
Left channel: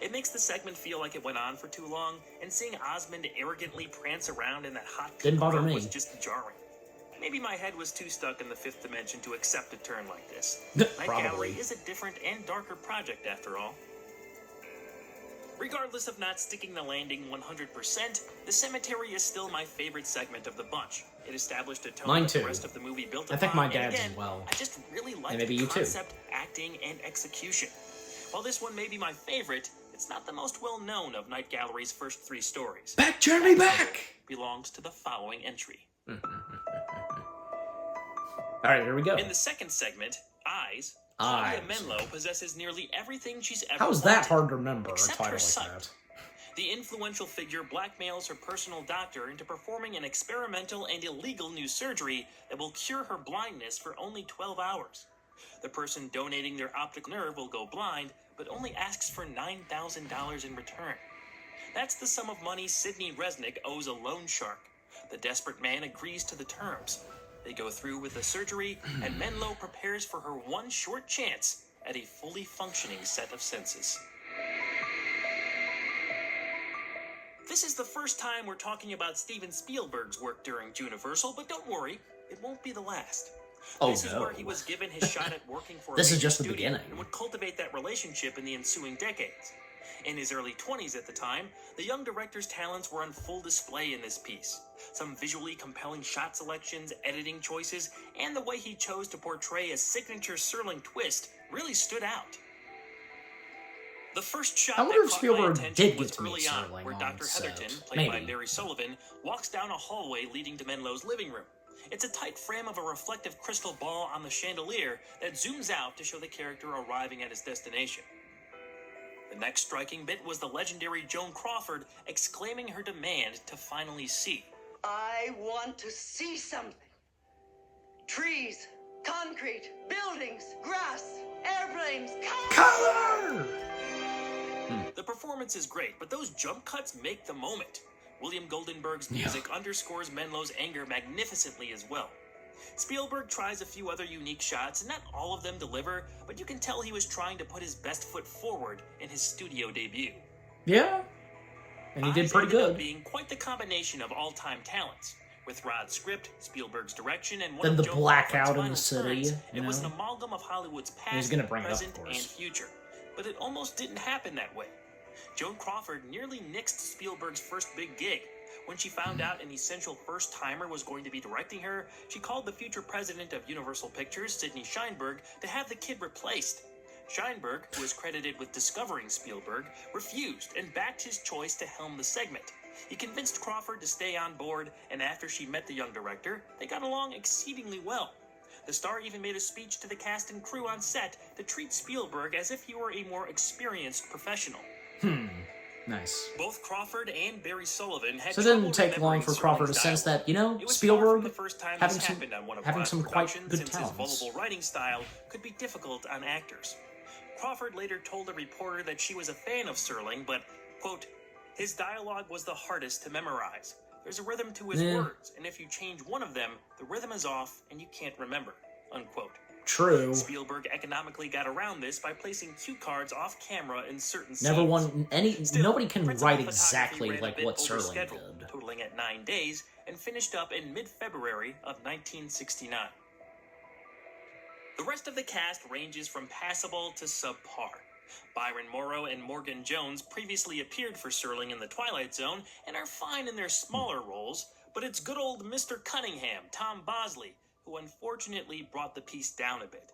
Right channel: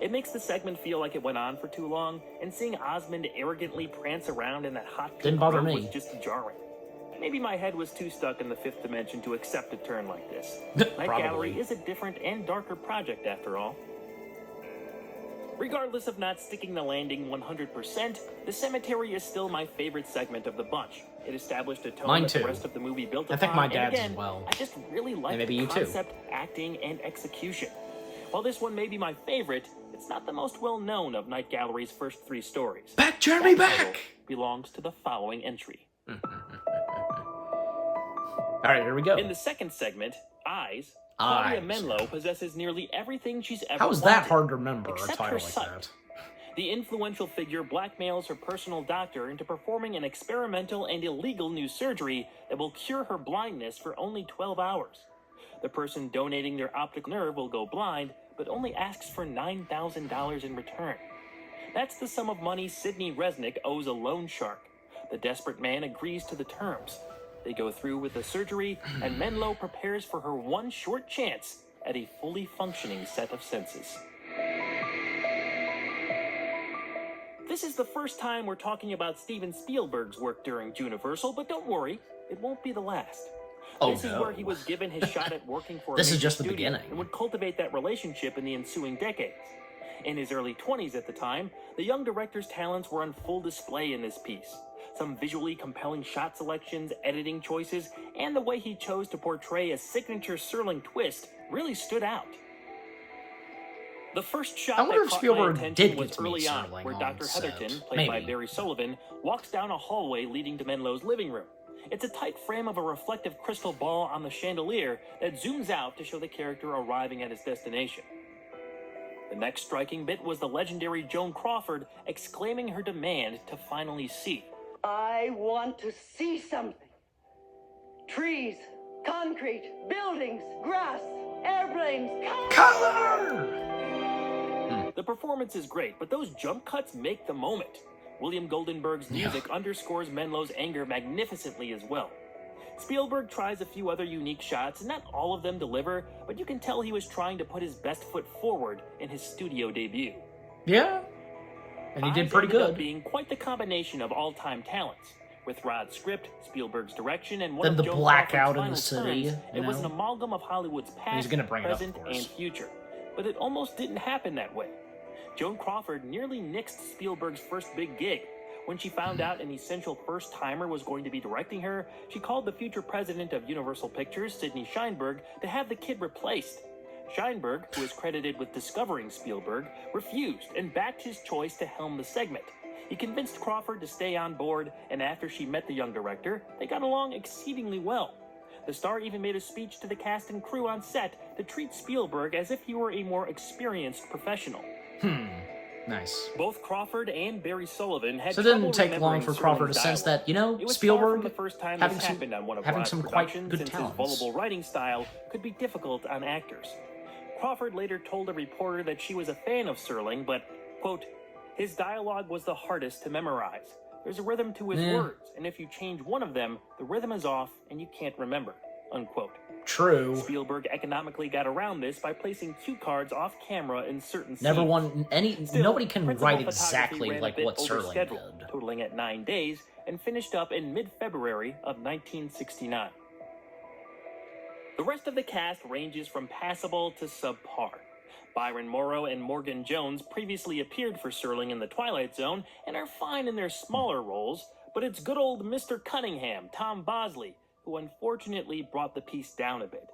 It makes the segment feel like it went on for too long, and seeing Osmond arrogantly prance around in that hot pink Didn't bother robe me. was just jarring. Maybe my head was too stuck in the fifth dimension to accept a turn like this. Night Probably. Gallery is a different and darker project after all. Regardless of not sticking the landing 100%, the cemetery is still my favorite segment of the bunch. It established a tone Mine that the too. rest of the movie built I think upon, my and dad's again, as well. I just really like And maybe the you too. concept, acting, and execution. While this one may be my favorite, it's not the most well-known of Night Gallery's first three stories. Back, Jeremy, back! Belongs to the following entry. Alright, here we go. In the second segment, Eyes, Claudia Eyes. Menlo possesses nearly everything she's ever How is that wanted, hard to remember, a except title her like sight. that? The influential figure blackmails her personal doctor into performing an experimental and illegal new surgery that will cure her blindness for only 12 hours. The person donating their optic nerve will go blind, but only asks for $9,000 in return. That's the sum of money Sidney Resnick owes a loan shark. The desperate man agrees to the terms. They go through with the surgery, and Menlo prepares for her one short chance at a fully functioning set of senses. This is the first time we're talking about Steven Spielberg's work during Juniversal, but don't worry, it won't be the last. Oh, This is no. where he was given his shot at working for a This is major just the studio beginning. and would cultivate that relationship in the ensuing decades. In his early 20s at the time, the young director's talents were on full display in this piece. Some visually compelling shot selections, editing choices, and the way he chose to portray a signature Serling twist really stood out. The first shot I wonder that if caught Spielberg my attention did get was to meet early on, Serling where on Dr. set. Heatherton, played by Maybe. Barry Sullivan, walks down a hallway leading to Menlo's living room. It's a tight frame of a reflective crystal ball on the chandelier that zooms out to show the character arriving at his destination. The next striking bit was the legendary Joan Crawford exclaiming her demand to finally see. I want to see something. Trees, concrete, buildings, grass, airplanes, Color! The performance is great, but those jump cuts make the moment. William Goldenberg's music underscores Menlo's anger magnificently as well. Spielberg tries a few other unique shots, and not all of them deliver, but you can tell he was trying to put his best foot forward in his studio debut. Yeah. And he did Eyes pretty ended up good. being quite the combination of all-time talents. With Rod's script, Spielberg's direction, and one Then of the Joan blackout Crawford's in the final city, turns, you it was know? an amalgam of Hollywood's past, he's gonna bring it up, of present, course. and future. But it almost didn't happen that way. Joan Crawford nearly nixed Spielberg's first big gig. When she found out an essential first-timer was going to be directing her, she called the future president of Universal Pictures, Sidney Sheinberg, to have the kid replaced. Sheinberg, who is credited with discovering Spielberg, refused and backed his choice to helm the segment. He convinced Crawford to stay on board, and after she met the young director, they got along exceedingly well. The star even made a speech to the cast and crew on set to treat Spielberg as if he were a more experienced professional. Nice. Both Crawford and Barry Sullivan had So it didn't trouble take long remembering for Crawford to Serling's sense dialogue. that, you know, It was far from Spielberg the first time having this some happened on one of having Rod's some quite productions, good since talents. his voluble writing style could be difficult on actors. Crawford later told a reporter that she was a fan of Serling, but, quote, his dialogue was the hardest to memorize. There's a rhythm to his words, and if you change one of them, the rhythm is off and you can't remember, unquote. True. Spielberg economically got around this by placing cue cards off camera in certain Never scenes. won any. Still, Nobody can principal write photography exactly ran a like bit what over Serling schedule, did. totaling at 9 days, and finished up in mid-February of 1969. The rest of the cast ranges from passable to subpar. Byron Morrow and Morgan Jones previously appeared for Serling in The Twilight Zone and are fine in their smaller roles, but it's good old Mr. Cunningham, Tom Bosley, who unfortunately brought the piece down a bit.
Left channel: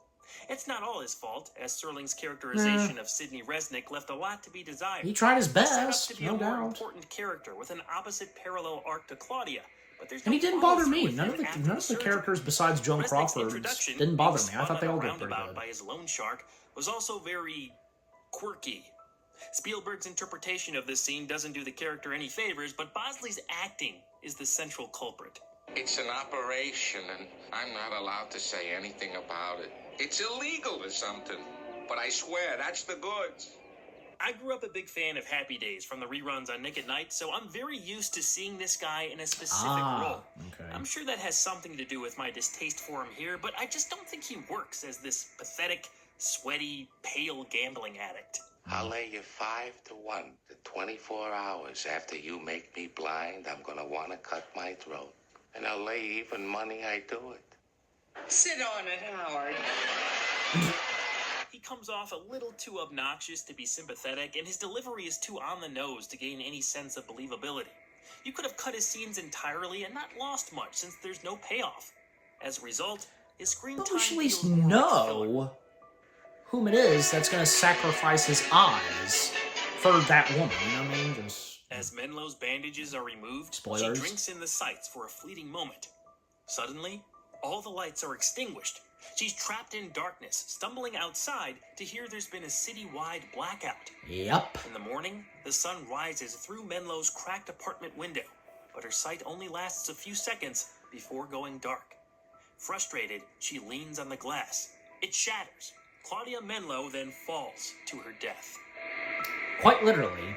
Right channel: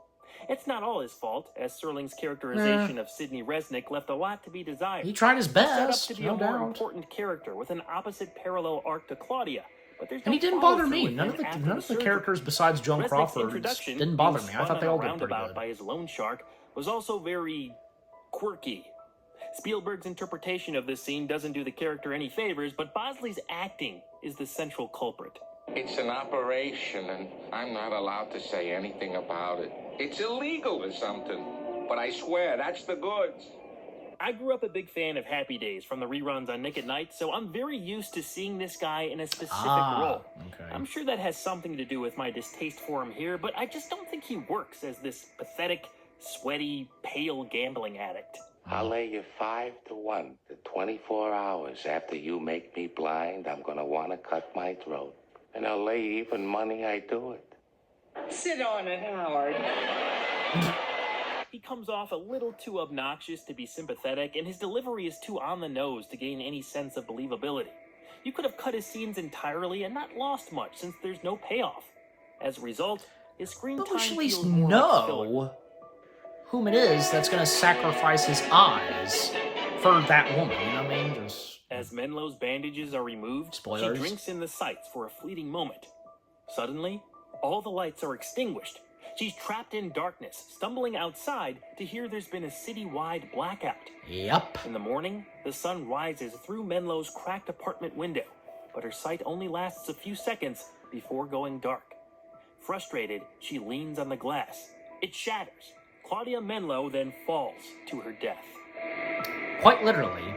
It's not all his fault, as Serling's characterization of Sidney Resnick left a lot to be desired. He tried his He's set up best, to be no a more doubt. important character with an opposite parallel arc to Claudia, but there's And he no didn't bother follow-through me. with None him of the after none of the surgery. characters besides Joan Resnick's Crawford introduction, didn't bother being me. I spun thought they on all a did pretty roundabout good. by his loan shark was also very quirky. Spielberg's interpretation of this scene doesn't do the character any favors, but Bosley's acting is the central culprit. It's an operation, and I'm not allowed to say anything about it. It's illegal or something. But I swear, that's the goods. I grew up a big fan of Happy Days from the reruns on Nick at Night, so I'm very used to seeing this guy in a specific role. Okay. I'm sure that has something to do with my distaste for him here, but I just don't think he works as this pathetic, sweaty, pale gambling addict. I'll lay you 5-1 to 24 hours after you make me blind. I'm gonna want to cut my throat. And I'll lay even money I do it. Sit on it, Howard. He comes off a little too obnoxious to be sympathetic, and his delivery is too on the nose to gain any sense of believability. You could have cut his scenes entirely and not lost much, since there's no payoff. As a result, his screen But time we should at least feels more like filler. know whom it is that's going to sacrifice his eyes for that woman. You know what I mean? Just, As Menlo's bandages are removed, Spoilers. she drinks in the sights for a fleeting moment. Suddenly, all the lights are extinguished. She's trapped in darkness, stumbling outside to hear there's been a city-wide blackout. yep. In the morning, the sun rises through Menlo's cracked apartment window, but her sight only lasts a few seconds before going dark. Frustrated, she leans on the glass. It shatters. Claudia Menlo then falls to her death. Quite literally.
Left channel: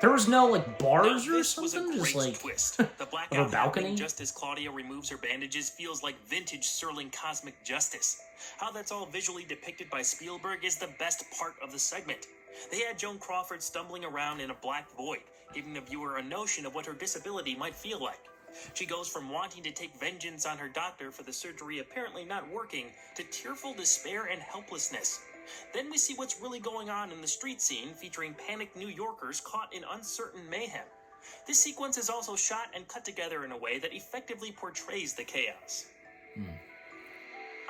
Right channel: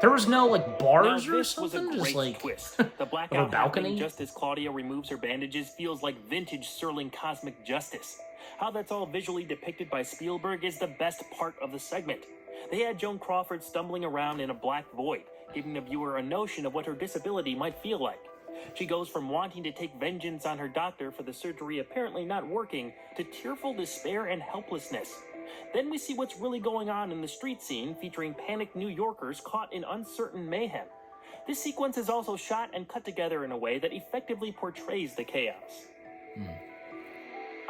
There was no, like, bars Now, or this was a something? Just, great like, twist. The blackout of a balcony? happening just as Claudia removes her bandages feels like vintage Serling cosmic justice. How that's all visually depicted by Spielberg is the best part of the segment. They had Joan Crawford stumbling around in a black void, giving the viewer a notion of what her disability might feel like. She goes from wanting to take vengeance on her doctor for the surgery apparently not working to tearful despair and helplessness. Then we see what's really going on in the street scene, featuring panicked New Yorkers caught in uncertain mayhem. This sequence is also shot and cut together in a way that effectively portrays the chaos.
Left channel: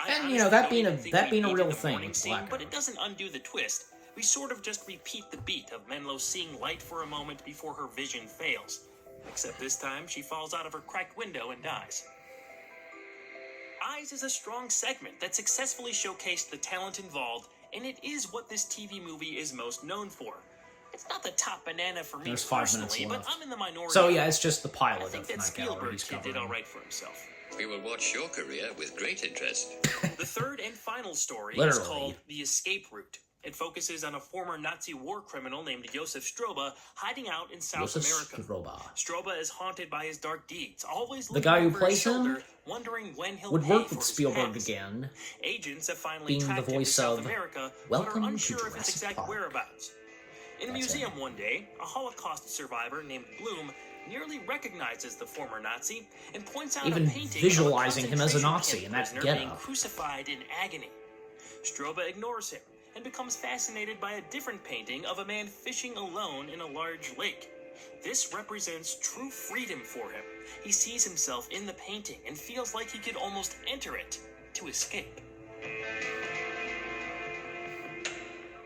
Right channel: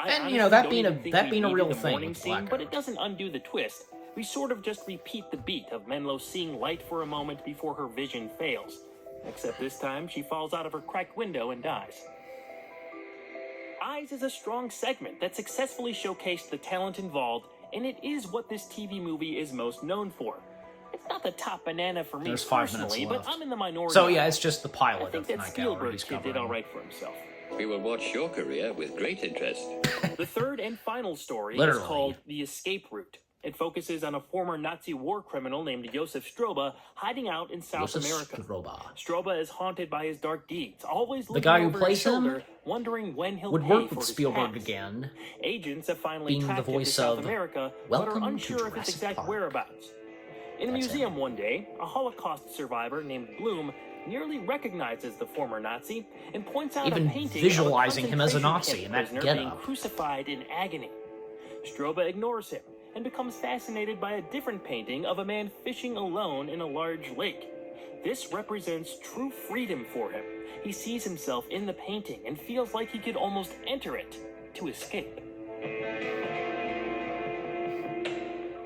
I And, you know, honestly that don't being a- even think that we being a needed real the thing morning with the scene, but blackout. it doesn't undo the twist. We sort of just repeat the beat of Menlo seeing light for a moment before her vision fails. Except this time, she falls out of her cracked window and dies. Eyes is a strong segment that successfully showcased the talent involved, and it is what this TV movie is most known for. It's not the top banana for me There's 5 minutes personally, but left. I'm in the minority. So, yeah, it's just the I pilot think of that Night Gallery Spielberg he's kid did covering. all right for himself. We will watch your career with great interest. The third and final story is Literally. called The Escape Route. It focuses on a former Nazi war criminal named Josef Stroba hiding out in South Josef America. Stroba. Stroba is haunted by his dark deeds, always The looking guy who over his plays him shoulder, wondering when he'll would pay work for with his Spielberg past. again, Agents have finally being the tracked him voice to South of America, but Welcome are to unsure of his Jurassic exact Park. whereabouts. In a That's museum him. one day, a Holocaust survivor named Bloom nearly recognizes the former Nazi and points out Even a painting visualizing of a him as a concentration Nazi camp in that prisoner being getup. crucified in agony. Stroba ignores him and becomes fascinated by a different painting of a man fishing alone in a large lake. This represents true freedom for him. He sees himself in the painting and feels like he could almost enter it to escape.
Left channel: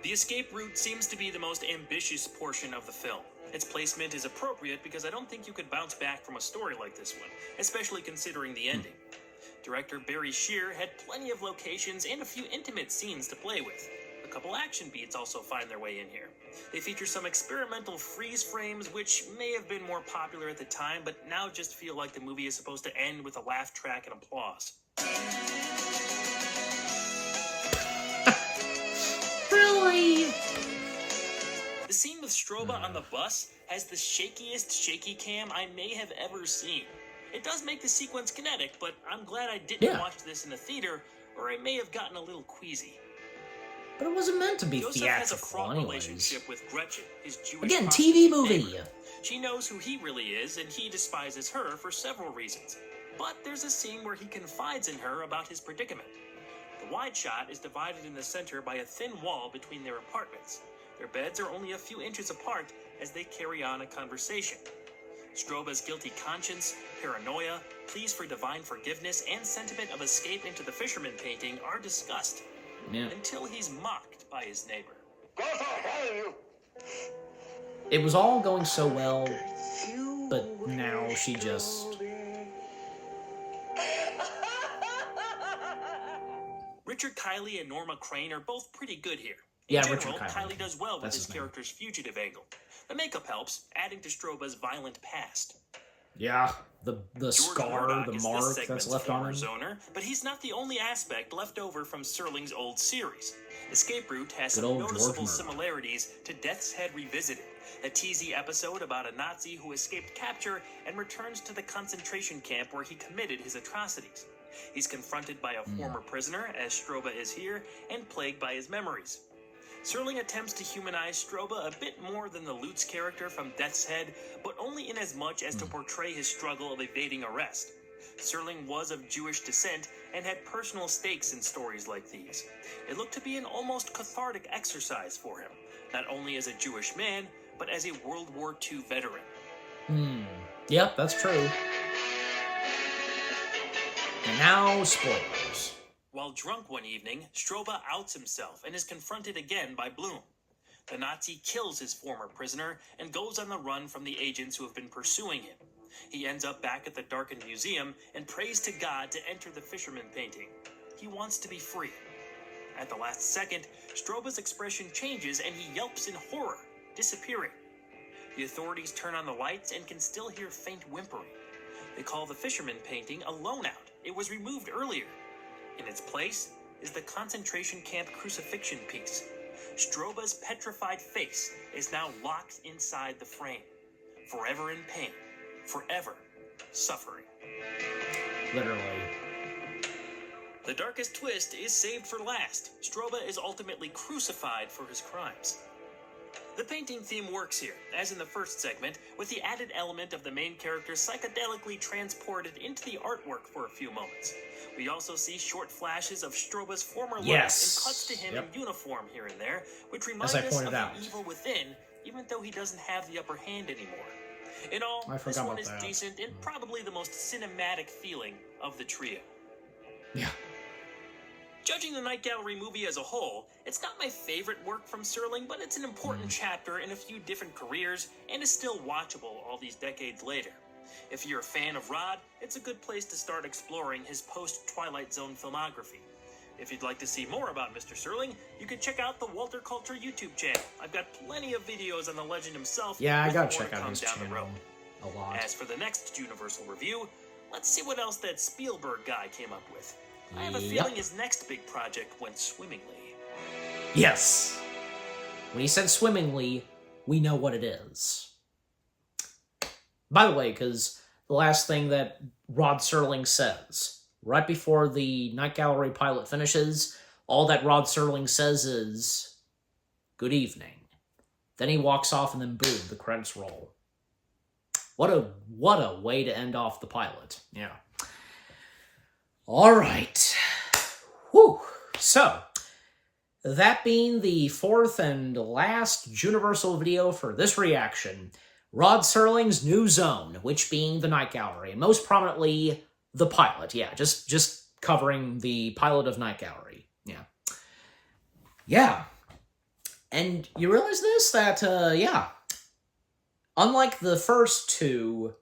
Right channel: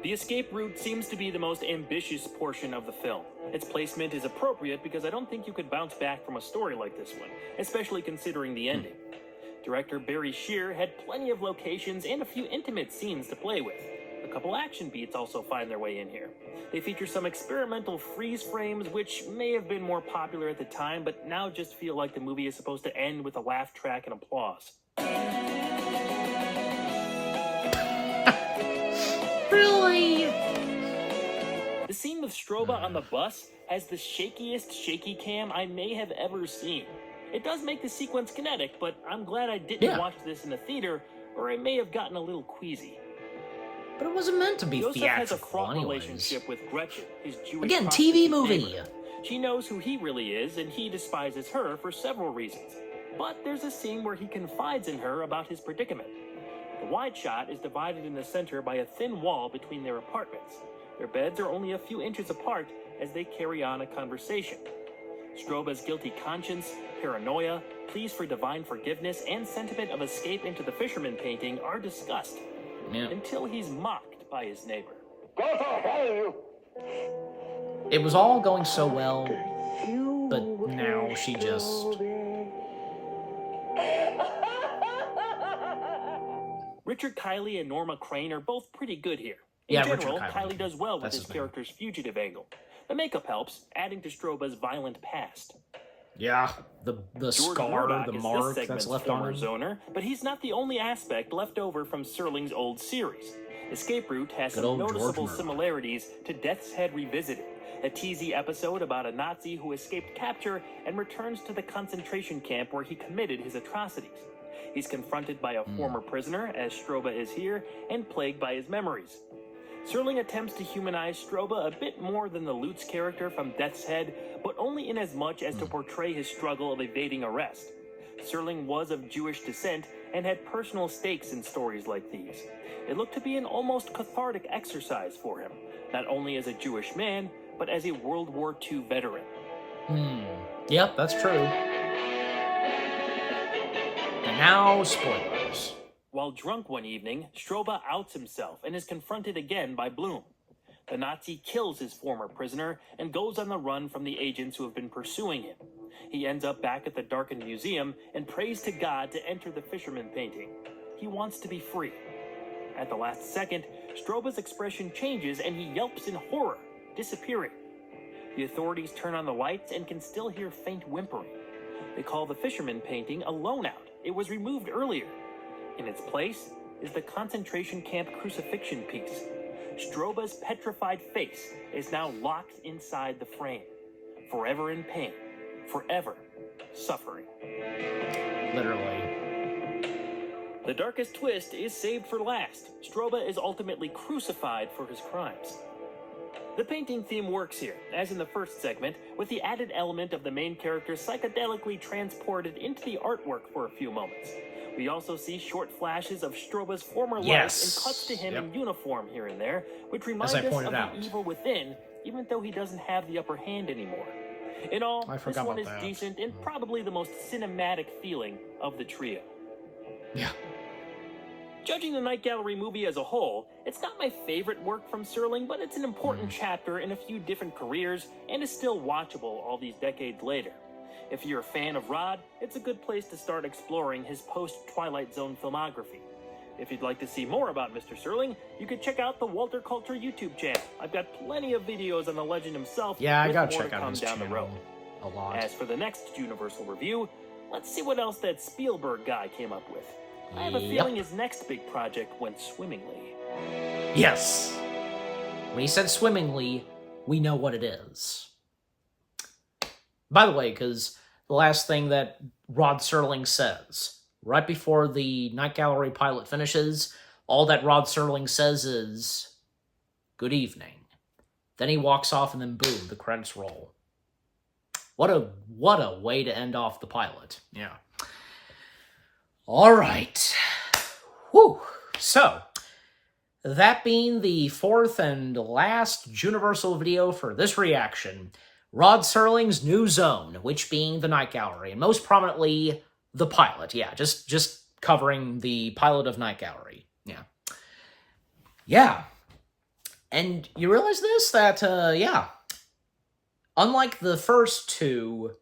The escape route seems to be the most ambitious portion of the film. Its placement is appropriate because I don't think you could bounce back from a story like this one, especially considering the ending. Director Barry Shear had plenty of locations and a few intimate scenes to play with. A couple action beats also find their way in here. They feature some experimental freeze frames, which may have been more popular at the time, but now just feel like the movie is supposed to end with a laugh track and applause. Really? The scene with Stroba on the bus has the shakiest shaky cam I may have ever seen. It does make the sequence kinetic, but I'm glad I didn't watch this in the theater, or I may have gotten a little queasy. But it wasn't meant to be Joseph has a theatrical, fraught anyways. relationship with Gretchen, his Jewish Again, prostitute TV movie. neighbor. She knows who he really is, and he despises her for several reasons. But there's a scene where he confides in her about his predicament. The wide shot is divided in the center by a thin wall between their apartments. Their beds are only a few inches apart as they carry on a conversation. Stroba's guilty conscience, paranoia, pleas for divine forgiveness, and sentiment of escape into the fisherman painting are discussed. Yeah. Until he's mocked by his neighbor. Go for hell, you! It was all going so well, but now she just... Richard Kiley and Norma Crane are both pretty good here. Yeah, In Richard general, Kiley. Kiley does well with That's his his name. character's fugitive angle. The makeup helps, adding to Stroba's violent past. Yeah, the George scar, Murdoch the is this mark that's segment's left on him. former zoner, but he's not the only aspect left over from Serling's old series. Escape Route has Good some old George noticeable Murdoch. similarities to Death's Head Revisited, a teasy episode about a Nazi who escaped capture and returns to the concentration camp where he committed his atrocities. He's confronted by a former prisoner, as Stroba is here, and plagued by his memories. Serling attempts to humanize Stroba a bit more than the Lutz character from Death's Head, but only in as much as to portray his struggle of evading arrest. Serling was of Jewish descent and had personal stakes in stories like these. It looked to be an almost cathartic exercise for him, not only as a Jewish man, but as a World War II veteran. Yep, that's true. And now, spoilers. While drunk one evening, Stroba outs himself and is confronted again by Bloom. The Nazi kills his former prisoner and goes on the run from the agents who have been pursuing him. He ends up back at the darkened museum and prays to God to enter the fisherman painting. He wants to be free. At the last second, Stroba's expression changes and he yelps in horror, disappearing. The authorities turn on the lights and can still hear faint whimpering. They call the fisherman painting a loan out. It was removed earlier. In its place is the concentration camp crucifixion piece. Stroba's petrified face is now locked inside the frame, forever in pain, forever suffering. Literally. The darkest twist is saved for last. Stroba is ultimately crucified for his crimes. The painting theme works here, as in the first segment, with the added element of the main character psychedelically transported into the artwork for a few moments. We also see short flashes of Stroba's former life and cuts to him in uniform here and there, which reminds us of the evil within, even though he doesn't have the upper hand anymore. In all, this one is decent and probably the most cinematic feeling of the trio. Yeah. Judging the Night Gallery movie as a whole, it's not my favorite work from Serling, but it's an important chapter in a few different careers and is still watchable all these decades later. If you're a fan of Rod, it's a good place to start exploring his post-Twilight Zone filmography. If you'd like to see more about Mr. Serling, you could check out the Walter Culture YouTube channel. I've got plenty of videos on the legend himself. Yeah, I gotta check out his channel a lot. As for the next Juniversal review, let's see what else that Spielberg guy came up with. I have a feeling his next big project went swimmingly. Yes. When he said swimmingly, we know what it is. By the way, because the last thing that Rod Serling says, right before the Night Gallery pilot finishes, all that Rod Serling says is, "Good evening." Then he walks off and then boom, the credits roll. What a way to end off the pilot. Yeah. All right. Whew. So, that being the fourth and last Juniversal video for this reaction, Rod Serling's new zone, which being the Night Gallery, and most prominently, the pilot. Yeah, just covering the pilot of Night Gallery. Yeah. Yeah. And you realize this? That, unlike the first two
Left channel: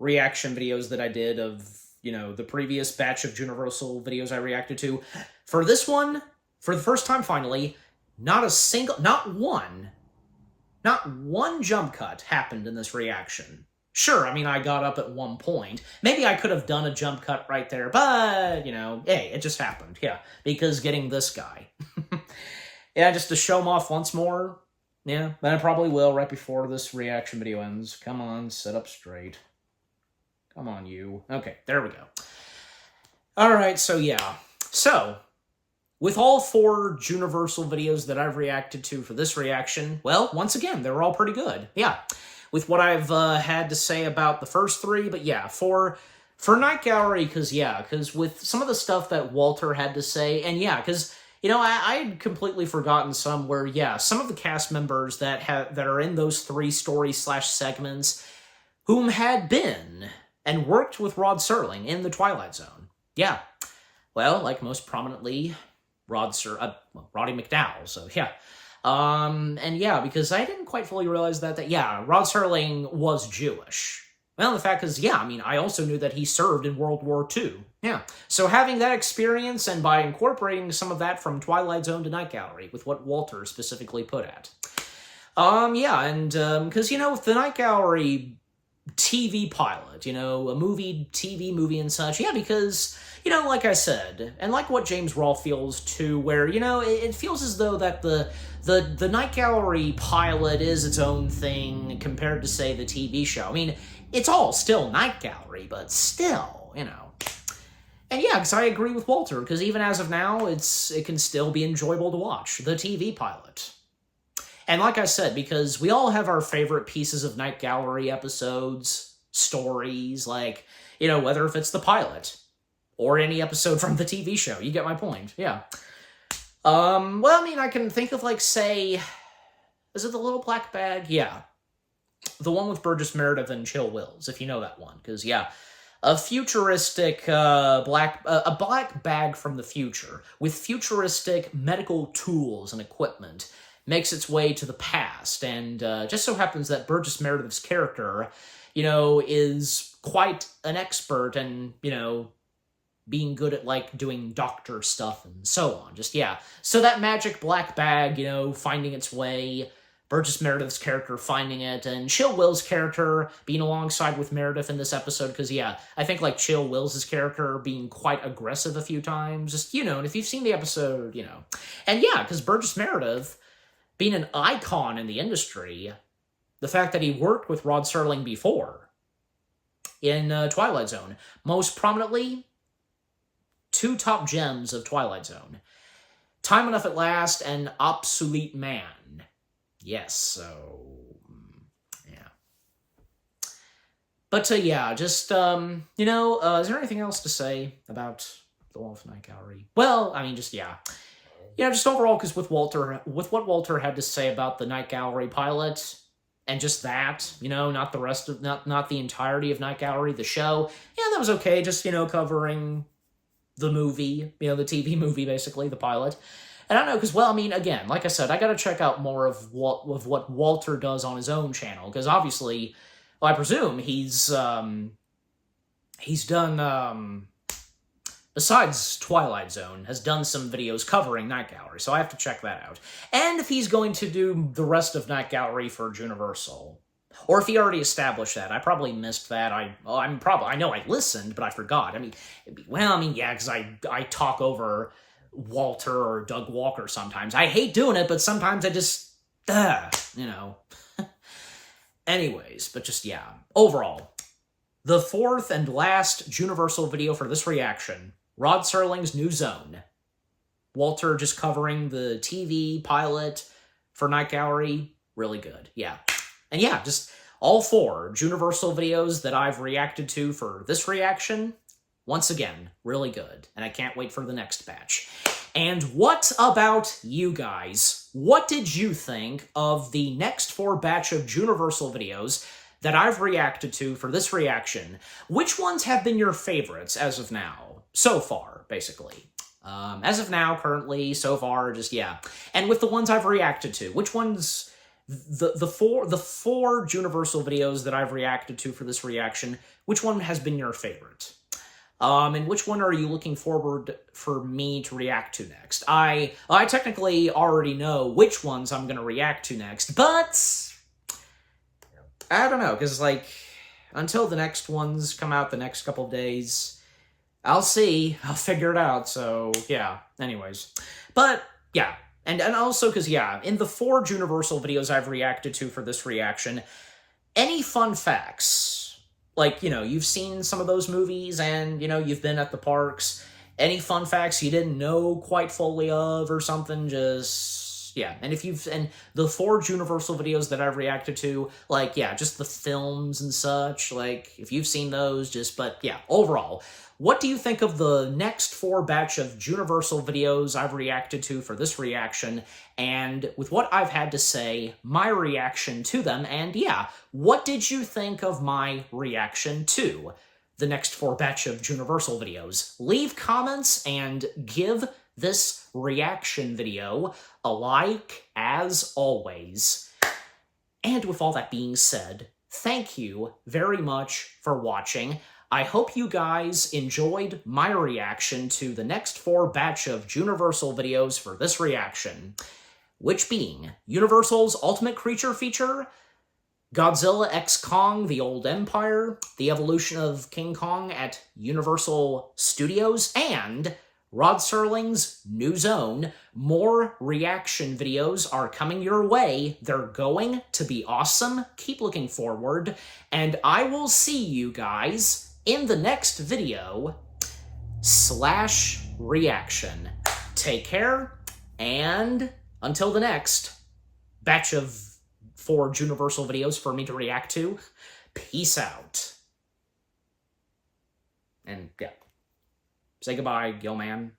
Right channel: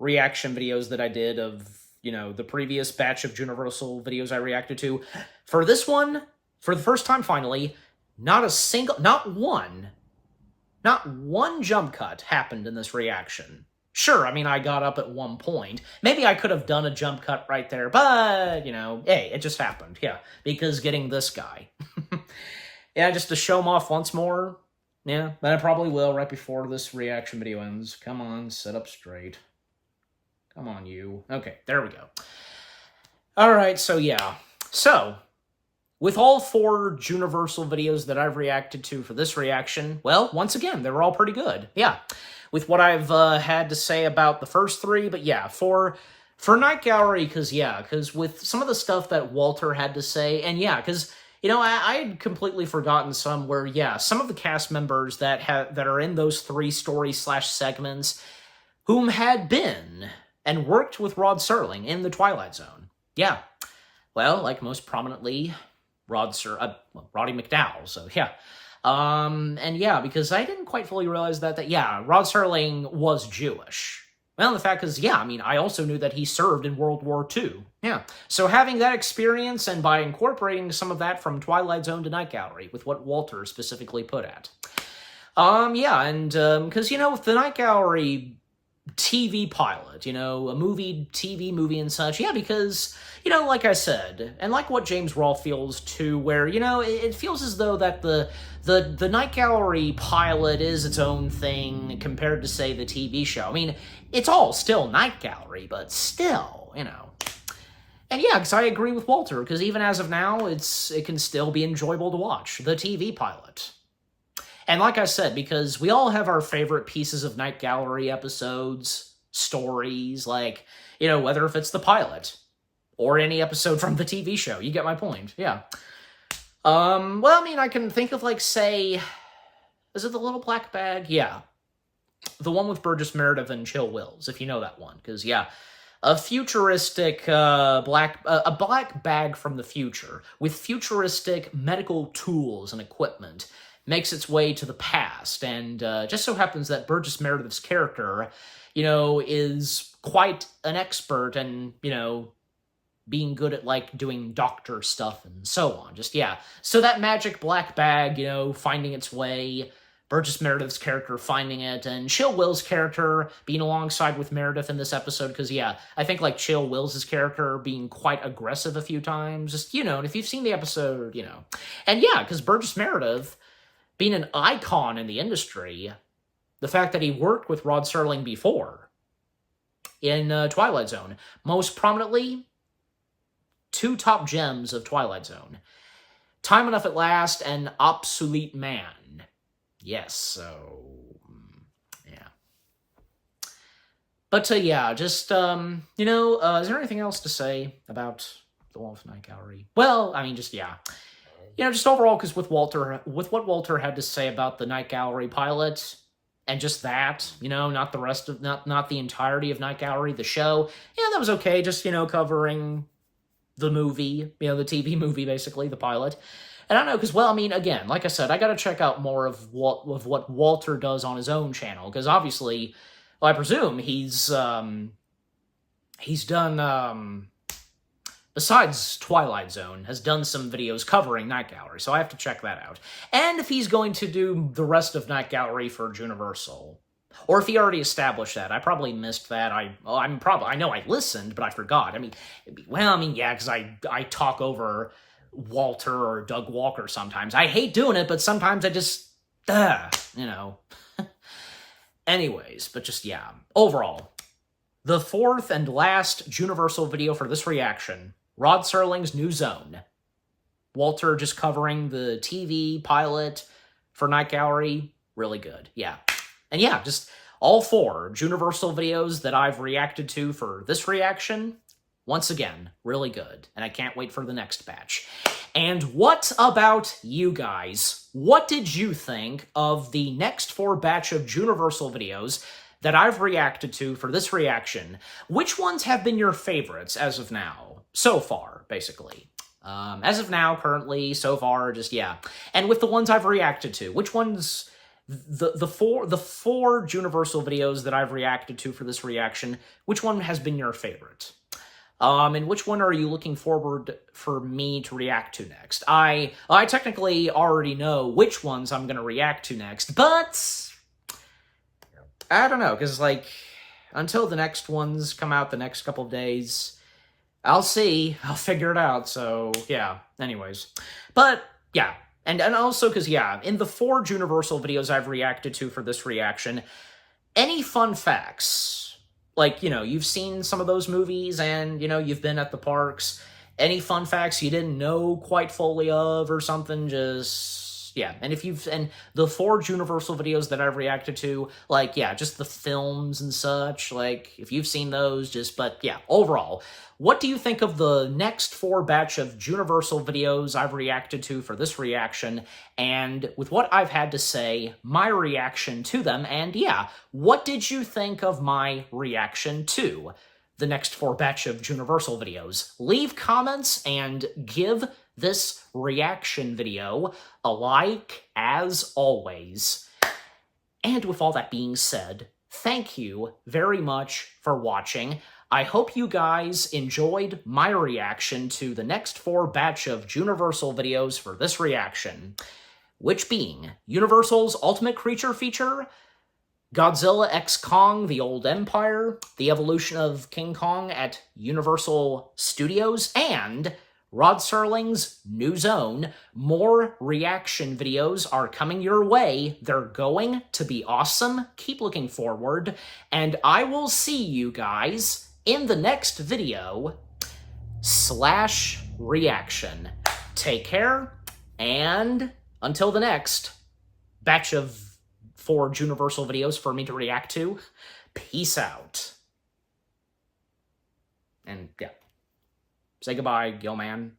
reaction videos that I did of, the previous batch of Juniversal videos I reacted to, for this one, for the first time finally, not one jump cut happened in this reaction. Sure, I mean, I got up at one point. Maybe I could have done a jump cut right there, but, hey, it just happened. Yeah, because getting this guy. Yeah, just to show him off once more. Yeah, then I probably will right before this reaction video ends. Come on, sit up straight. Come on, you. Okay, there we go. Alright, so yeah. So, with all four Juniversal videos that I've reacted to for this reaction, well, once again, they were all pretty good. Yeah, with what I've had to say about the first three, but yeah, for Night Gallery, because with some of the stuff that Walter had to say, and yeah, because, I had completely forgotten some where, yeah, some of the cast members that are in those three story/segments whom had been and worked with Rod Serling in the Twilight Zone. Yeah, well, like most prominently, Roddy McDowell, so yeah. And yeah, because I didn't quite fully realize that Rod Serling was Jewish. Well, the fact is, yeah, I mean, I also knew that he served in World War II. Yeah. So having that experience, and by incorporating some of that from Twilight Zone to Night Gallery, with what Walter specifically put at. Yeah, and, because, with the Night Gallery TV pilot, a TV movie and such, yeah, because, like I said, and like what James Rolfe feels too, where, it feels as though that the Night Gallery pilot is its own thing compared to, say, the TV show. I mean, it's all still Night Gallery, but still, And yeah, because I agree with Walter, because even as of now, it can still be enjoyable to watch, the TV pilot. And like I said, because we all have our favorite pieces of Night Gallery episodes, stories, like, you know, whether if it's the pilot or any episode from the TV show. You get my point, yeah. Well, I mean, I can think of, like, say, is it The Little Black Bag? Yeah. The one with Burgess Meredith and Chill Wills, if you know that one. Because, yeah, a futuristic a black bag from the future with futuristic medical tools and equipment makes its way to the past, and just so happens that Burgess Meredith's character, you know, is quite an expert and, you know, being good at, like, doing doctor stuff and so on. Just, yeah. So that magic black bag, you know, finding its way, Burgess Meredith's character finding it, and Chill Will's character being alongside with Meredith in this episode, because, yeah, I think, like, Chill Will's character being quite aggressive a few times. Just, you know, and if you've seen the episode, you know. And, yeah, because Burgess Meredith, being an icon in the industry, the fact that he worked with Rod Serling before in Twilight Zone, most prominently, 2 top gems of Twilight Zone, Time Enough at Last and Obsolete Man. Yes, so, yeah. But, yeah, just, you know, is there anything else to say about the Wolf Night Gallery? Well, I mean, just, yeah. You know, just overall, because with what Walter had to say about the Night Gallery pilot, and just that, you know, not the rest of, not the entirety of Night Gallery, the show, yeah, that was okay, just, you know, covering the movie, you know, the TV movie, basically, the pilot. And I don't know, because, well, I mean, again, like I said, I gotta check out more of what Walter does on his own channel, because obviously, well, I presume he's done, besides Twilight Zone, has done some videos covering Night Gallery, so I have to check that out. And if he's going to do the rest of Night Gallery for Juniversal, or if he already established that. I probably missed that. I know I listened, but I forgot. I mean, yeah, because I talk over Walter or Doug Walker sometimes. I hate doing it, but sometimes I just, you know. Anyways, but just, yeah. Overall, the 4th and last Juniversal video for this reaction, Rod Serling's New Zone. Walter just covering the TV pilot for Night Gallery. Really good, yeah. And yeah, just all 4 Juniversal videos that I've reacted to for this reaction, once again, really good. And I can't wait for the next batch. And what about you guys? What did you think of the next 4 batch of Juniversal videos that I've reacted to for this reaction? Which ones have been your favorites as of now? So far, basically. As of now, currently, so far, just, yeah. And with the ones I've reacted to, which ones... The four Juniversal videos that I've reacted to for this reaction, which one has been your favorite? And which one are you looking forward for me to react to next? I technically already know which ones I'm going to react to next, but I don't know, because, like, until the next ones come out the next couple of days, I'll see. I'll figure it out, so, yeah. Anyways. But, yeah. And also, because, yeah, in the 4 Juniversal videos I've reacted to for this reaction, any fun facts, like, you know, you've seen some of those movies and, you know, you've been at the parks, any fun facts you didn't know quite fully of or something, just, yeah. And and the 4 Juniversal videos that I've reacted to, like, yeah, just the films and such, like, if you've seen those, just, but, yeah, overall, what do you think of the next 4 batch of Juniversal videos I've reacted to for this reaction, and with what I've had to say, my reaction to them, and yeah, what did you think of my reaction to the next 4 batch of Juniversal videos? Leave comments and give this reaction video a like, as always. And with all that being said, thank you very much for watching. I hope you guys enjoyed my reaction to the next 4 batch of Juniversal videos for this reaction, which being Universal's Ultimate Creature feature, Godzilla x Kong: The Old Empire, the evolution of King Kong at Universal Studios, and Rod Serling's New Zone. More reaction videos are coming your way. They're going to be awesome. Keep looking forward, and I will see you guys in the next video. /reaction. Take care, and until the next batch of 4 Juniversal videos for me to react to, peace out. And yeah, say goodbye, Gilman.